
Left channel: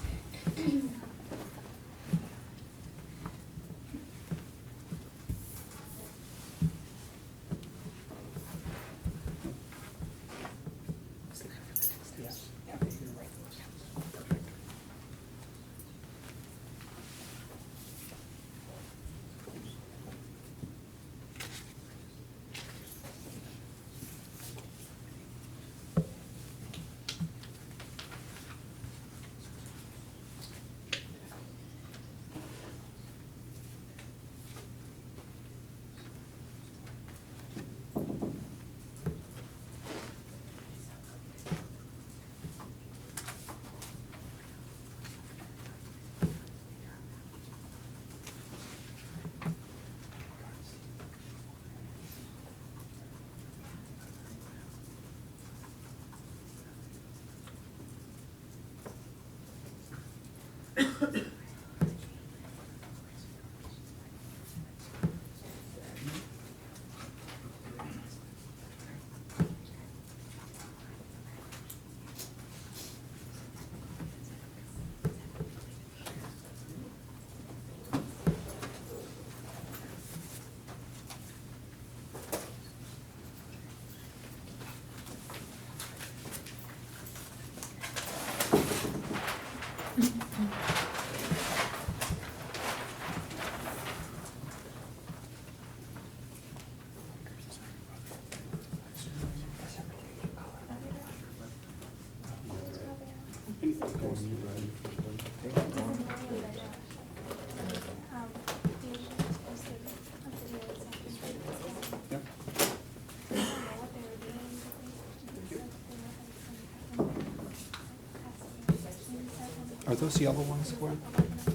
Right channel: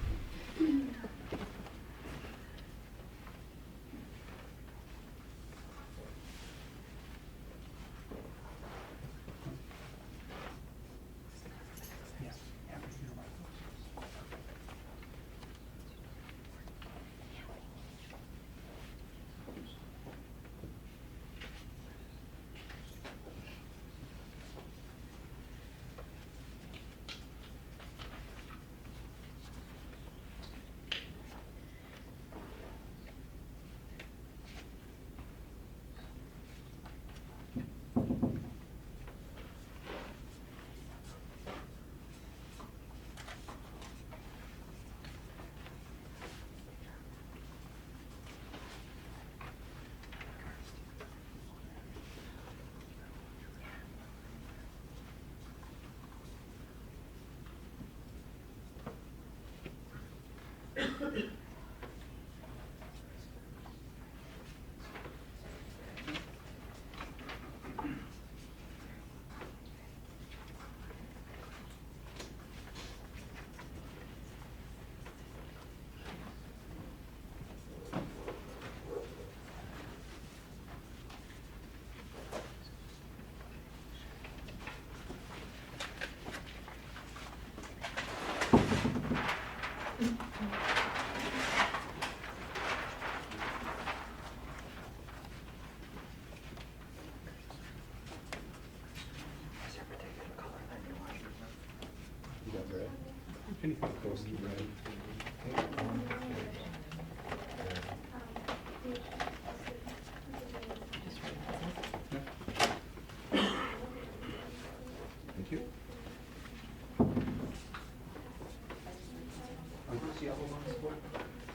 Are those yellow ones, Gwen?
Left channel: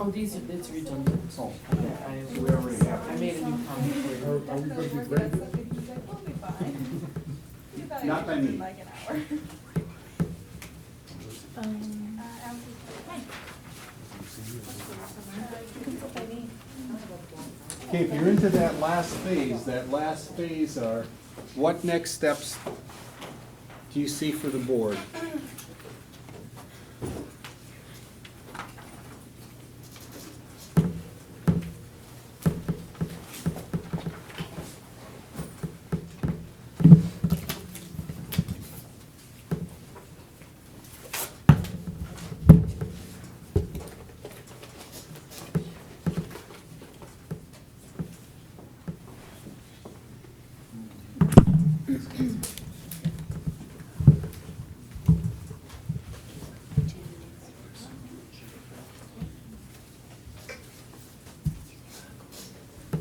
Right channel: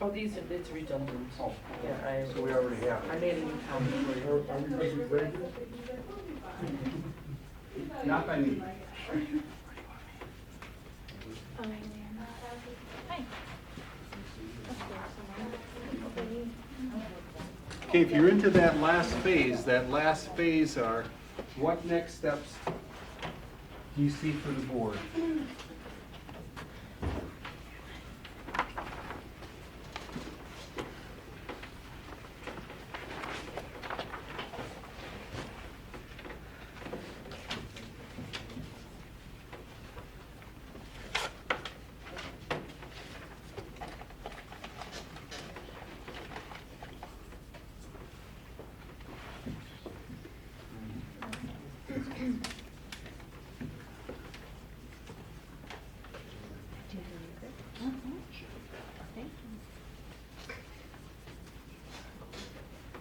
Oh, these are, it's redundant. Oh. Yeah, So we already have I made a new copy for you. Are we gonna be great? Not by me. Okay, if you're into that last phase are, what next steps do you see for the board?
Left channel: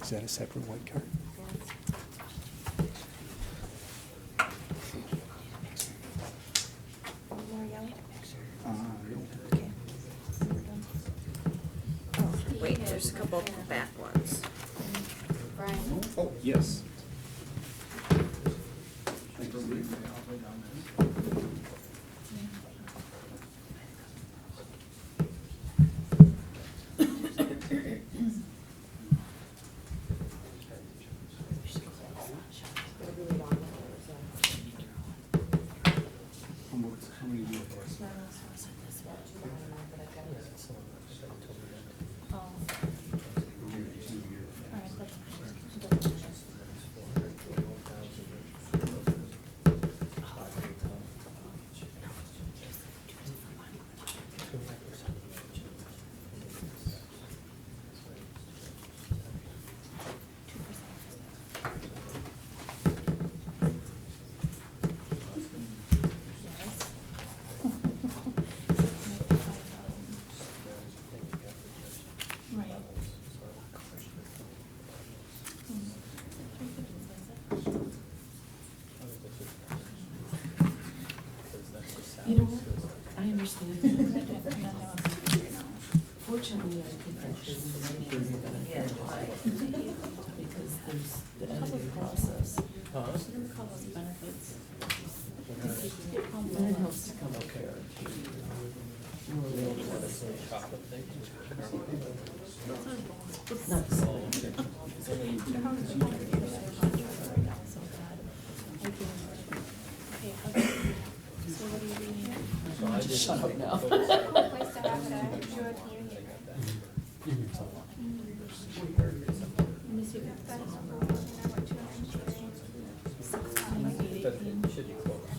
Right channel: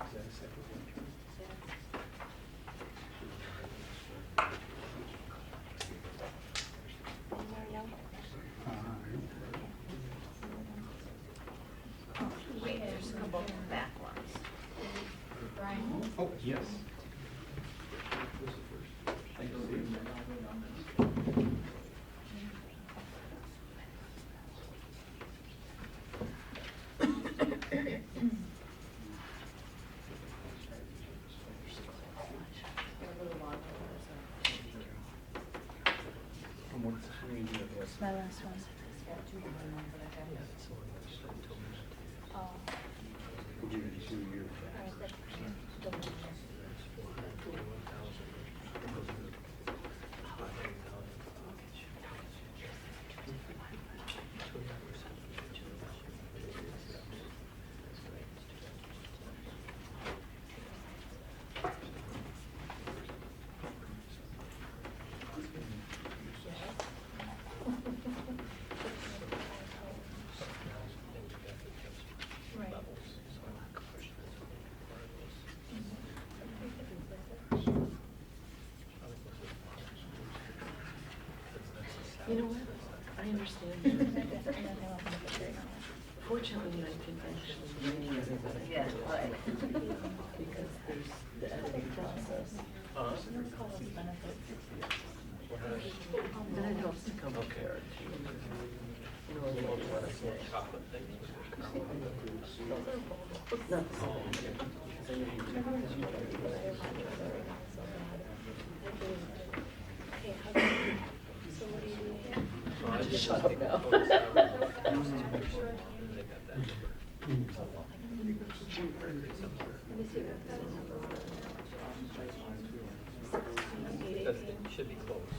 Is that a separate white card? Wait, there's a couple back ones. Oh, yes. Thank you. My last one. You know what? I understand. Fortunately, I could actually because there's the editing process. And it helps to come prepared to know what it's like. Not the Just shut up now. That should be close.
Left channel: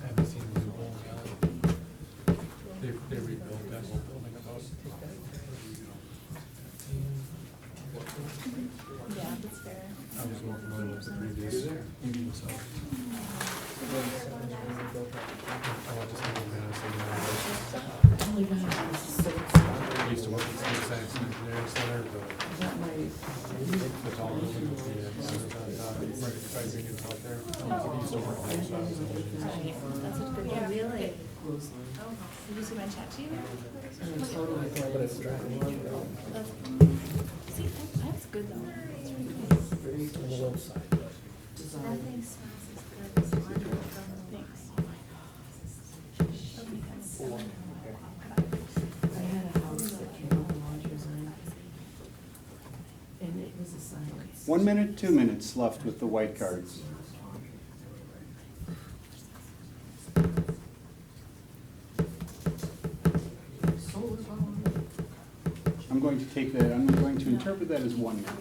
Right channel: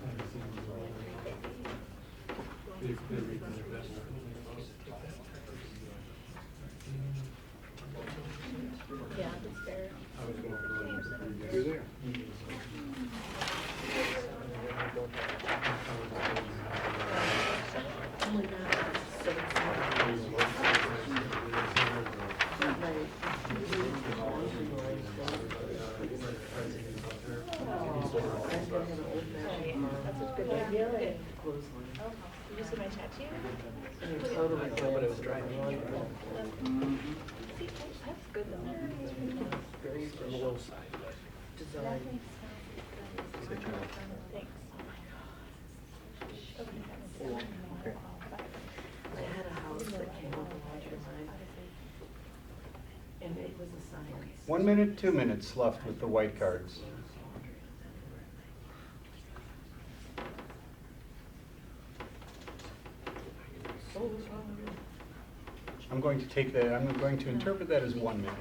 I haven't seen them in a long time. They rebuilt that whole building about. Yeah, that's fair. I was working on it with the previous meeting, so. I went to school in Madison, Oh my God, this is so exciting. I used to work at the Saxon Engineering Center, but there's all of them, right at Isaac and out there. I used to work there, so I was That's a good, yeah, really. Closely. Did you see my tattoo? And it's totally glanced driving on. See, that's good though. very on the low side, but. Design. Nothing smells as good as thanks. I had a house that came up in my design, and it was a science. 1 minute, 2 minutes left with the white cards. I'm going to take that, I'm going to interpret that as 1 minute.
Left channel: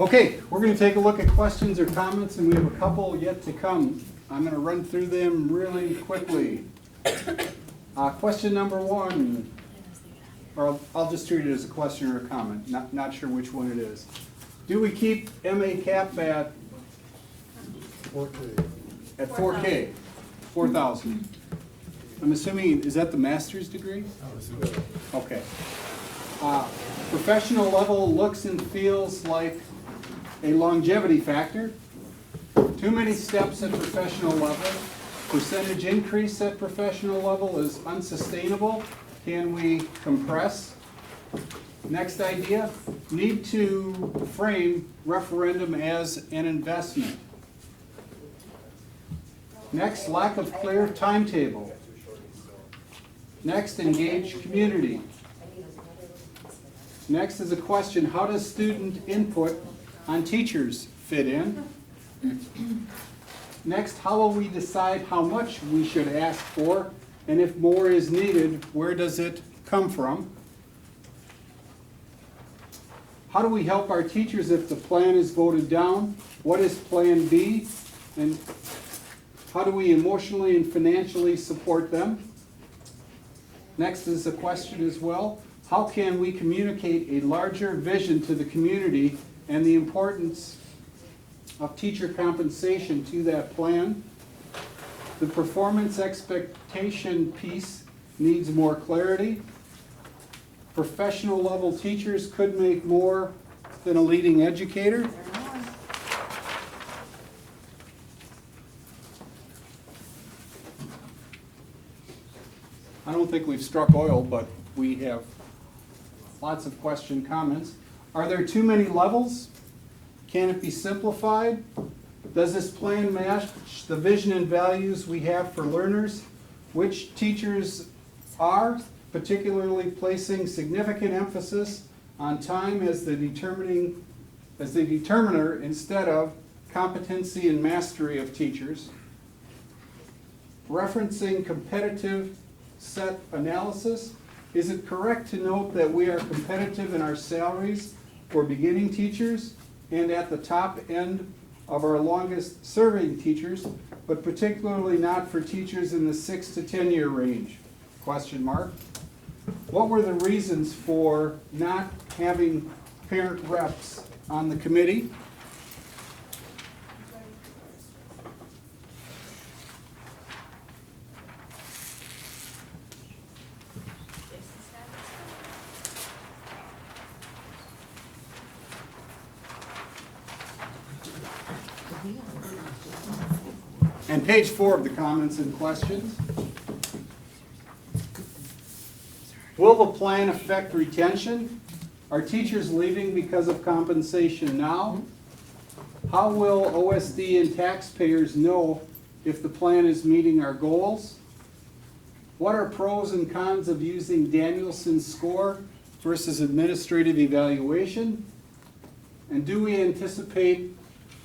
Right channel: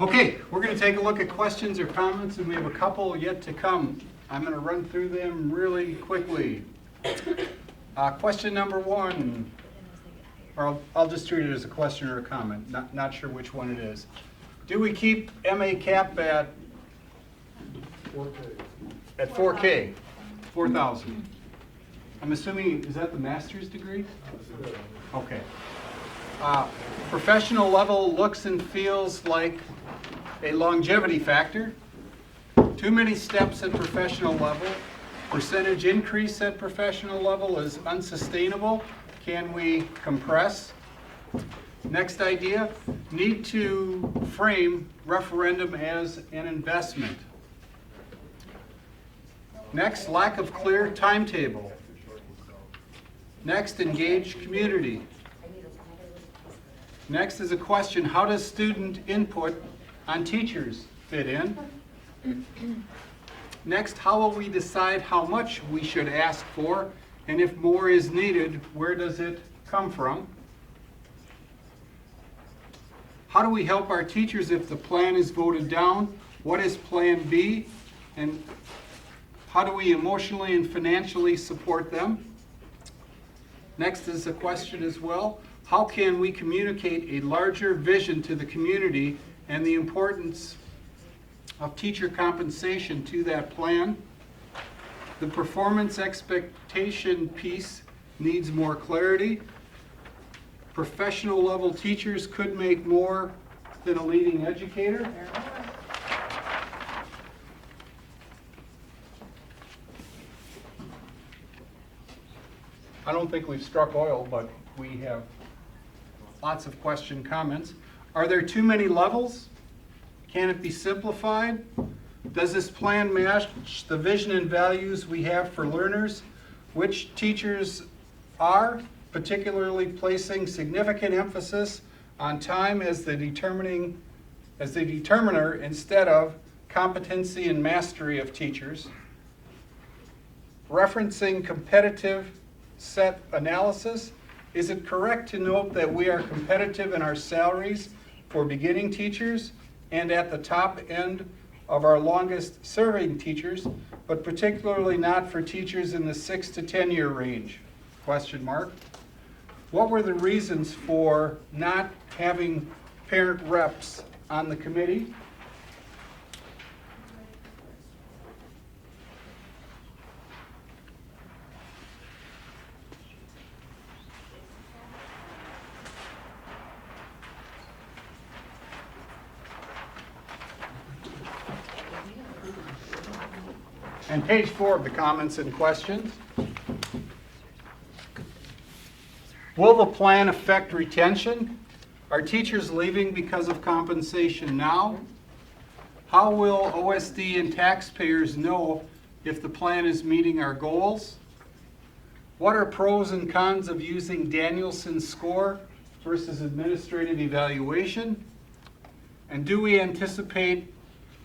Okay, we're going to take a look at questions or comments, and we have a couple yet to come. I'm going to run through them really quickly. Question number 1, or I'll just treat it as a question or a comment, not sure which one it is. Do we keep MA cap at 4K. 4K, 4,000? I'm assuming, is that the master's degree? Okay. Professional level looks and feels like a longevity factor. Too many steps at professional level. Percentage increase at professional level is unsustainable. Can we compress? Next idea, need to frame referendum as an investment. Next, lack of clear timetable. Next, engage community. Next is a question, how does student input on teachers fit in? Next, how will we decide how much we should ask for, and if more is needed, where does it come from? How do we help our teachers if the plan is voted down? What is Plan B? And how do we emotionally and financially support them? Next is a question as well. How can we communicate a larger vision to the community and the importance of teacher compensation to that plan? The performance expectation piece needs more clarity. Professional level teachers could make more than a leading educator. I don't think we've struck oil, but we have lots of question comments. Are there too many levels? Can it be simplified? Does this plan match the vision and values we have for learners? Which teachers are particularly placing significant emphasis on time as the determiner instead of competency and mastery of teachers? Referencing competitive set analysis, is it correct to note that we are competitive in our salaries for beginning teachers and at the top end of our longest serving teachers, but particularly not for teachers in the 6 to 10 year range? Question mark. What were the reasons for not having parent reps on the committee? And page 4 of the comments and questions. Will the plan affect retention? Are teachers leaving because of compensation now? How will OSD and taxpayers know if the plan is meeting our goals? What are pros and cons of using Danielson's score versus administrative evaluation? And do we anticipate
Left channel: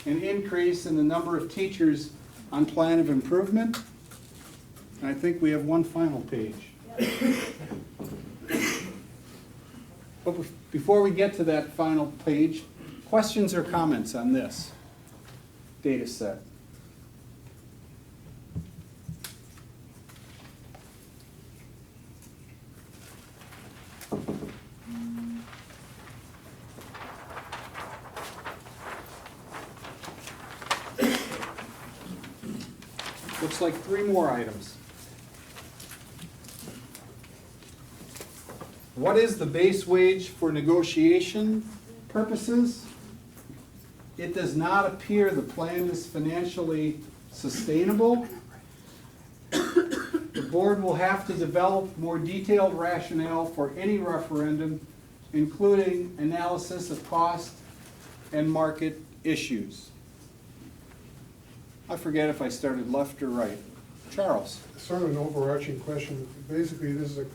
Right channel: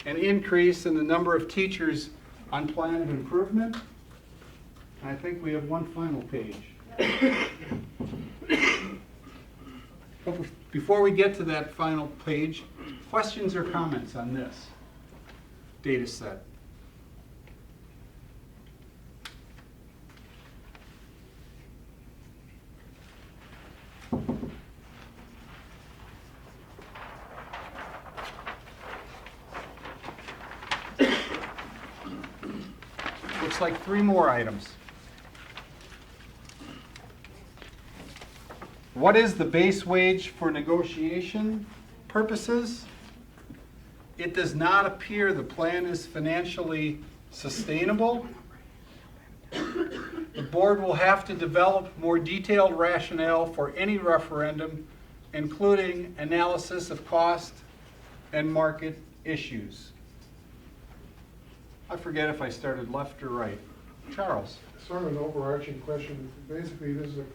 an increase in the number of teachers on plan of improvement? I think we have one final page. But before we get to that final page, questions or comments on this data set? Looks like 3 more items. What is the base wage for negotiation purposes? It does not appear the plan is financially sustainable. The board will have to develop more detailed rationale for any referendum, including analysis of cost and market issues. I forget if I started left or right. Charles. Sort of an overarching question. Basically, this is a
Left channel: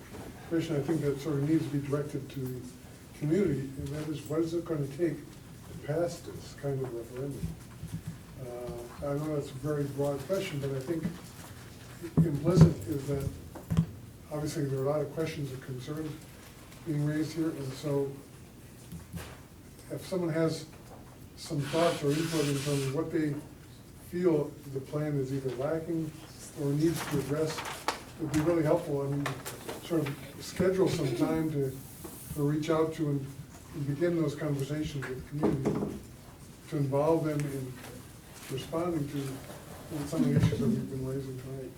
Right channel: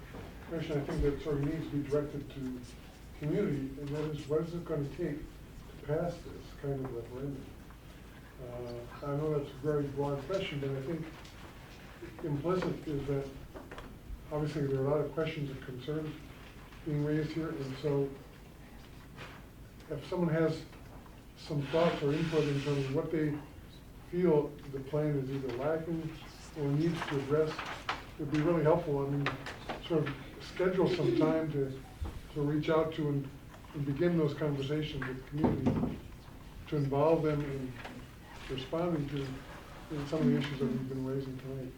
question I think that sort of needs to be directed to community, and that is, what is it going to take to pass this kind of referendum? I know that's a very broad question, but I think implicit is that obviously there are a lot of questions and concerns being raised here, and so if someone has some thoughts or input in terms of what they feel the plan is either lacking or needs to address, it would be really helpful. I mean, sort of schedule some time to reach out to and begin those conversations with the community, to involve them in responding to some of the issues that we've been raising tonight.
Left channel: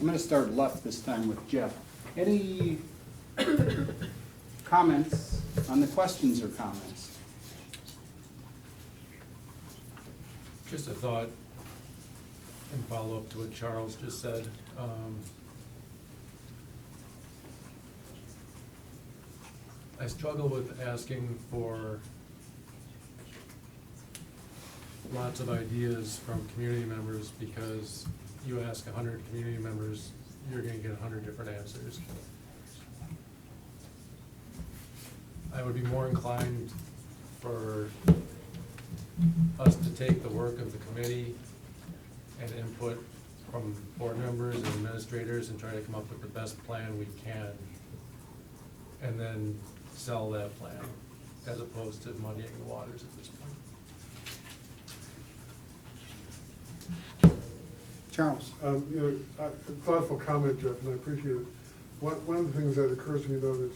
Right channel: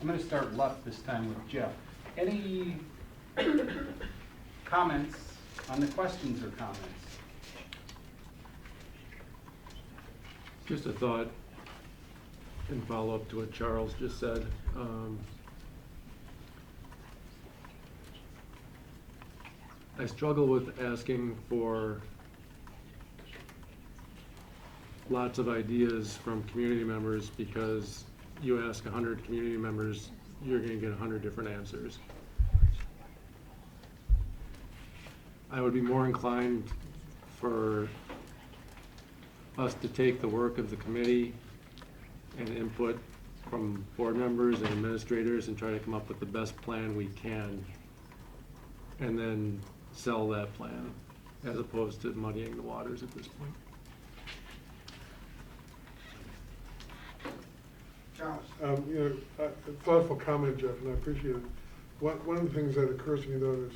I'm going to start left this time with Jeff. Any comments on the questions or comments? Just a thought in follow-up to what Charles just said. I struggle with asking for lots of ideas from community members, because you ask 100 community members you're gonna get 100 different answers. I would be more inclined for us to take the work of the committee and input from board members and administrators and try to come up with the best plan we can, and then sell that plan, as opposed to muddying the waters at this point. Charles? Thoughtful comment, Jeff, and I appreciate it. One of the things that occurs to me though is,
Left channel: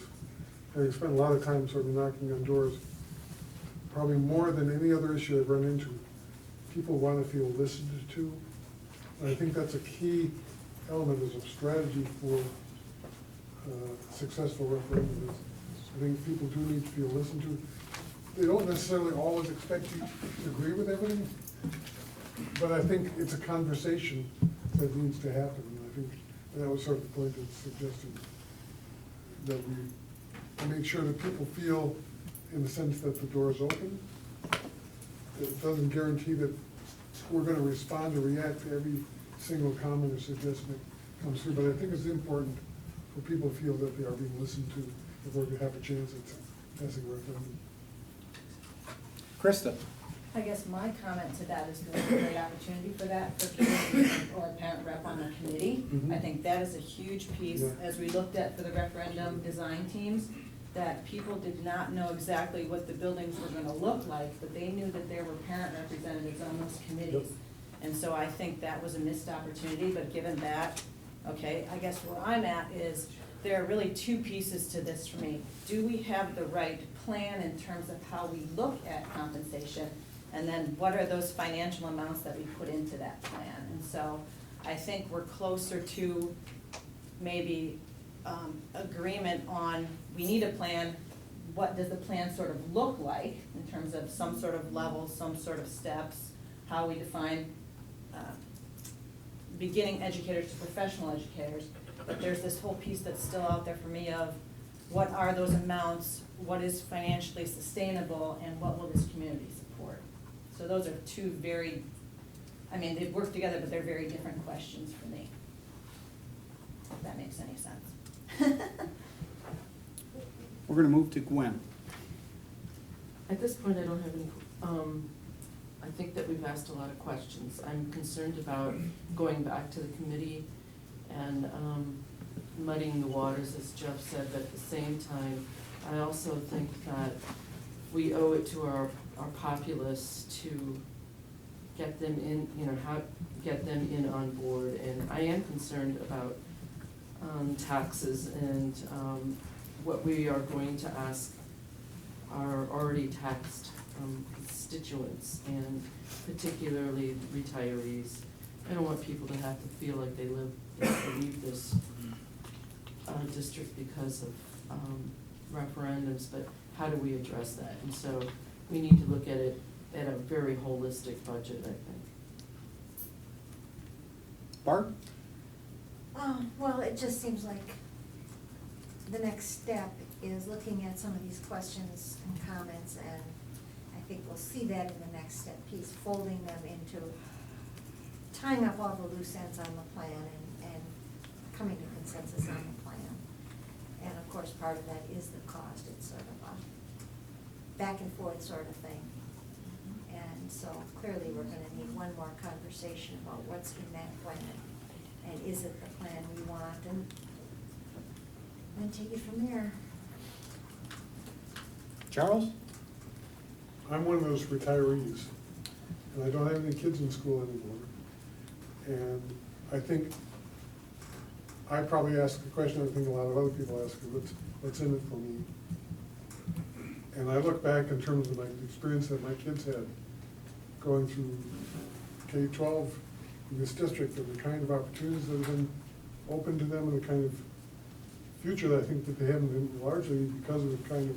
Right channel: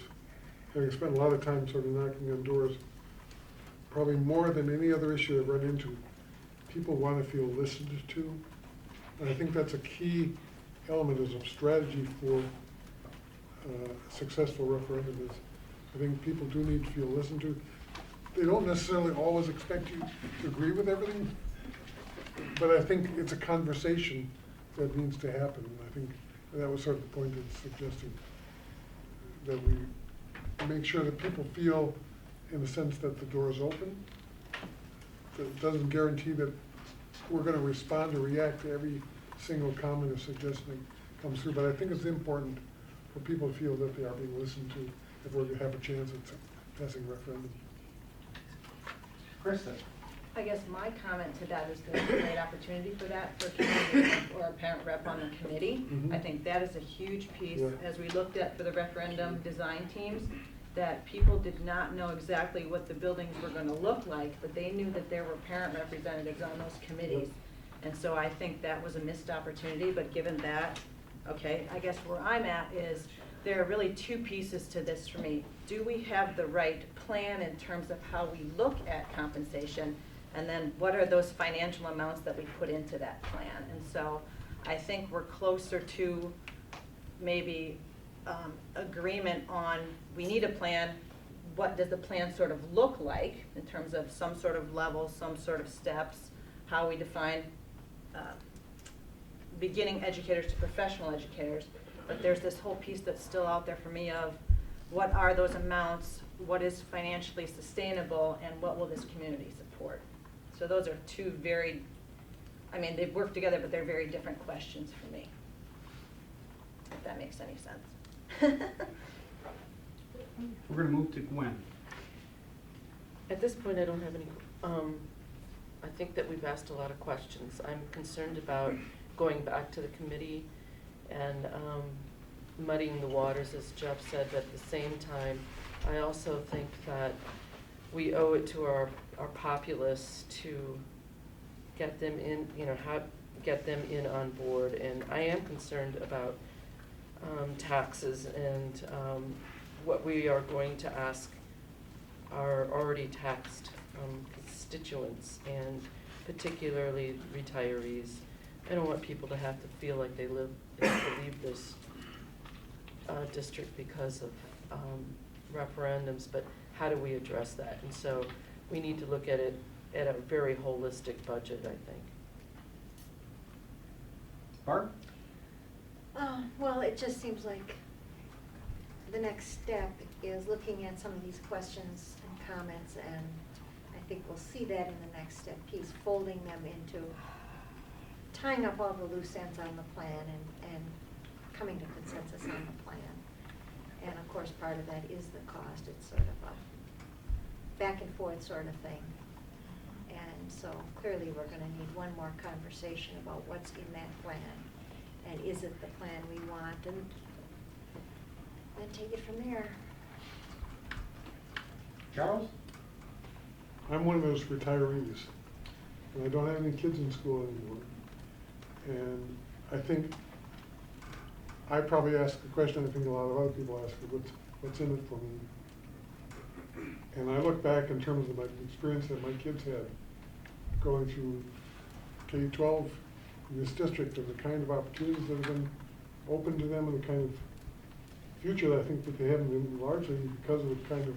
having spent a lot of time sort of knocking on doors, probably more than any other issue I've run into, people want to feel listened to. And I think that's a key element as a strategy for successful referendum. I think people do need to feel listened to. They don't necessarily always expect you to agree with everything, but I think it's a conversation that needs to happen. And I think that was sort of the point that suggested that we make sure that people feel, in the sense that the door is open. It doesn't guarantee that we're going to respond or react to every single comment or suggestion that comes through, but I think it's important for people to feel that they are being listened to if we're going to have a chance at passing a referendum. Krista? I guess my comment to that is there's a great opportunity for that, for a committee or a parent rep on the committee. Mhm. I think that is a huge piece, Yeah. as we looked at for the referendum design teams, that people did not know exactly what the buildings were gonna look like, but they knew that there were parent representatives on those committees. And so I think that was a missed opportunity, but given that, okay, I guess where I'm at is, there are really two pieces to this for me. Do we have the right plan in terms of how we look at compensation? And then what are those financial amounts that we put into that plan? And so I think we're closer to maybe agreement on, we need a plan. What does the plan sort of look like in terms of some sort of level, some sort of steps, how we define beginning educators to professional educators? But there's this whole piece that's still out there for me of, what are those amounts, what is financially sustainable, and what will this community support? So those are two very, I mean, they work together, but they're very different questions for me, if that makes any sense. We're gonna move to Gwen. At this point, I don't have any, I think that we've asked a lot of questions. I'm concerned about going back to the committee and muddying the waters, as Jeff said, but at the same time, I also think that we owe it to our populace to get them in, get them in on board. And I am concerned about taxes and what we are going to ask our already taxed constituents, and particularly retirees. I don't want people to have to feel like they have to leave this district because of referendums, but how do we address that? And so we need to look at it at a very holistic budget, I think. Barb? Well, it just seems like the next step is looking at some of these questions and comments, and I think we'll see that in the next step piece, folding them into, tying up all the loose ends on the plan and coming to consensus on the plan. And of course, part of that is the cost. It's sort of a back and forth sort of thing. And so clearly, we're gonna need one more conversation about what's in that plan, and is it the plan we want, and then take it from there. Charles? I'm one of those retirees, and I don't have any kids in school anymore. And I think, I probably ask the question I think a lot of other people ask, what's in it for me? And I look back in terms of my experience that my kids had going through K-12 in this district, and the kind of opportunities that have been open to them, and the kind of future that I think that they had, been largely because of the kind of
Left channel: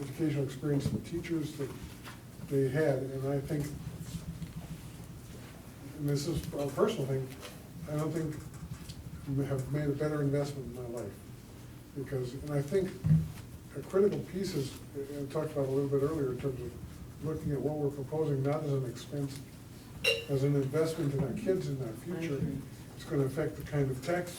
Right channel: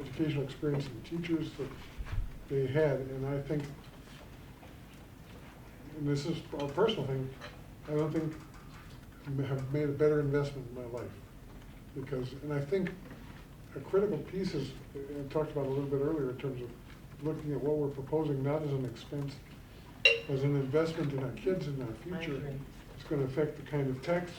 educational experience and teachers that they had. And I think, and this is a personal thing, I don't think we have made a better investment in my life. Because, and I think a critical piece is, I talked about a little bit earlier, in terms of looking at what we're proposing, not as an expense, as an investment in our kids and our future. It's gonna affect the kind of tax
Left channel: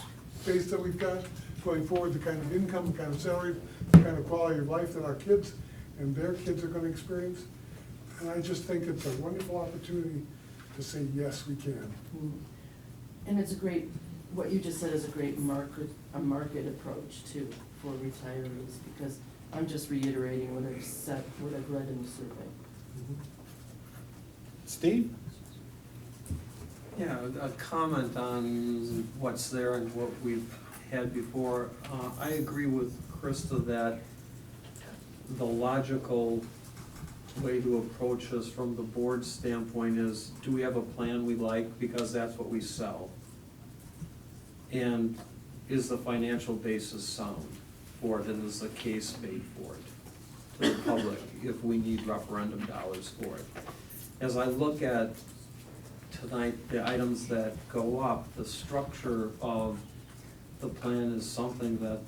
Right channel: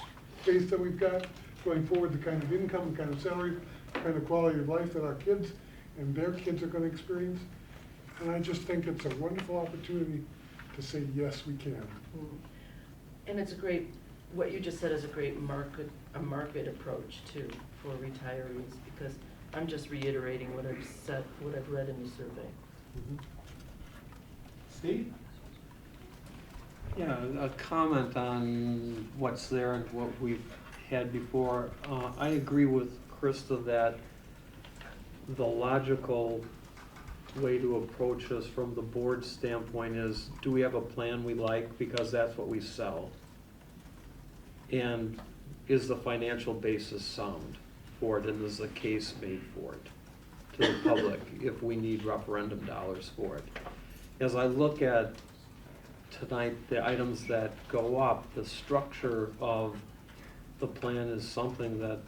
base that we've got going forward, the kind of income, the kind of salary, the kind of quality of life that our kids and their kids are gonna experience. And I just think it's a wonderful opportunity to say, yes, we can. And it's a great, what you just said is a great market approach too for retirees, because I'm just reiterating what I've said, what I've read in the survey. Steve? Yeah, a comment on what's there and what we've had before. I agree with Krista that the logical way to approach this from the board standpoint is, do we have a plan we like, because that's what we sell? And is the financial basis sound for it, and is the case made for it to the public if we need referendum dollars for it? As I look at tonight, the items that go up, the structure of the plan is something that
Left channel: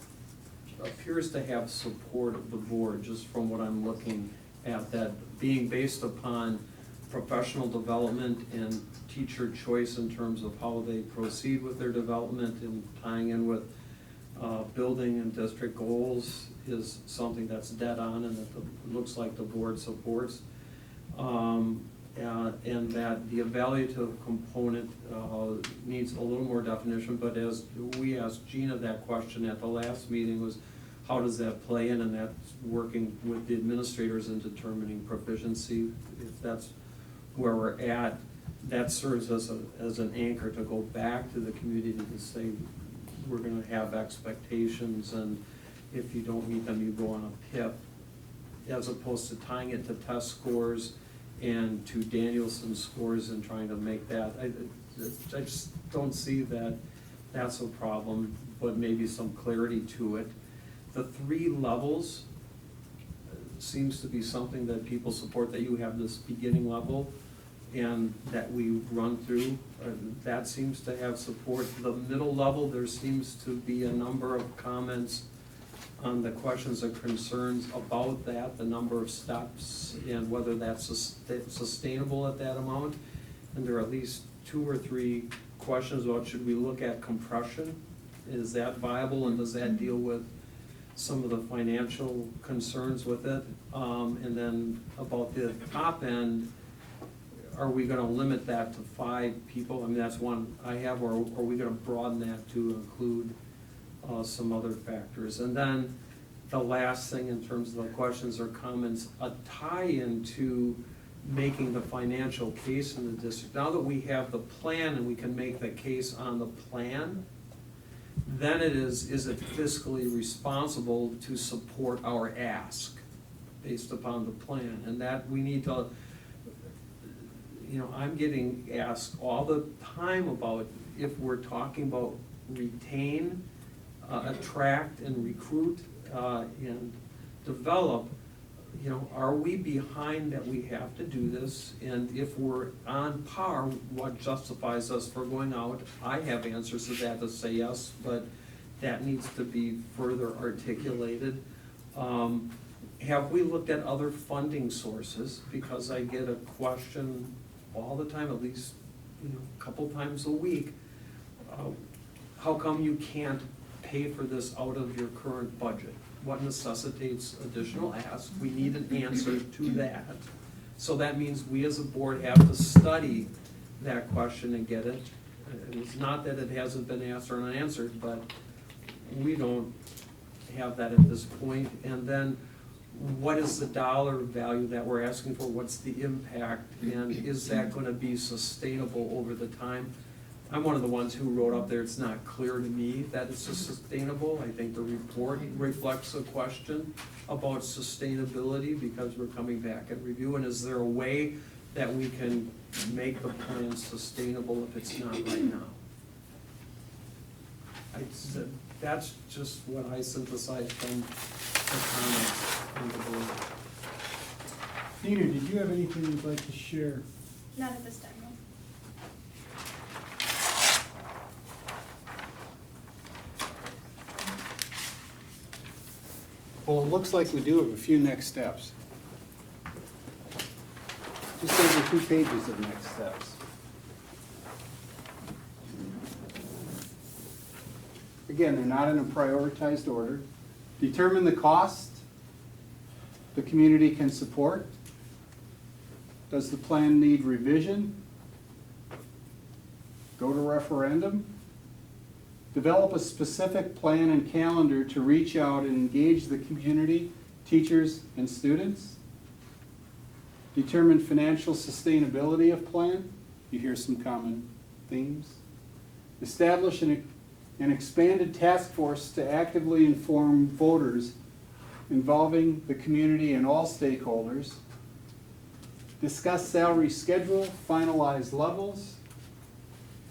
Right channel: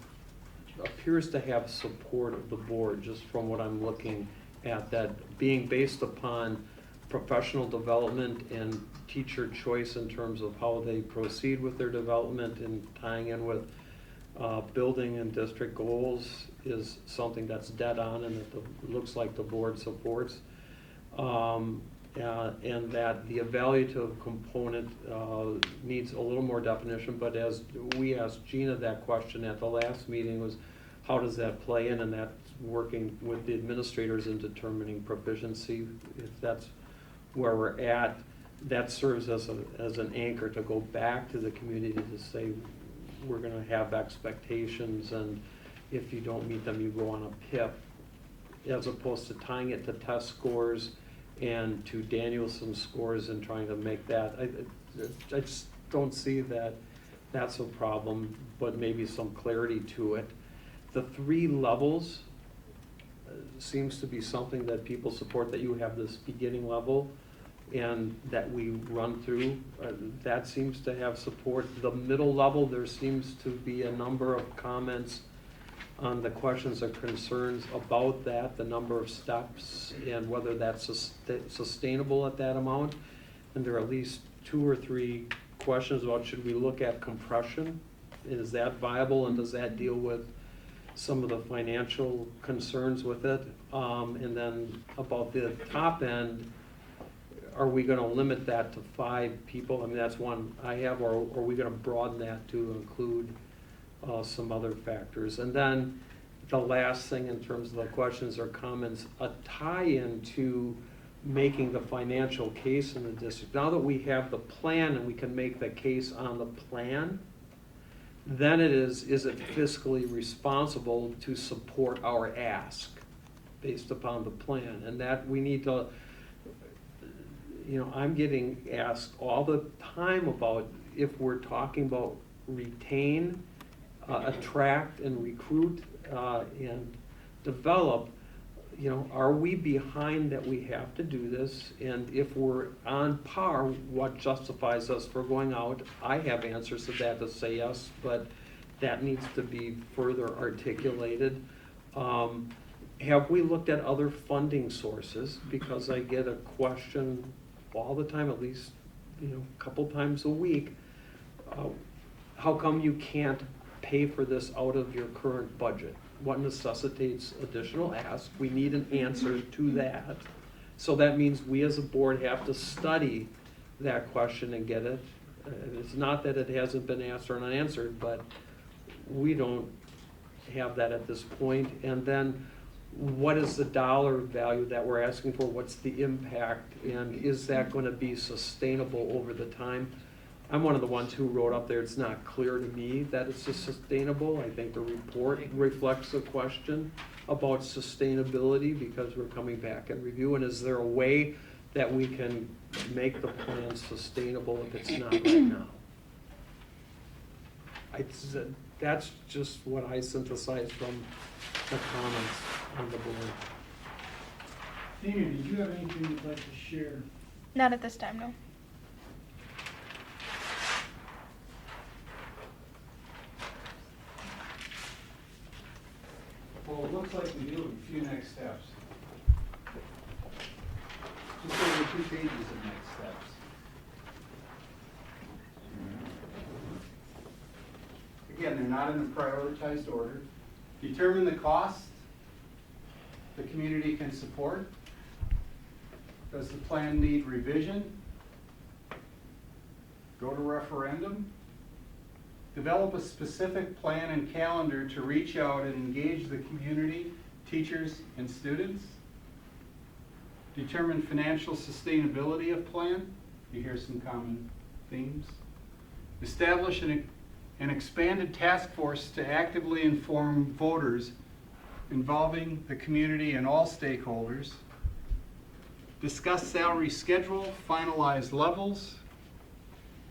appears to have support of the board, just from what I'm looking at, that being based upon professional development and teacher choice in terms of how they proceed with their development and tying in with building and district goals is something that's dead on and that looks like the board supports. And that the evaluative component needs a little more definition, but as we asked Gina that question at the last meeting, was how does that play in, and that's working with the administrators in determining proficiency. If that's where we're at, that serves as an anchor to go back to the community to say, we're gonna have expectations, and if you don't meet them, you go on a PIP, as opposed to tying it to test scores and to Danielson's scores and trying to make that. I just don't see that that's a problem, but maybe some clarity to it. The 3 levels seems to be something that people support, that you have this beginning level and that we run through. That seems to have support. The middle level, there seems to be a number of comments on the questions or concerns about that, the number of steps and whether that's sustainable at that amount. And there are at least 2 or 3 questions about, should we look at compression? Is that viable, and does that deal with some of the financial concerns with it? And then about the top end, are we gonna limit that to 5 people? I mean, that's one I have, or are we gonna broaden that to include some other factors? And then the last thing in terms of the questions or comments, a tie-in to making the financial case in the district. Now that we have the plan and we can make the case on the plan, then it is it fiscally responsible to support our ask based upon the plan? And that we need to, I'm getting asked all the time about, if we're talking about retain, attract and recruit and develop, are we behind that we have to do this? And if we're on par, what justifies us for going out? I have answers to that to say yes, but that needs to be further articulated. Have we looked at other funding sources? Because I get a question all the time, at least a couple times a week. How come you can't pay for this out of your current budget? What necessitates additional ask? We need an answer to that. So that means we as a board have to study that question and get it. It's not that it hasn't been asked or unanswered, but we don't have that at this point. And then what is the dollar value that we're asking for? What's the impact? And is that going to be sustainable over the time? I'm one of the ones who wrote up there, it's not clear to me that it's sustainable. I think the report reflects a question about sustainability, because we're coming back at review. And is there a way that we can make the plan sustainable if it's not right now? That's just what I synthesized from the comments on the board. Dina, did you have anything you'd like to share? Not at this time, no. Well, it looks like we do have a few next steps. Just over 2 pages of next steps. again, they're not in a prioritized order. Determine the cost the community can support. Does the plan need revision? Go to referendum. Develop a specific plan and calendar to reach out and engage the community, teachers, and students. Determine financial sustainability of plan. You hear some common themes. Establish an expanded task force to actively inform voters involving the community and all stakeholders. Discuss salary schedule, finalize levels.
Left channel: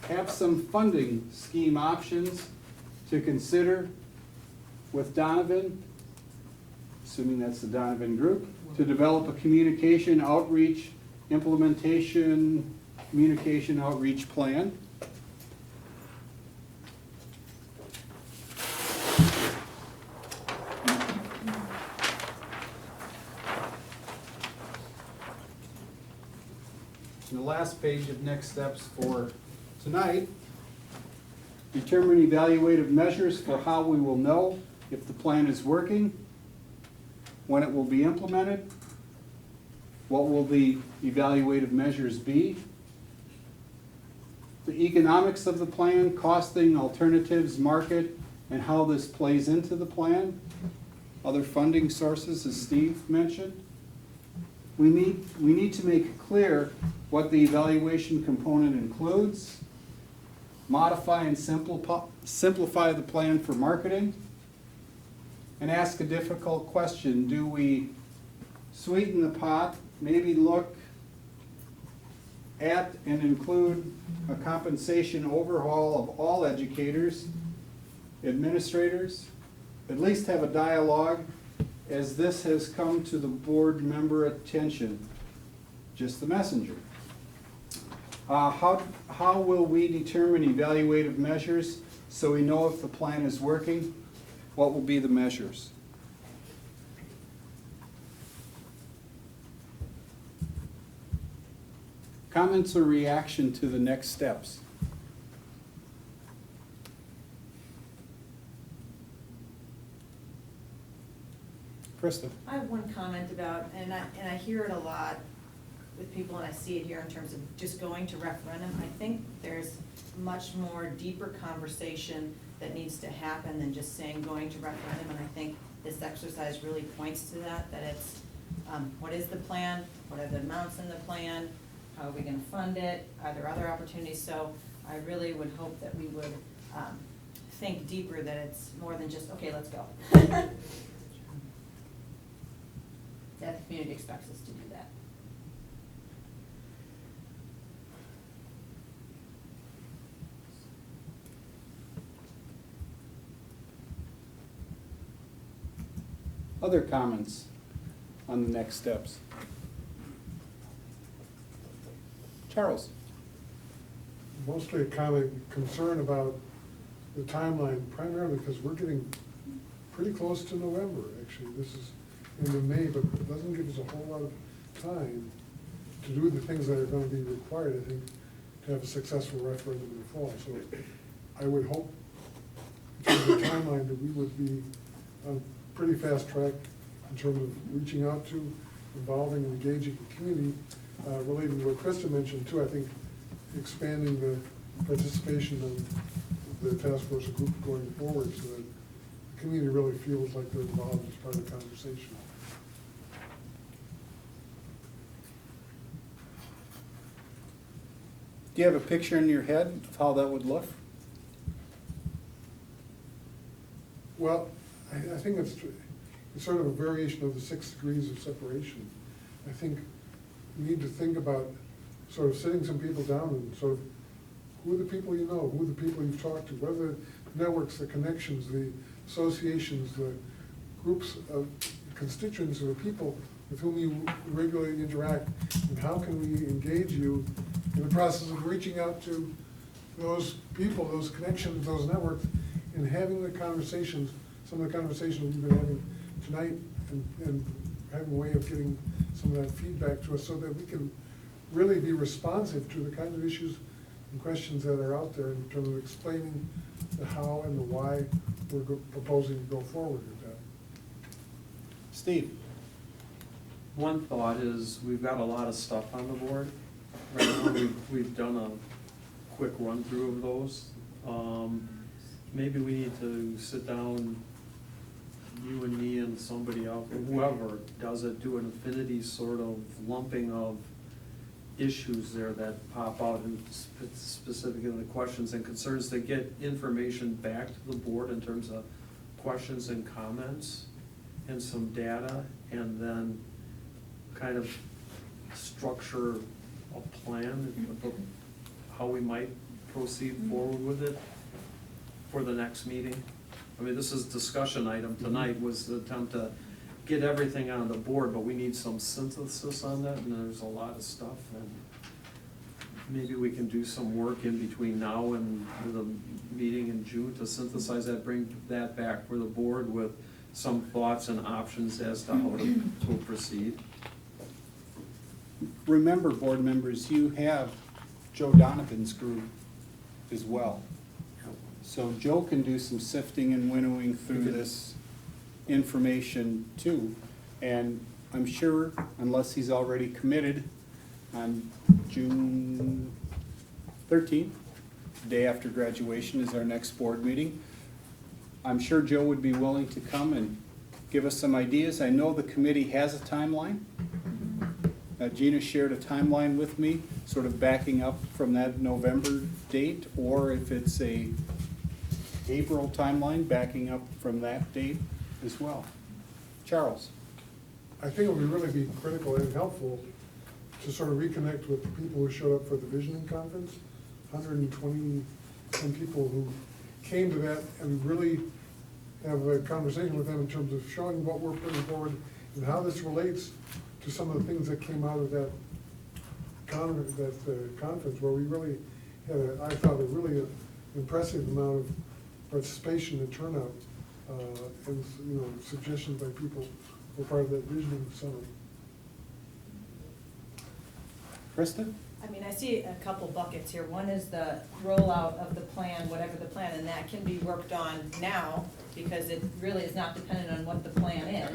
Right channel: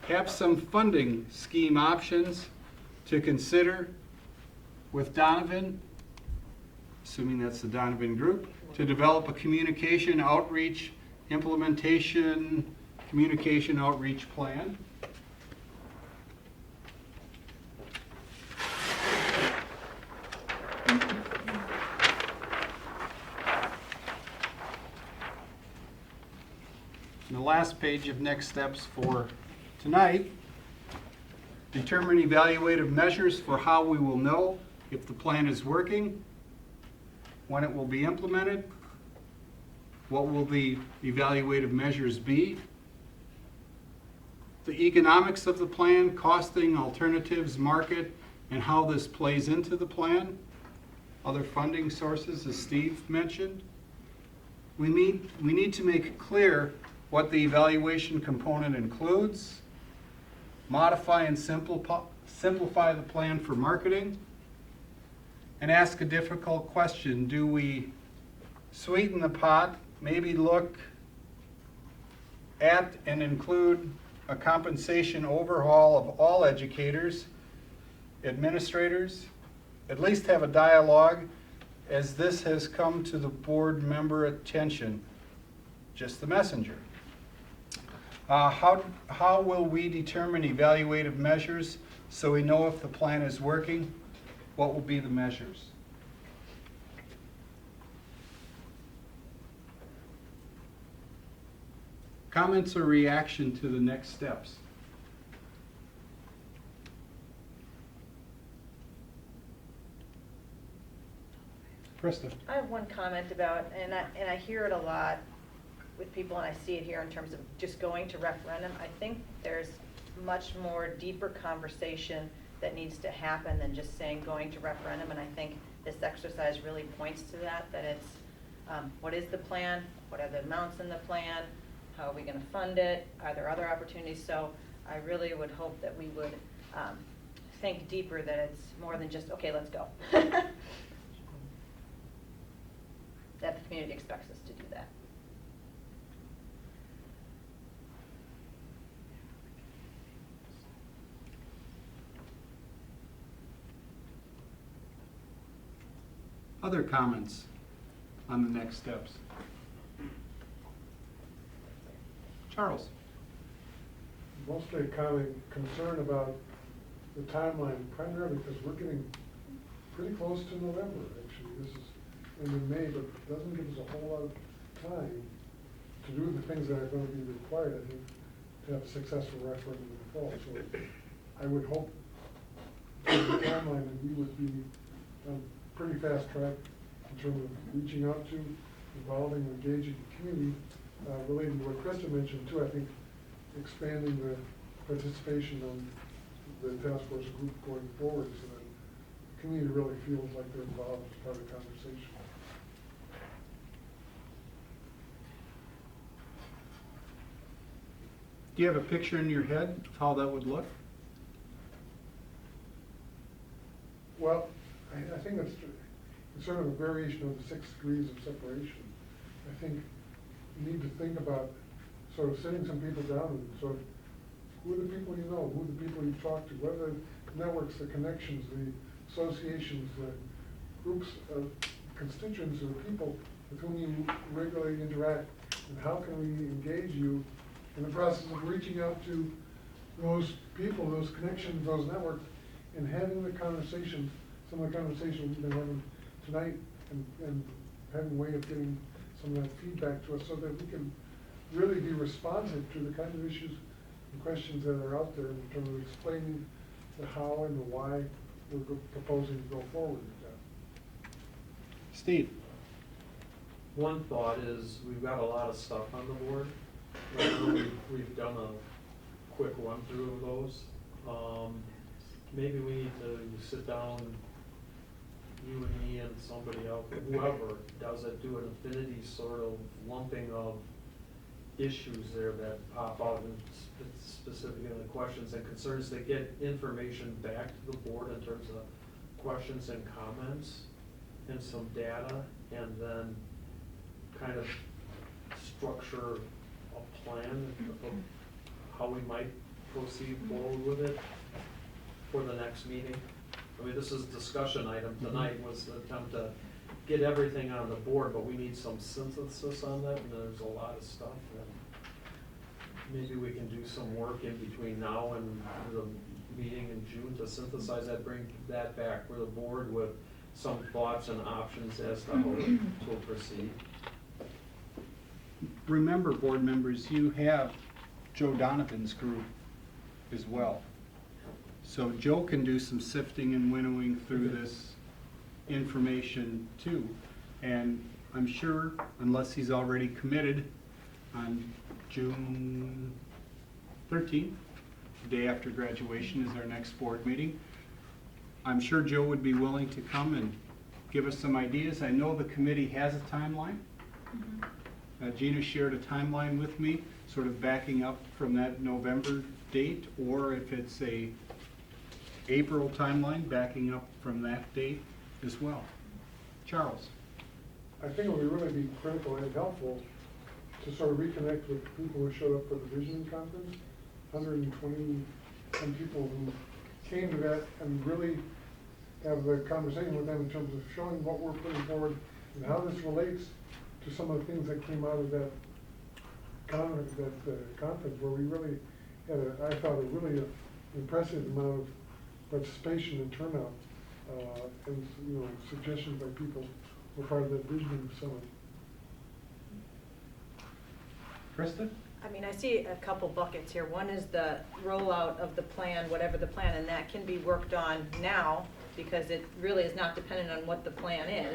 Have some funding scheme options to consider with Donovan, assuming that's the Donovan group, to develop a communication outreach plan. And the last page of next steps for tonight, determine evaluative measures for how we will know if the plan is working, when it will be implemented, what will the evaluative measures be, the economics of the plan, costing, alternatives, market, and how this plays into the plan, other funding sources, as Steve mentioned. We need to make it clear what the evaluation component includes, modify and simplify the plan for marketing, and ask a difficult question. Do we sweeten the pot, maybe look at and include a compensation overhaul of all educators, administrators, at least have a dialogue, as this has come to the board member attention, just the messenger. How will we determine evaluative measures so we know if the plan is working? What will be the measures? Comments or reaction to the next steps? Krista. I have one comment about, and I hear it a lot with people, and I see it here in terms of just going to referendum. I think there's much more deeper conversation that needs to happen than just saying going to referendum, and I think this exercise really points to that it's, what is the plan? What are the amounts in the plan? How are we gonna fund it? Are there other opportunities? So I really would hope that we would think deeper, that it's more than just, okay, let's go. That the community expects us to do that. Other comments on the next steps? Charles. Mostly kind of concern about the timeline, primarily because we're getting pretty close to November, actually. This is into May, but it doesn't give us a whole lot of time to do the things that are going to be required, I think, to have a successful referendum in the fall. So I would hope, in terms of the timeline, that we would be on a pretty fast track in terms of reaching out to, involving, engaging the community, relating to what Krista mentioned too. I think expanding the participation of the task force group going forward so that the community really feels like they're involved as part of the conversation. Do you have a picture in your head of how that would look? Well, I think it's sort of a variation of the 6 degrees of separation. I think you need to think about sort of sitting some people down and sort of, who are the people you know, who are the people you've talked to, what are the networks, the connections, the associations, the groups of constituents or people with whom you regularly interact, and how can we engage you in the process of reaching out to those people, those connections, those networks, and having the conversations, some of the conversations we've been having tonight, and having a way of getting some of that feedback to us so that we can really be responsive to the kind of issues and questions that are out there in terms of explaining the how and the why we're proposing to go forward with that. Steve? One thought is, we've got a lot of stuff on the board. Right now, we've done a quick run through of those. Maybe we need to sit down, you and me and somebody else, whoever does it, do an affinity sort of lumping of issues there that pop out and specifically the questions and concerns, to get information back to the board in terms of questions and comments and some data, and then kind of structure a plan of how we might proceed forward with it for the next meeting. I mean, this is discussion item tonight, was the attempt to get everything on the board, but we need some synthesis on that, and there's a lot of stuff, and maybe we can do some work in between now and the meeting in June to synthesize that, bring that back for the board with some thoughts and options as to how to proceed. Remember, board members, you have Joe Donovan's group as well. So Joe can do some sifting and winnowing through this information too. And I'm sure, unless he's already committed, on June 13th, day after graduation, is our next board meeting. I'm sure Joe would be willing to come and give us some ideas. I know the committee has a timeline. Gina shared a timeline with me, sort of backing up from that November date, or if it's a April timeline, backing up from that date as well. Charles? I think it would really be critical and helpful to sort of reconnect with the people who showed up for the visioning conference. 120 some people who came to that, and really have a conversation with them in terms of showing what we're putting forward and how this relates to some of the things that came out of that conference, where we really had, I thought, a really impressive amount of participation and turnout, and suggestions by people who were part of that visioning summit. Krista? I mean, I see a couple buckets here. One is the rollout of the plan, whatever the plan, and that can be worked on now, because it really is not dependent on what the plan is.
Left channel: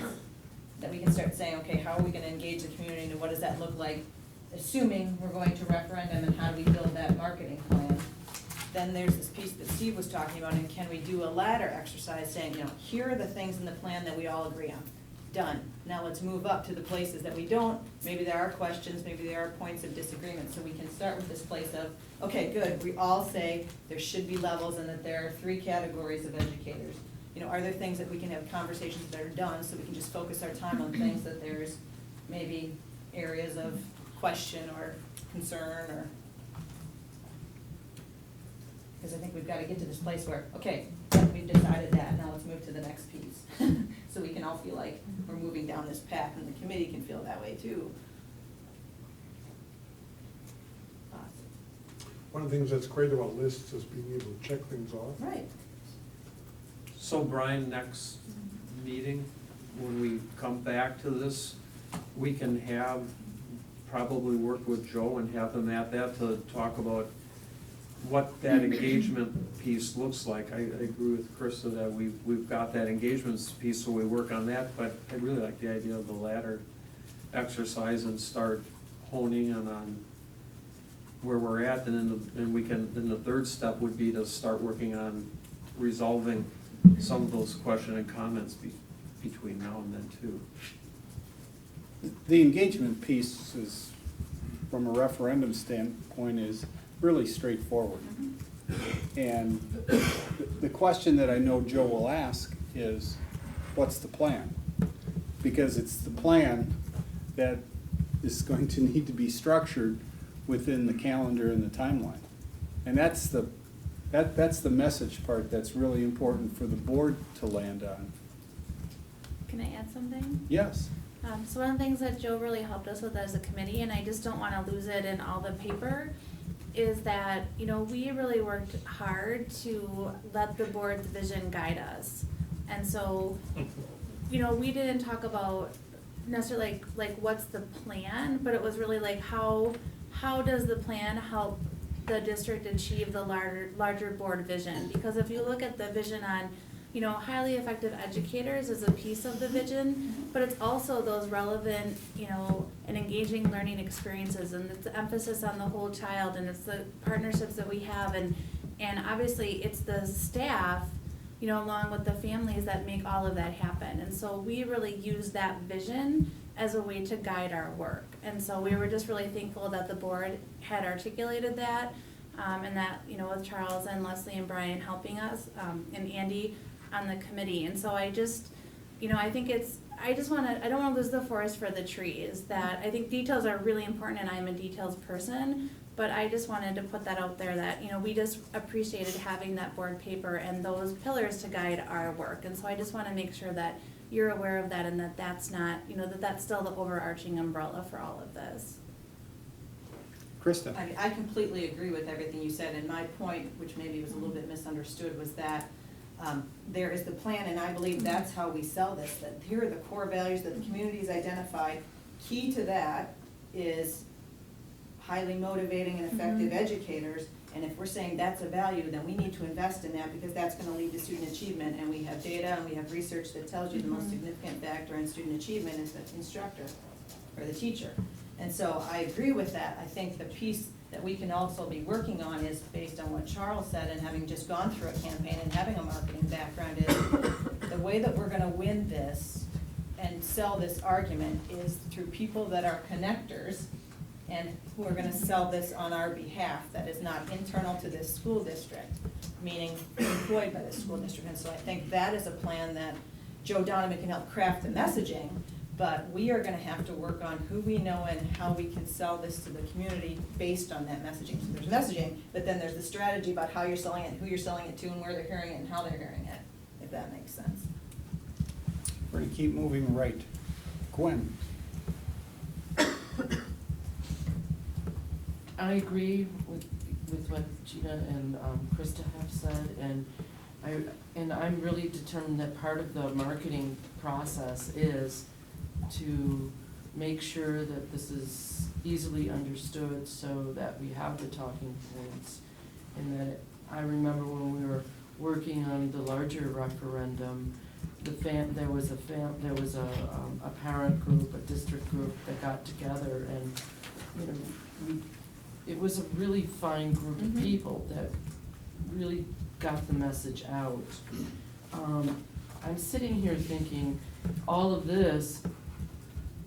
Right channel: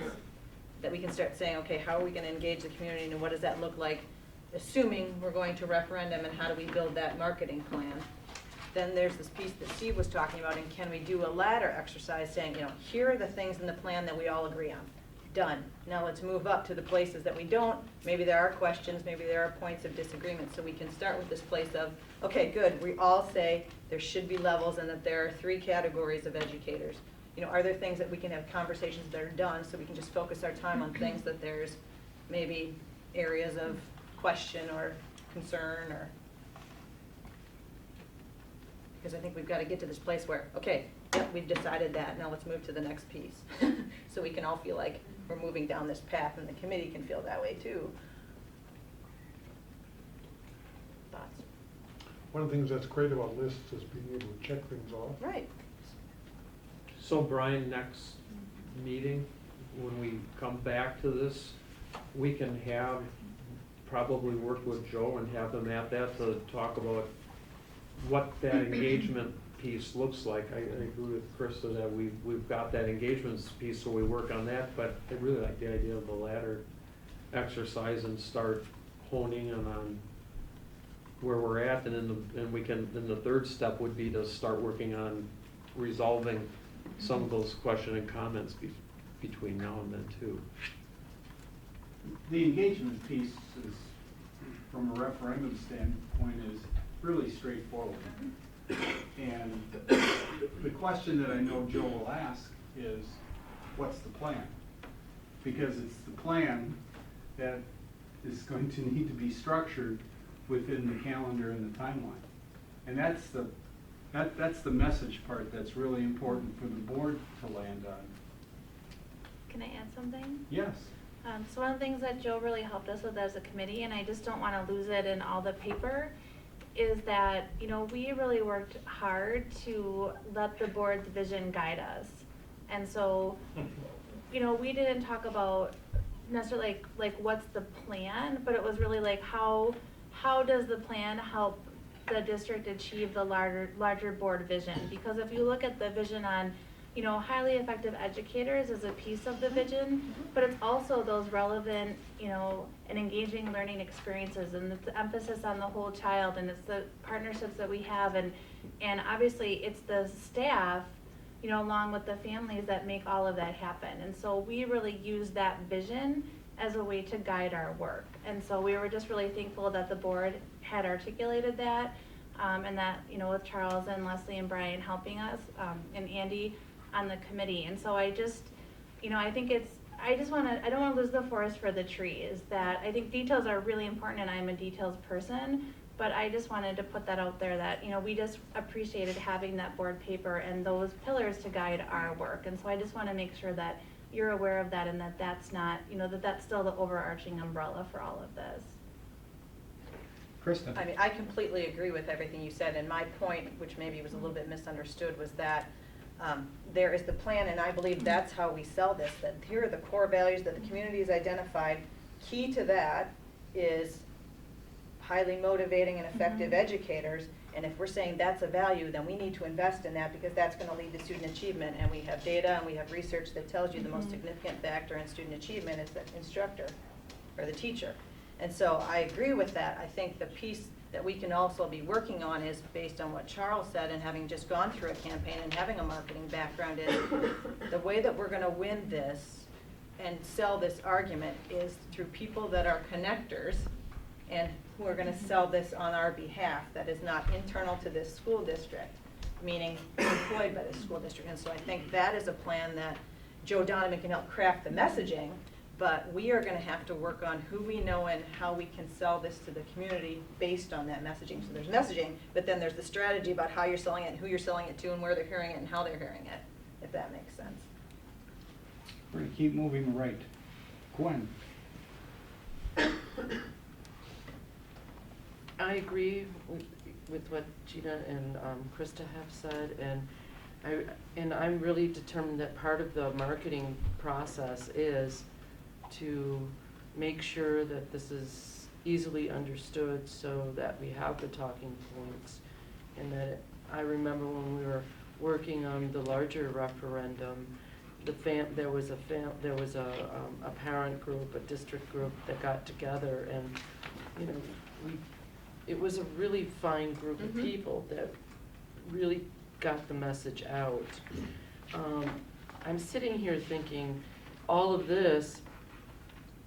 That we can start saying, okay, how are we gonna engage the community, and what does that look like, assuming we're going to referendum, and how do we build that marketing plan? Then there's this piece that Steve was talking about, and can we do a ladder exercise saying, here are the things in the plan that we all agree on. Done. Now let's move up to the places that we don't. Maybe there are questions, maybe there are points of disagreement, so we can start with this place of, okay, good, we all say there should be levels and that there are 3 categories of educators. Are there things that we can have conversations that are done, so we can just focus our time on things that there's maybe areas of question or concern, or, because I think we've got to get to this place where, okay, yep, we've decided that, now let's move to the next piece. So we can all feel like we're moving down this path, and the committee can feel that way too. Thoughts? One of the things that's great about lists is being able to check things off. Right. So Brian, next meeting, when we come back to this, we can probably work with Joe and have them at that to talk about what that engagement piece looks like. I agree with Krista that we've got that engagement piece, so we work on that, but I really like the idea of the ladder exercise and start honing in on where we're at, and then the third step would be to start working on resolving some of those questions and comments between now and then too. The engagement piece is, from a referendum standpoint, is really straightforward. And the question that I know Joe will ask is, what's the plan? Because it's the plan that is going to need to be structured within the calendar and the timeline. And that's the message part that's really important for the board to land on. Can I add something? Yes. So one of the things that Joe really helped us with as a committee, and I just don't wanna lose it in all the paper, is that, we really worked hard to let the board's vision guide us. And so, we didn't talk about necessarily like what's the plan, but it was really like how does the plan help the district achieve the larger board vision. Because if you look at the vision on, you know, highly effective educators is a piece of the vision, but it's also those relevant, you know, and engaging learning experiences, and it's the emphasis on the whole child, and it's the partnerships that we have, and obviously it's the staff, you know, along with the families that make all of that happen. And so we really use that vision as a way to guide our work. And so we were just really thankful that the board had articulated that, and that, you know, with Charles and Leslie and Brian helping us, and Andy on the committee. And so I just, you know, I think I don't wanna lose the forest for the trees, that I think details are really important, and I'm a details person, but I just wanted to put that out there that, you know, we just appreciated having that board paper and those pillars to guide our work. And so I just wanna make sure that you're aware of that, and that that's not, you know, that that's still the overarching umbrella for all of this. Krista? I mean, I completely agree with everything you said, and my point, which maybe was a little bit misunderstood, was that there is the plan, and I believe that's how we sell this, that here are the core values that the community's identified. Key to that is highly motivating and effective educators, and if we're saying that's a value, then we need to invest in that, because that's gonna lead to student achievement, and we have data and we have research that tells you the most significant factor in student achievement is the instructor or the teacher. And so I agree with that. I think the piece that we can also be working on is based on what Charles said, and having just gone through a campaign and having a marketing background, is the way that we're gonna win this and sell this argument is through people that are connectors and who are gonna sell this on our behalf, that is not internal to this school district, meaning employed by the school district. And so I think that is a plan that Joe Donovan can help craft the messaging, but we are gonna have to work on who we know and how we can sell this to the community based on that messaging. So there's messaging, but then there's the strategy about how you're selling it, and who you're selling it to, and where they're hearing it, and how they're hearing it, if that makes sense. We're gonna keep moving right. Gwen? I agree with what Gina and Krista have said, and I'm really determined that part of the marketing process is to make sure that this is easily understood, so that we have the talking points. And that I remember when we were working on the larger referendum, there was a parent group, a district group that got together, and, you know, it was a really fine group of people that really got the message out. I'm sitting here thinking, all of this,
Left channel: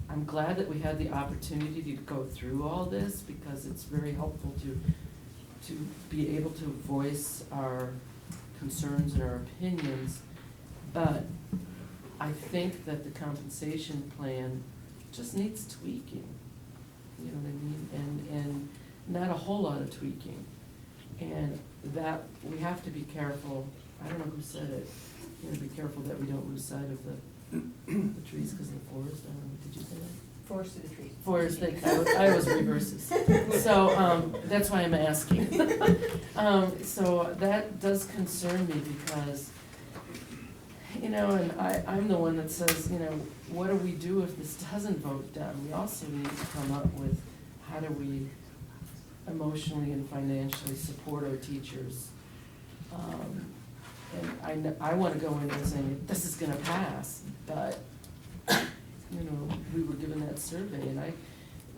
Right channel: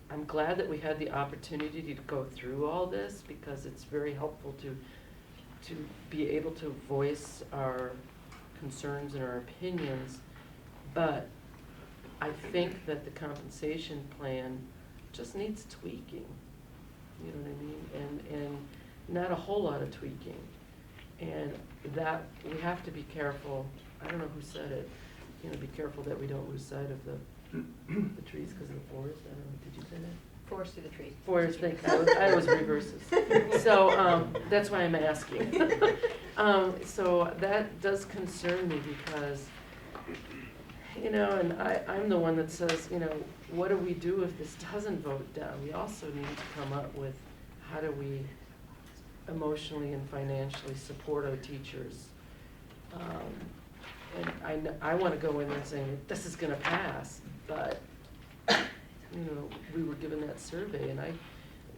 I'm glad that we had the opportunity to go through all this, because it's very helpful to be able to voice our concerns and our opinions. But I think that the compensation plan just needs tweaking, you know what I mean? And not a whole lot of tweaking. And that, we have to be careful, I don't know who said it, you know, be careful that we don't lose sight of the trees because of the forest. I don't know, did you say that? Forest through the trees. Forest, I was reverses. So, that's why I'm asking. So that does concern me, because, you know, and I'm the one that says, you know, what do we do if this doesn't vote down? We also need to come up with, how do we emotionally and financially support our teachers? And I wanna go in and say, this is gonna pass, but, you know, we were given that survey, and I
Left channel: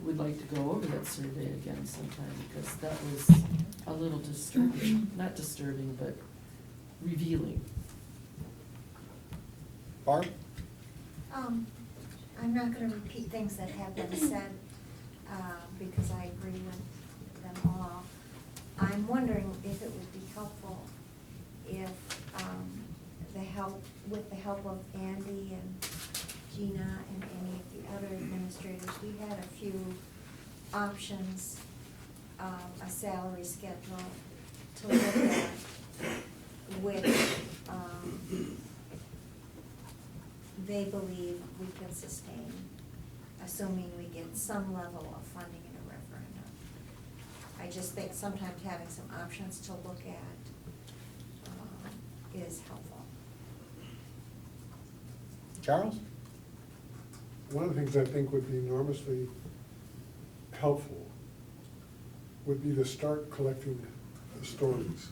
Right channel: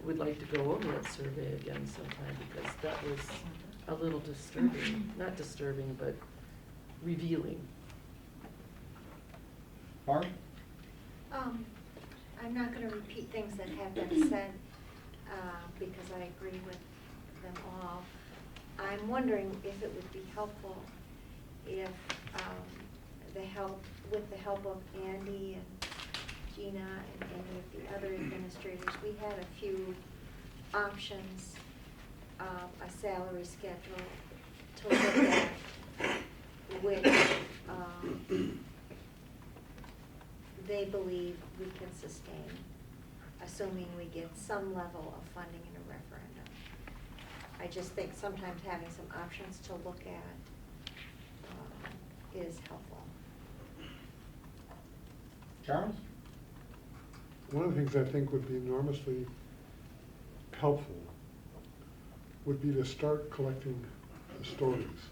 would like to go over that survey again sometime, because that was a little disturbing, not disturbing, but revealing. Barb? I'm not gonna repeat things that have been said, because I agree with them all. I'm wondering if it would be helpful if, with the help of Andy and Gina and any of the other administrators, we had a few options of a salary schedule to look at, which, they believe we can sustain, assuming we get some level of funding in a referendum. I just think sometimes having some options to look at is helpful. Charles? One of the things I think would be enormously helpful would be to start collecting the stories,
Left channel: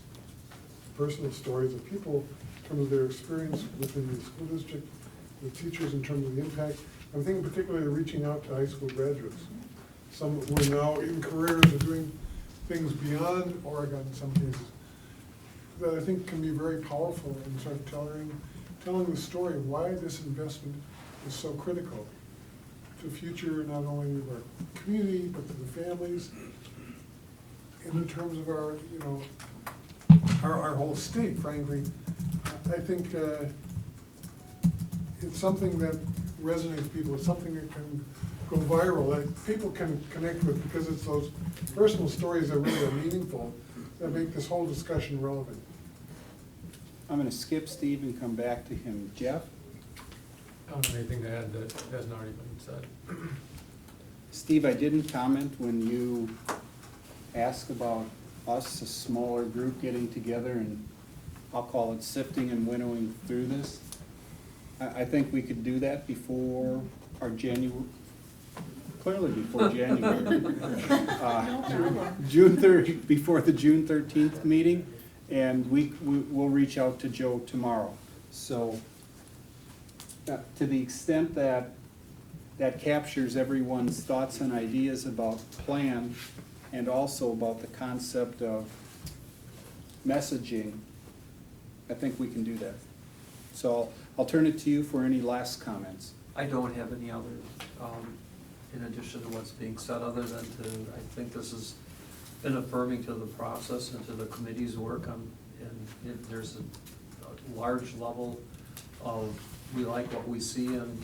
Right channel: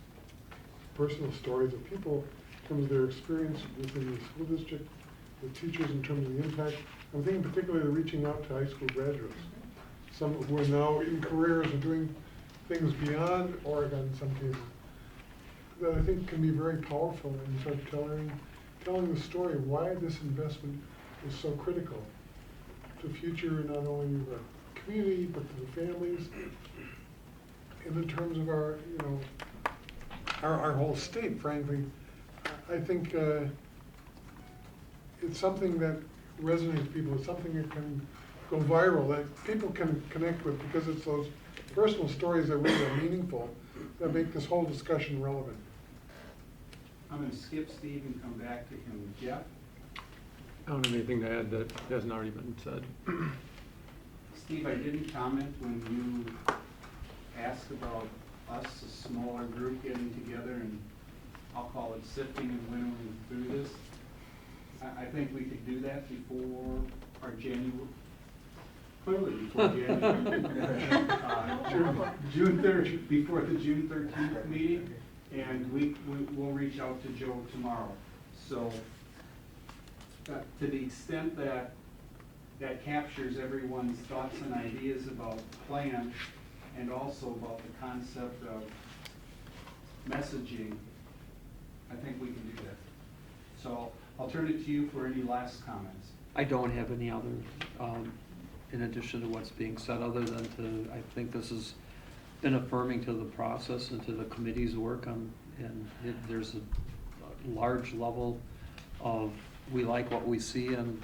personal stories of people, some of their experience within the school district, with teachers in terms of the impact. I'm thinking particularly reaching out to high school graduates, some who are now in careers or doing things beyond Oregon in some cases, that I think can be very powerful in sort of telling the story of why this investment is so critical to future not only the community, but to the families, and in terms of our, you know, our whole state, frankly. I think it's something that resonates with people. It's something that can go viral, that people can connect with, because it's those personal stories that really are meaningful, that make this whole discussion relevant. I'm gonna skip Steve and come back to him. Jeff? I don't have anything to add that hasn't already been said. Steve, I didn't comment when you asked about us, a smaller group getting together and I'll call it sifting and winnowing through this. I think we could do that before our clearly before January. June 3rd, before the June 13th meeting, and we'll reach out to Joe tomorrow. So to the extent that captures everyone's thoughts and ideas about plan and also about the concept of messaging, I think we can do that. So I'll turn it to you for any last comments. I don't have any other, in addition to what's being said, other than I think this has been affirming to the process and to the committee's work on, and there's a large level of, we like what we see, and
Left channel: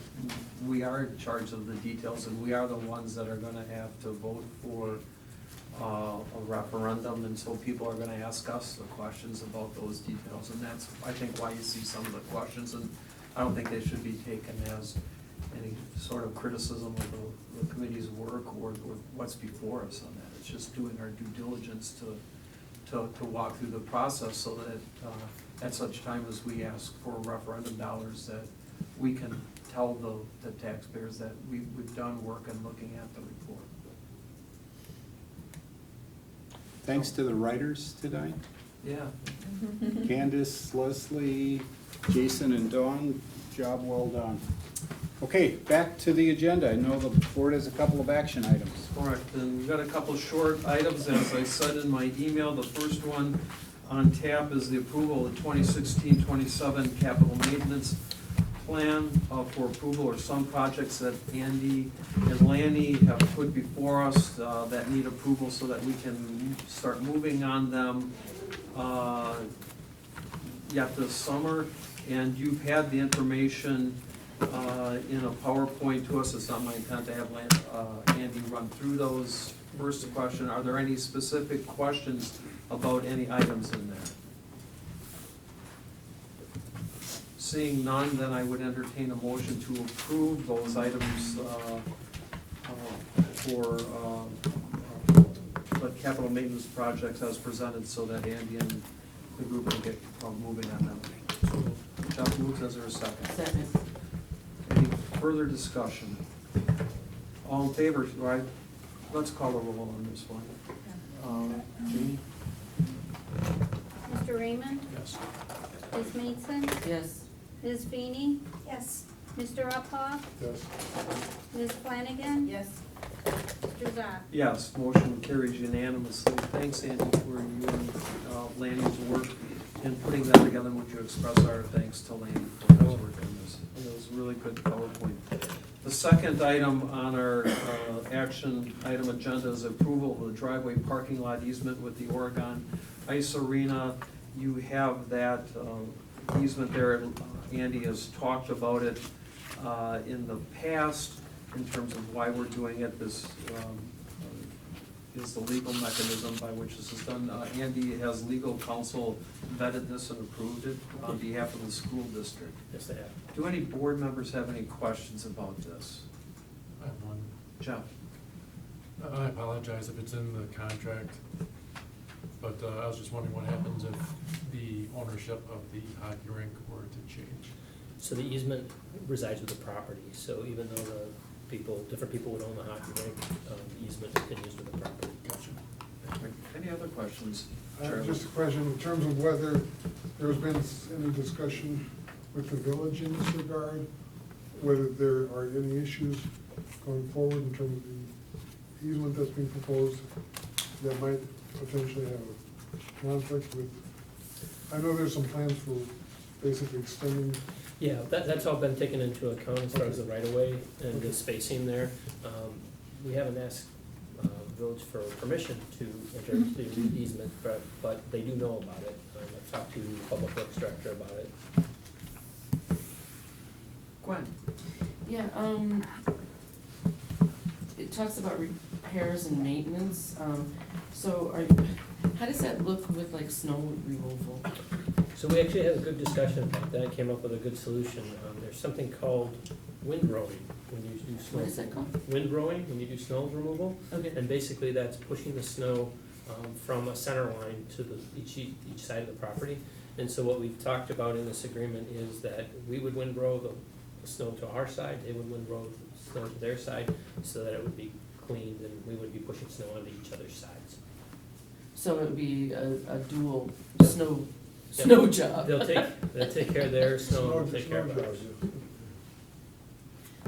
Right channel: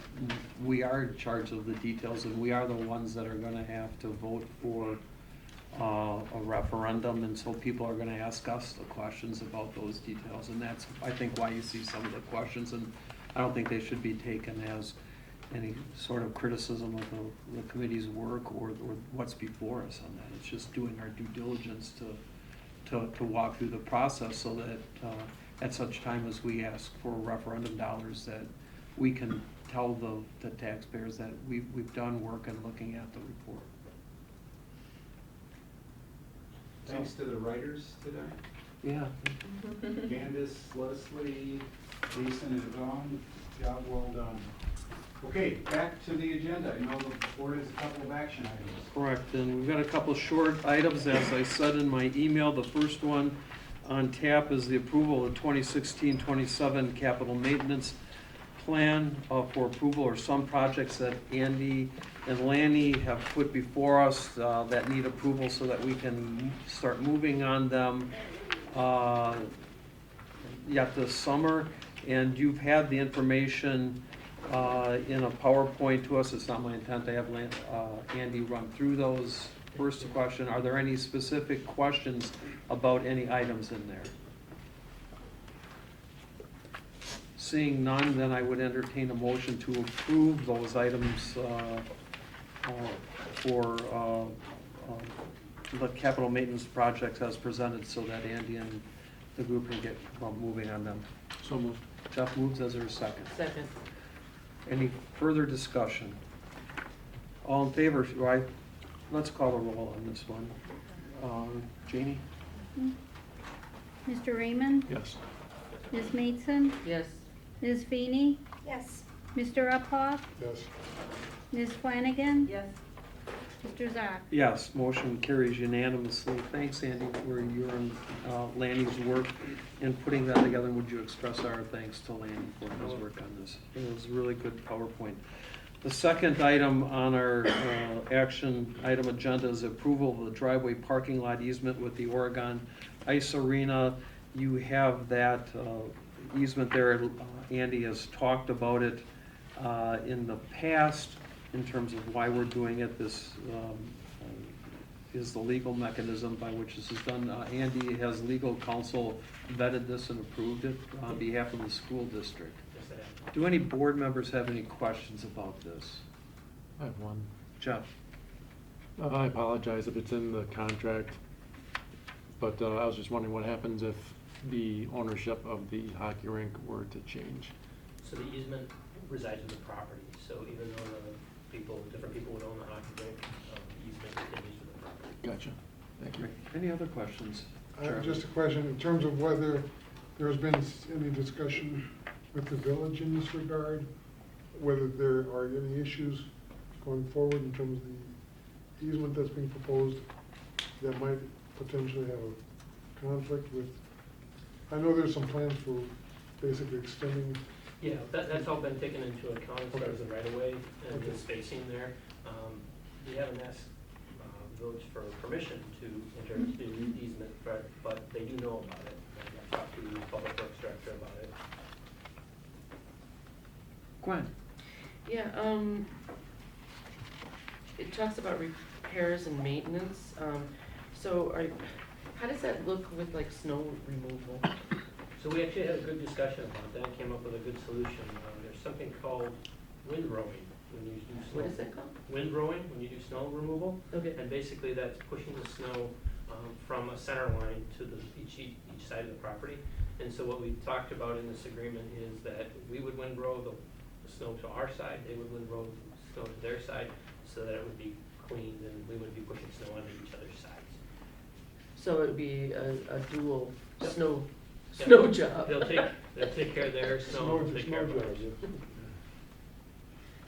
we are in charge of the details, and we are the ones that are gonna have to vote for a referendum, and so people are gonna ask us the questions about those details, and that's, I think, why you see some of the questions, and I don't think they should be taken as any sort of criticism of the committee's work or what's before us on that. It's just doing our due diligence to walk through the process so that at such time as we ask for referendum dollars, that we can tell the taxpayers that we've done work in looking at the report. Thanks to the writers tonight, Yeah. Candace, Leslie, Jason, and Dawn, job well done. Okay, back to the agenda. I know the board has a couple of action items. Correct, and we've got a couple short items, as I said in my email. The first one on tap is the approval of 2016-27 capital maintenance plan for approval, or some projects that Andy and Lanny have put before us that need approval so that we can start moving on them yet this summer. And you've had the information in a PowerPoint to us. It's not my intent to have Andy run through those. First question, are there any specific questions about any items in there? Seeing none, then I would entertain a motion to approve those items for the capital maintenance projects as presented, so that Andy and the group can get moving on them. So moved. Jeff moves, is there a second? Second. Any further discussion? All in favor, let's call a roll on this one. Jeannie? Mr. Raymond? Yes. Ms. Maidson? Yes. Ms. Feeney? Yes. Mr. Uphoff? Yes. Ms. Flanagan? Yes. Mr. Zock? Yes, motion carries unanimously. Thanks, Andy, for you and Lanny's work in putting that together. Would you express our thanks to Lanny for his work on this? It was really good PowerPoint. The second item on our action item agenda is approval of the driveway parking lot easement with the Oregon Ice Arena. You have that easement there. Andy has talked about it in the past in terms of why we're doing it. This is the legal mechanism by which this is done. Andy has legal counsel vetted this and approved it on behalf of the school district. Yes, I have. Do any board members have any questions about this? I have one. Jeff? I apologize if it's in the contract, but I was just wondering what happens if the ownership of the hockey rink were to change. So the easement resides with the property, so even though different people would own the hockey rink, the easement continues with the property. Gotcha. Thank Any other questions? Chair? Just a question, in terms of whether there's been any discussion with the village in this regard, whether there are any issues going forward in terms of the easement that's being proposed that might potentially have conflict with, I know there's some plans for basically extending. Yeah, that's all been taken into account as far as the right of way and the spacing there. We haven't asked village for permission to enter into the easement, but they do know about it. I've talked to the public works director about it. Gwen? Yeah, it talks about repairs and maintenance, so how does that look with like snow removal? So we actually had a good discussion about that, and came up with a good solution. There's something called windrowing when you do snow. What is that called? Windrowing, when you do snow removal. Okay. And basically that's pushing the snow from a center line to each side of the property. And so what we've talked about in this agreement is that we would windrow the snow to our side, they would windrow the snow to their side, so that it would be cleaned and we would be pushing snow onto each other's sides. So it would be a dual snow job. They'll take care of their snow, and take care of ours.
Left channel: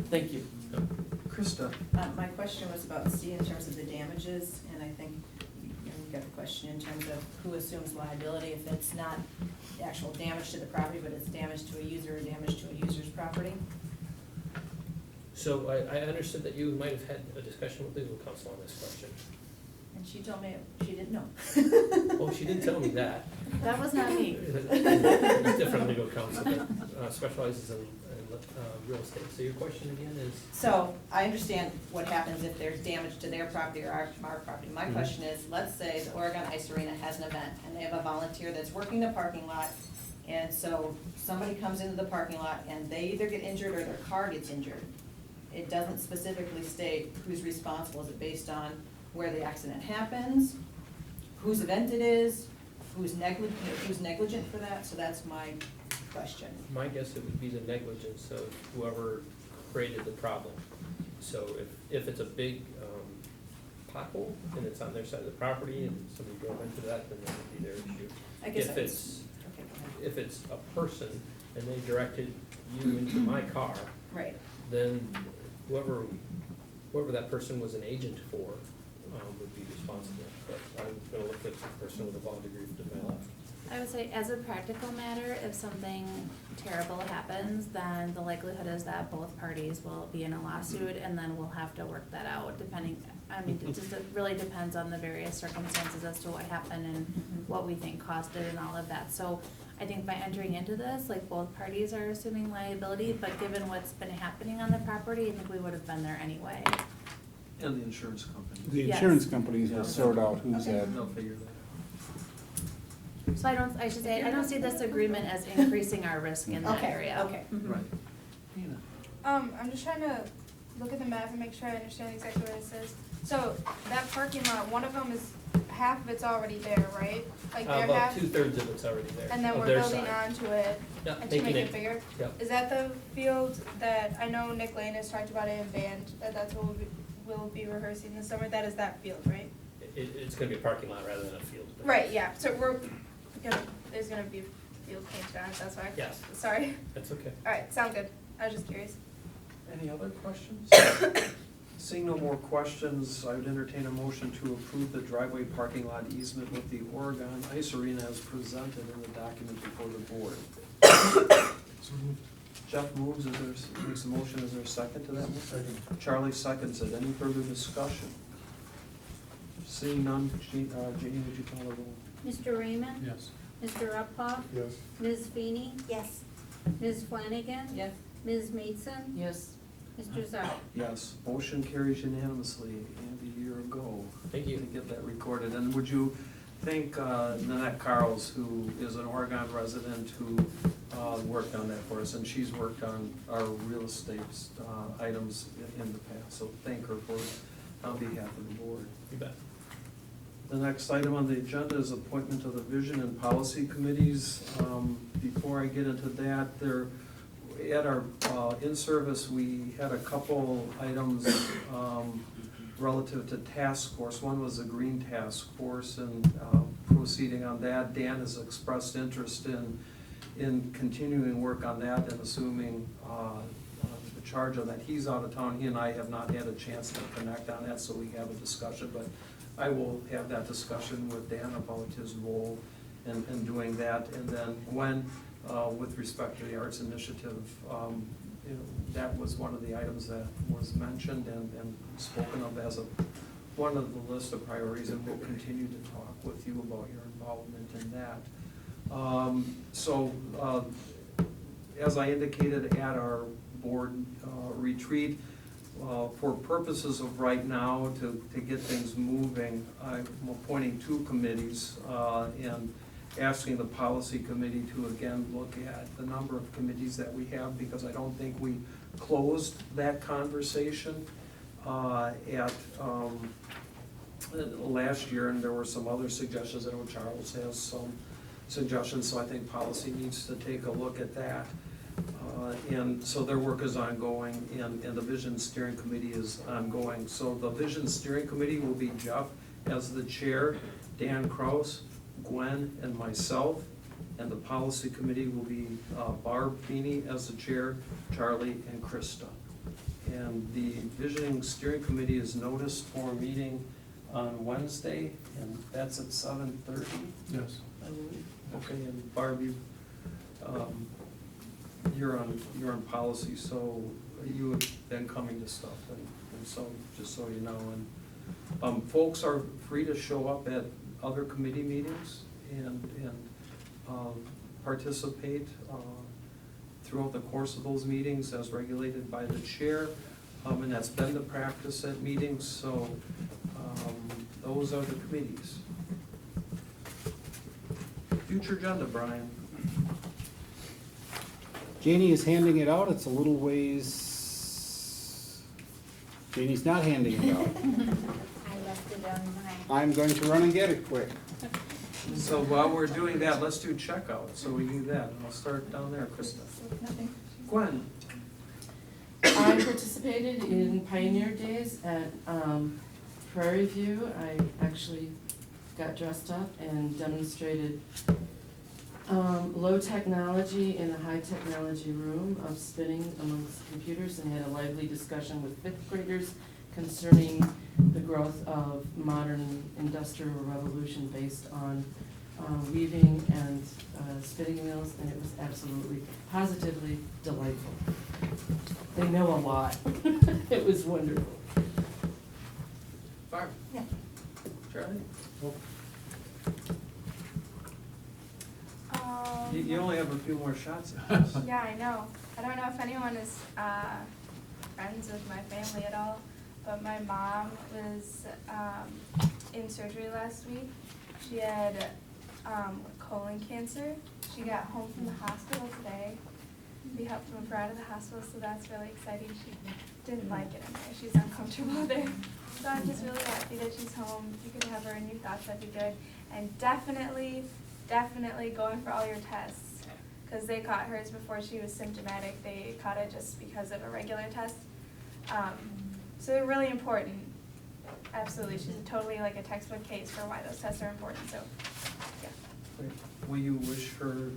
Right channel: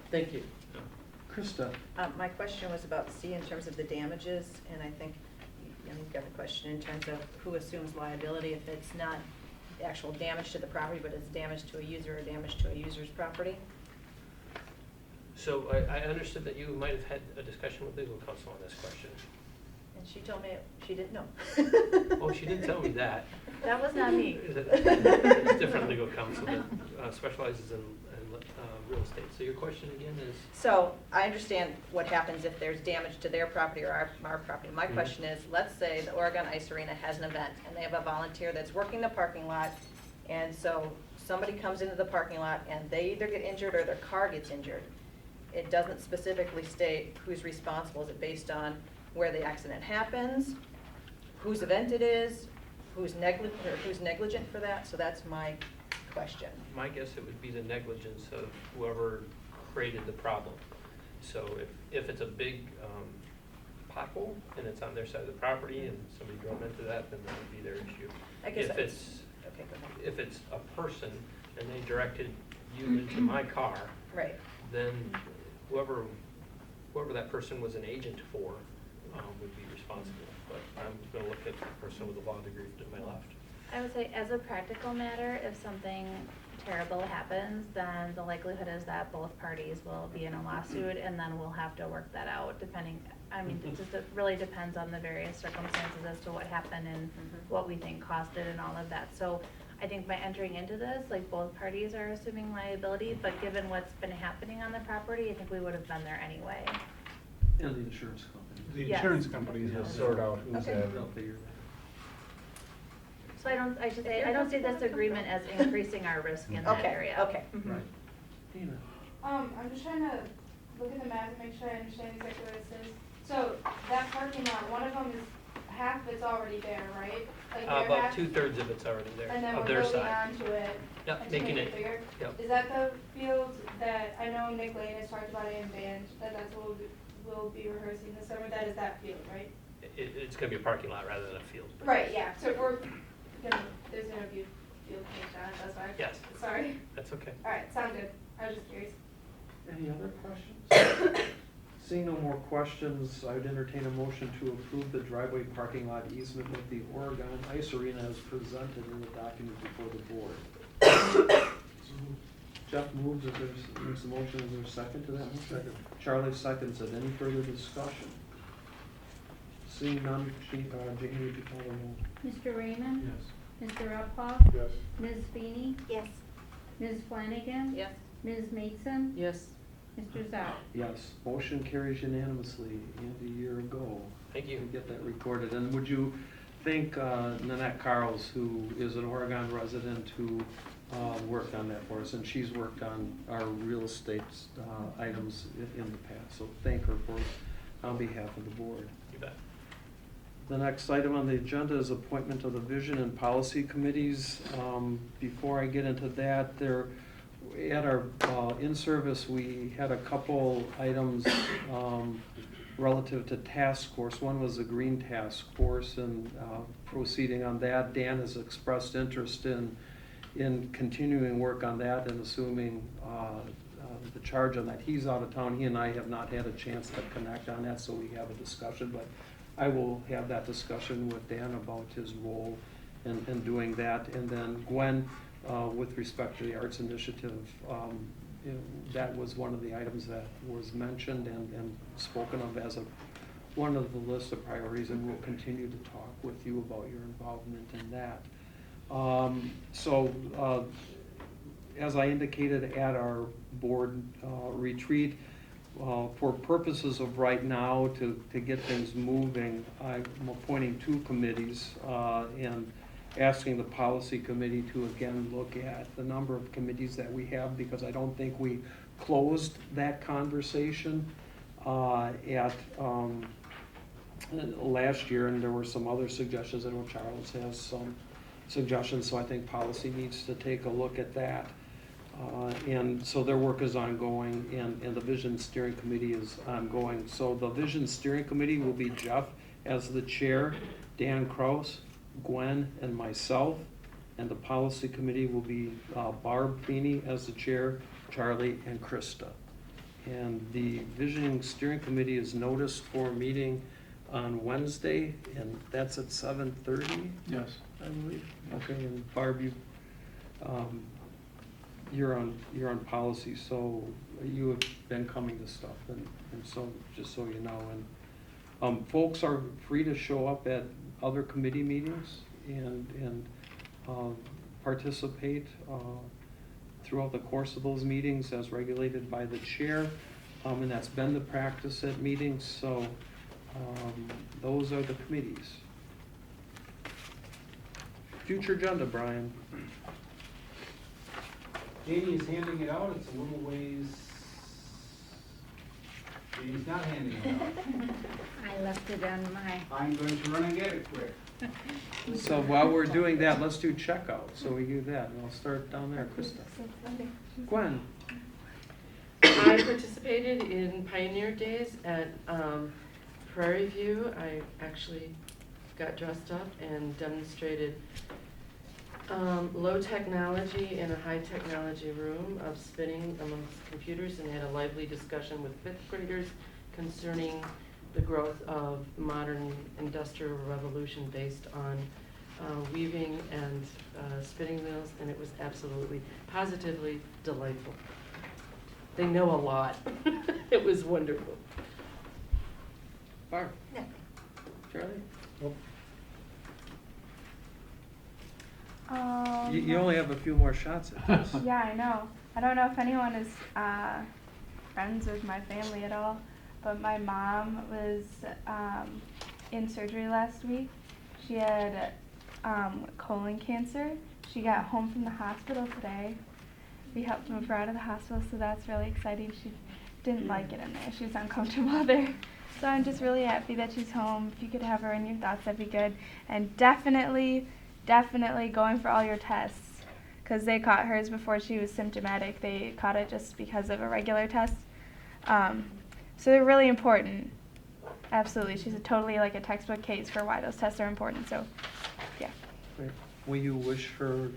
Thank you. Krista? My question was about C in terms of the damages, and I think you've got a question in terms of who assumes liability if it's not actual damage to the property, but it's damage to a user or damage to a user's property. So I understood that you might have had a discussion with legal counsel on this question. And she told me she didn't know. Well, she did tell me that. That was not me. It's different legal counsel that specializes in real estate. So your question again is? So I understand what happens if there's damage to their property or our property. My question is, let's say the Oregon Ice Arena has an event and they have a volunteer that's working the parking lot, and so somebody comes into the parking lot and they either get injured or their car gets injured. It doesn't specifically state who's responsible. Is it based on where the accident happens, whose event it is, who's negligent for that? So that's my question. My guess it would be the negligence of whoever created the problem. So if it's a big pothole and it's on their side of the property and somebody drove into that, then that would be their issue. I guess If that's, it's, okay, go ahead. if it's a person and they directed you into my car, Right. then whoever that person was an agent for would be responsible. But I'm gonna look at the person with a law degree to my left. I would say as a practical matter, if something terrible happens, then the likelihood is that both parties will be in a lawsuit and then we'll have to work that out depending, it really depends on the various circumstances as to what happened and what we think caused it and all of that. So I think by entering into this, like both parties are assuming liability, but given what's been happening on the property, I think we would have been there anyway. And the insurance company. The Yes. insurance companies will sort out who's Okay. at. They'll figure that So I don't see this agreement as increasing our risk in that Okay, area. okay. out. Right. Nina? I'm just trying to look at the map and make sure I understand exactly what it says. So that parking lot, one of them is, half of it's already there, right? Like their About half, 2/3 of it's already there, and then of we're their building side. onto it Yep, and to making make it bigger? Yep. Is that the field that, I know Nick Lane has talked about it in band, that's what we'll be rehearsing this summer, that is that field, right? It's gonna be a parking lot rather than a field. Right, yeah, so there's gonna be field paint on it, that's why. Yes. Sorry. That's okay. Alright, sound good, I was just curious. Any other questions? Seeing no more questions, I'd entertain a motion to approve the driveway parking lot easement with the Oregon Ice Arena as presented in the document before the board. So moved. Jeff moves, makes a motion, is there a second to that motion? Second. Charlie seconds it, any further discussion? Seeing none, Jeannie, would you call the roll? Mr. Raymond? Yes. Mr. Uphoff? Yes. Ms. Feeney? Yes. Ms. Flanagan? Yes. Ms. Maidson? Yes. Mr. Zhao? Yes, motion carries unanimously, and a year ago. Thank you. To get that recorded, and would you thank Nanette Carls, who is an Oregon resident, who worked on that for us, and she's worked on our real estate items in the past, so thank her for, on behalf of the board. You bet. The next item on the agenda is appointment of the vision and policy committees. Before I get into that, at our in-service, we had a couple items relative to task force. One was the green task force, and proceeding on that. Dan has expressed interest in continuing work on that and assuming the charge on that. He's out of town. He and I have not had a chance to connect on that, so we have a discussion, but I will have that discussion with Dan about his role in doing that. And then Gwen, with respect to the Arts Initiative, you know, that was one of the items that was mentioned and spoken of as one of the list of priorities, and we'll continue to talk with you about your involvement in that. As I indicated at our board retreat, for purposes of right now, to get things moving, I'm appointing 2 committees and asking the policy committee to again look at the number of committees that we have, because I don't think we closed that conversation at last year, and there were some other suggestions. I know Charles has some suggestions, so I think policy needs to take a look at that. And so their work is ongoing, and the Vision Steering Committee is ongoing. So the Vision Steering Committee will be Jeff as the chair, Dan Kraus, Gwen, and myself. And the Policy Committee will be Barb Feeney as the chair, Charlie, and Krista. And the Vision Steering Committee is noticed for a meeting on Wednesday, and that's at 7:30, Yes. I believe. Okay, and Barb, you're on policy, so you have been coming to stuff, and so, just so you know. And folks are free to show up at other committee meetings and participate throughout the course of those meetings as regulated by the chair, and that's been the practice at meetings. So those are the committees. Future agenda, Brian. Janie is handing it out. It's a little ways. Janie's not handing it out. I left it on my. I'm going to run and get it quick. So while we're doing that, let's do checkout. So we do that, and I'll start down there, Krista. Gwen. I participated in Pioneer Days at Prairie View. I actually got dressed up and demonstrated low technology in a high technology room of spinning amongst computers, and had a lively discussion with 5th graders concerning the growth of modern industrial revolution based on weaving and spinning mills, and it was absolutely, positively delightful. They know a lot. It was wonderful. Barb. Yeah. Charlie? Um, You only have a few more shots at this. Yeah, I know. I don't know if anyone is friends with my family at all, but my mom was in surgery last week. She had colon cancer. She got home from the hospital today. We helped move her out of the hospital, so that's really exciting. She didn't like it in there. She was uncomfortable there. So I'm just really happy that she's home. If you could have her in your thoughts, that'd be good. And definitely going for all your tests, because they caught hers before she was symptomatic. They caught it just because of a regular test. So they're really important. Absolutely. She's totally like a textbook case for why those tests are important. So, yeah. Great. Will you wish her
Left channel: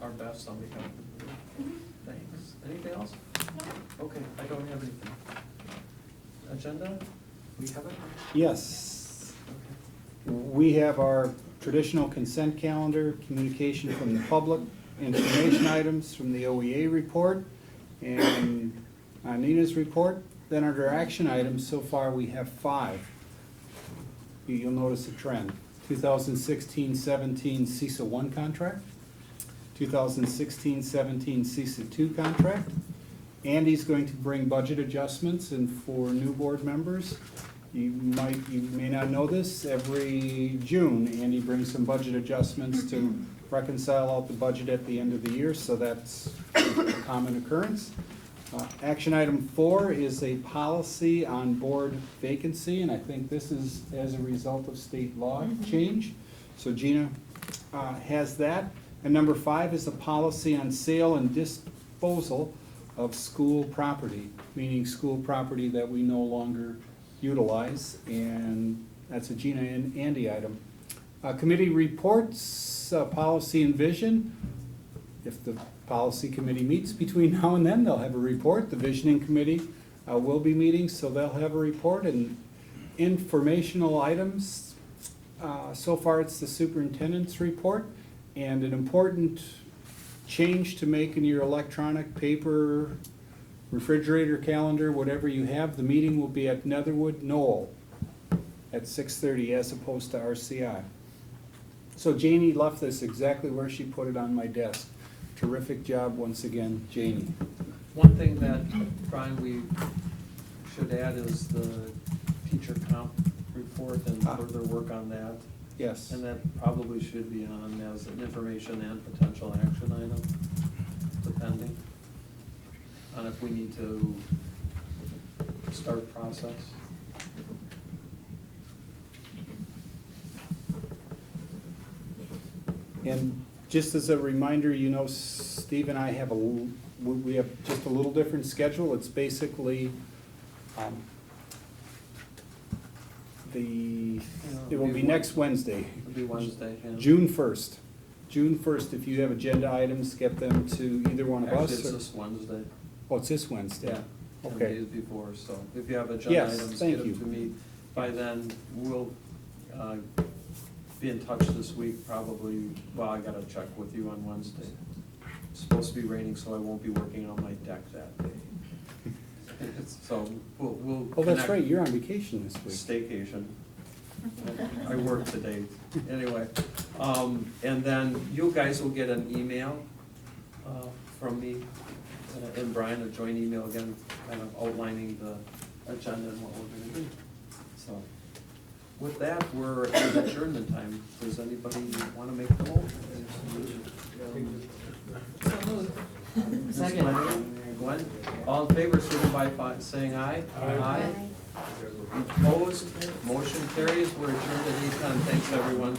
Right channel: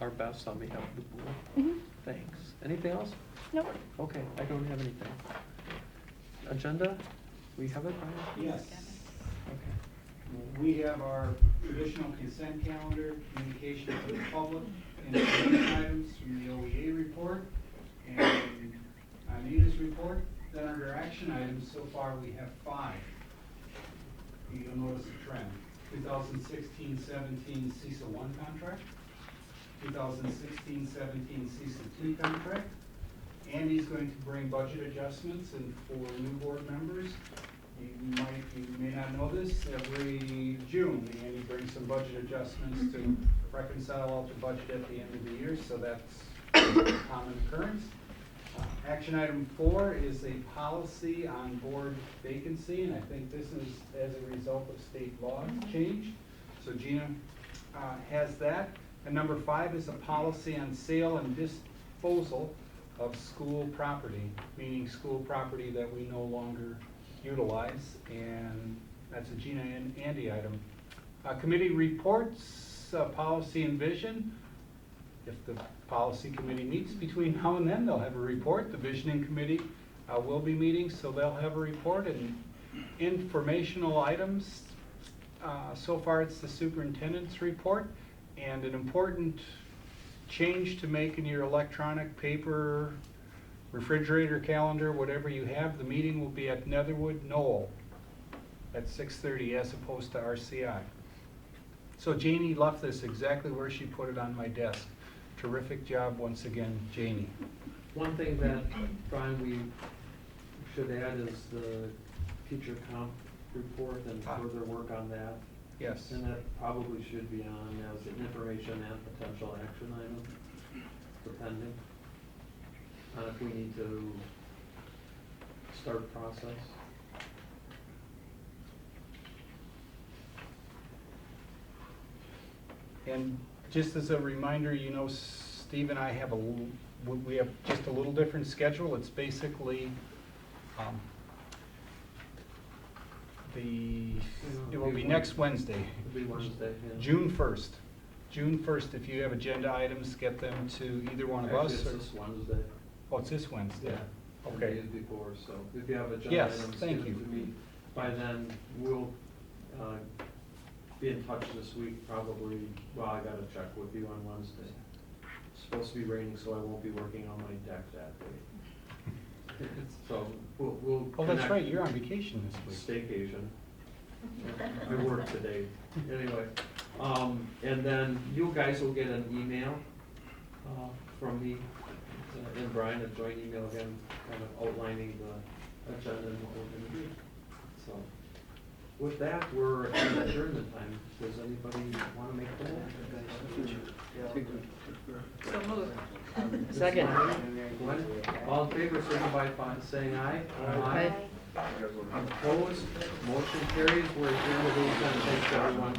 our best on behalf of the board? Mm-hmm. Thanks. Anything else? Nope. Okay, I don't have anything. Agenda? We have it? Yes. We have our traditional consent calendar, communication from the public, information items from the OEA report, and Anita's report. Then under action items, so far we have 5. You'll notice a trend. 2016-17 CISA 1 contract, 2016-17 CISA 2 contract. Andy's going to bring budget adjustments, and for new board members, you may not know this, every June, Andy brings some budget adjustments to reconcile out the budget at the end of the year, so that's a common occurrence. Action item 4 is a policy on board vacancy, and I think this is as a result of state law change. So Gina has that. And number 5 is a policy on sale and disposal of school property, meaning school property that we no longer utilize, and that's a Gina and Andy item. Committee reports, policy and vision. If the policy committee meets between now and then, they'll have a report. The visioning committee will be meeting, so they'll have a report. And informational items, so far it's the superintendent's report. And an important change to make in your electronic paper, refrigerator, calendar, whatever you have, the meeting will be at Netherwood Knoll at 6:30 as opposed to RCI. So Janie left this exactly where she put it on my desk. Terrific job once again, Janie. One thing that, Brian, we should add is the teacher comp report and further work on that. Yes. And that probably should be on as an information and potential action item, depending on if we need to start process. And just as a reminder, you know, Steve and I have we have just a little different schedule. It's basically, it will be next Wednesday. It'll be Wednesday, yeah. June 1st. June 1st, if you have agenda items, get them to either one of Actually, us. it's or- this Wednesday. Oh, it's this Wednesday? Yeah. 10 Okay. days before, so if you have agenda Yes, items, thank get you. them to me. By then, we'll be in touch this week, probably, well, I gotta check with you on Wednesday. It's supposed to be raining, so I won't be working on my deck that day. So we'll Oh, that's connect. right, you're on vacation this week. Staycation. I work today, anyway. And then you guys will get an email from me and Brian, a joint email again, kind of outlining the agenda and what we're gonna do. So with that, we're at adjournment time. Does anybody wanna make a call? Second. Glenn, all in favor, signify by saying aye. Aye. Opposed, motion carries, we're adjourned at 8:10. Thanks, everyone.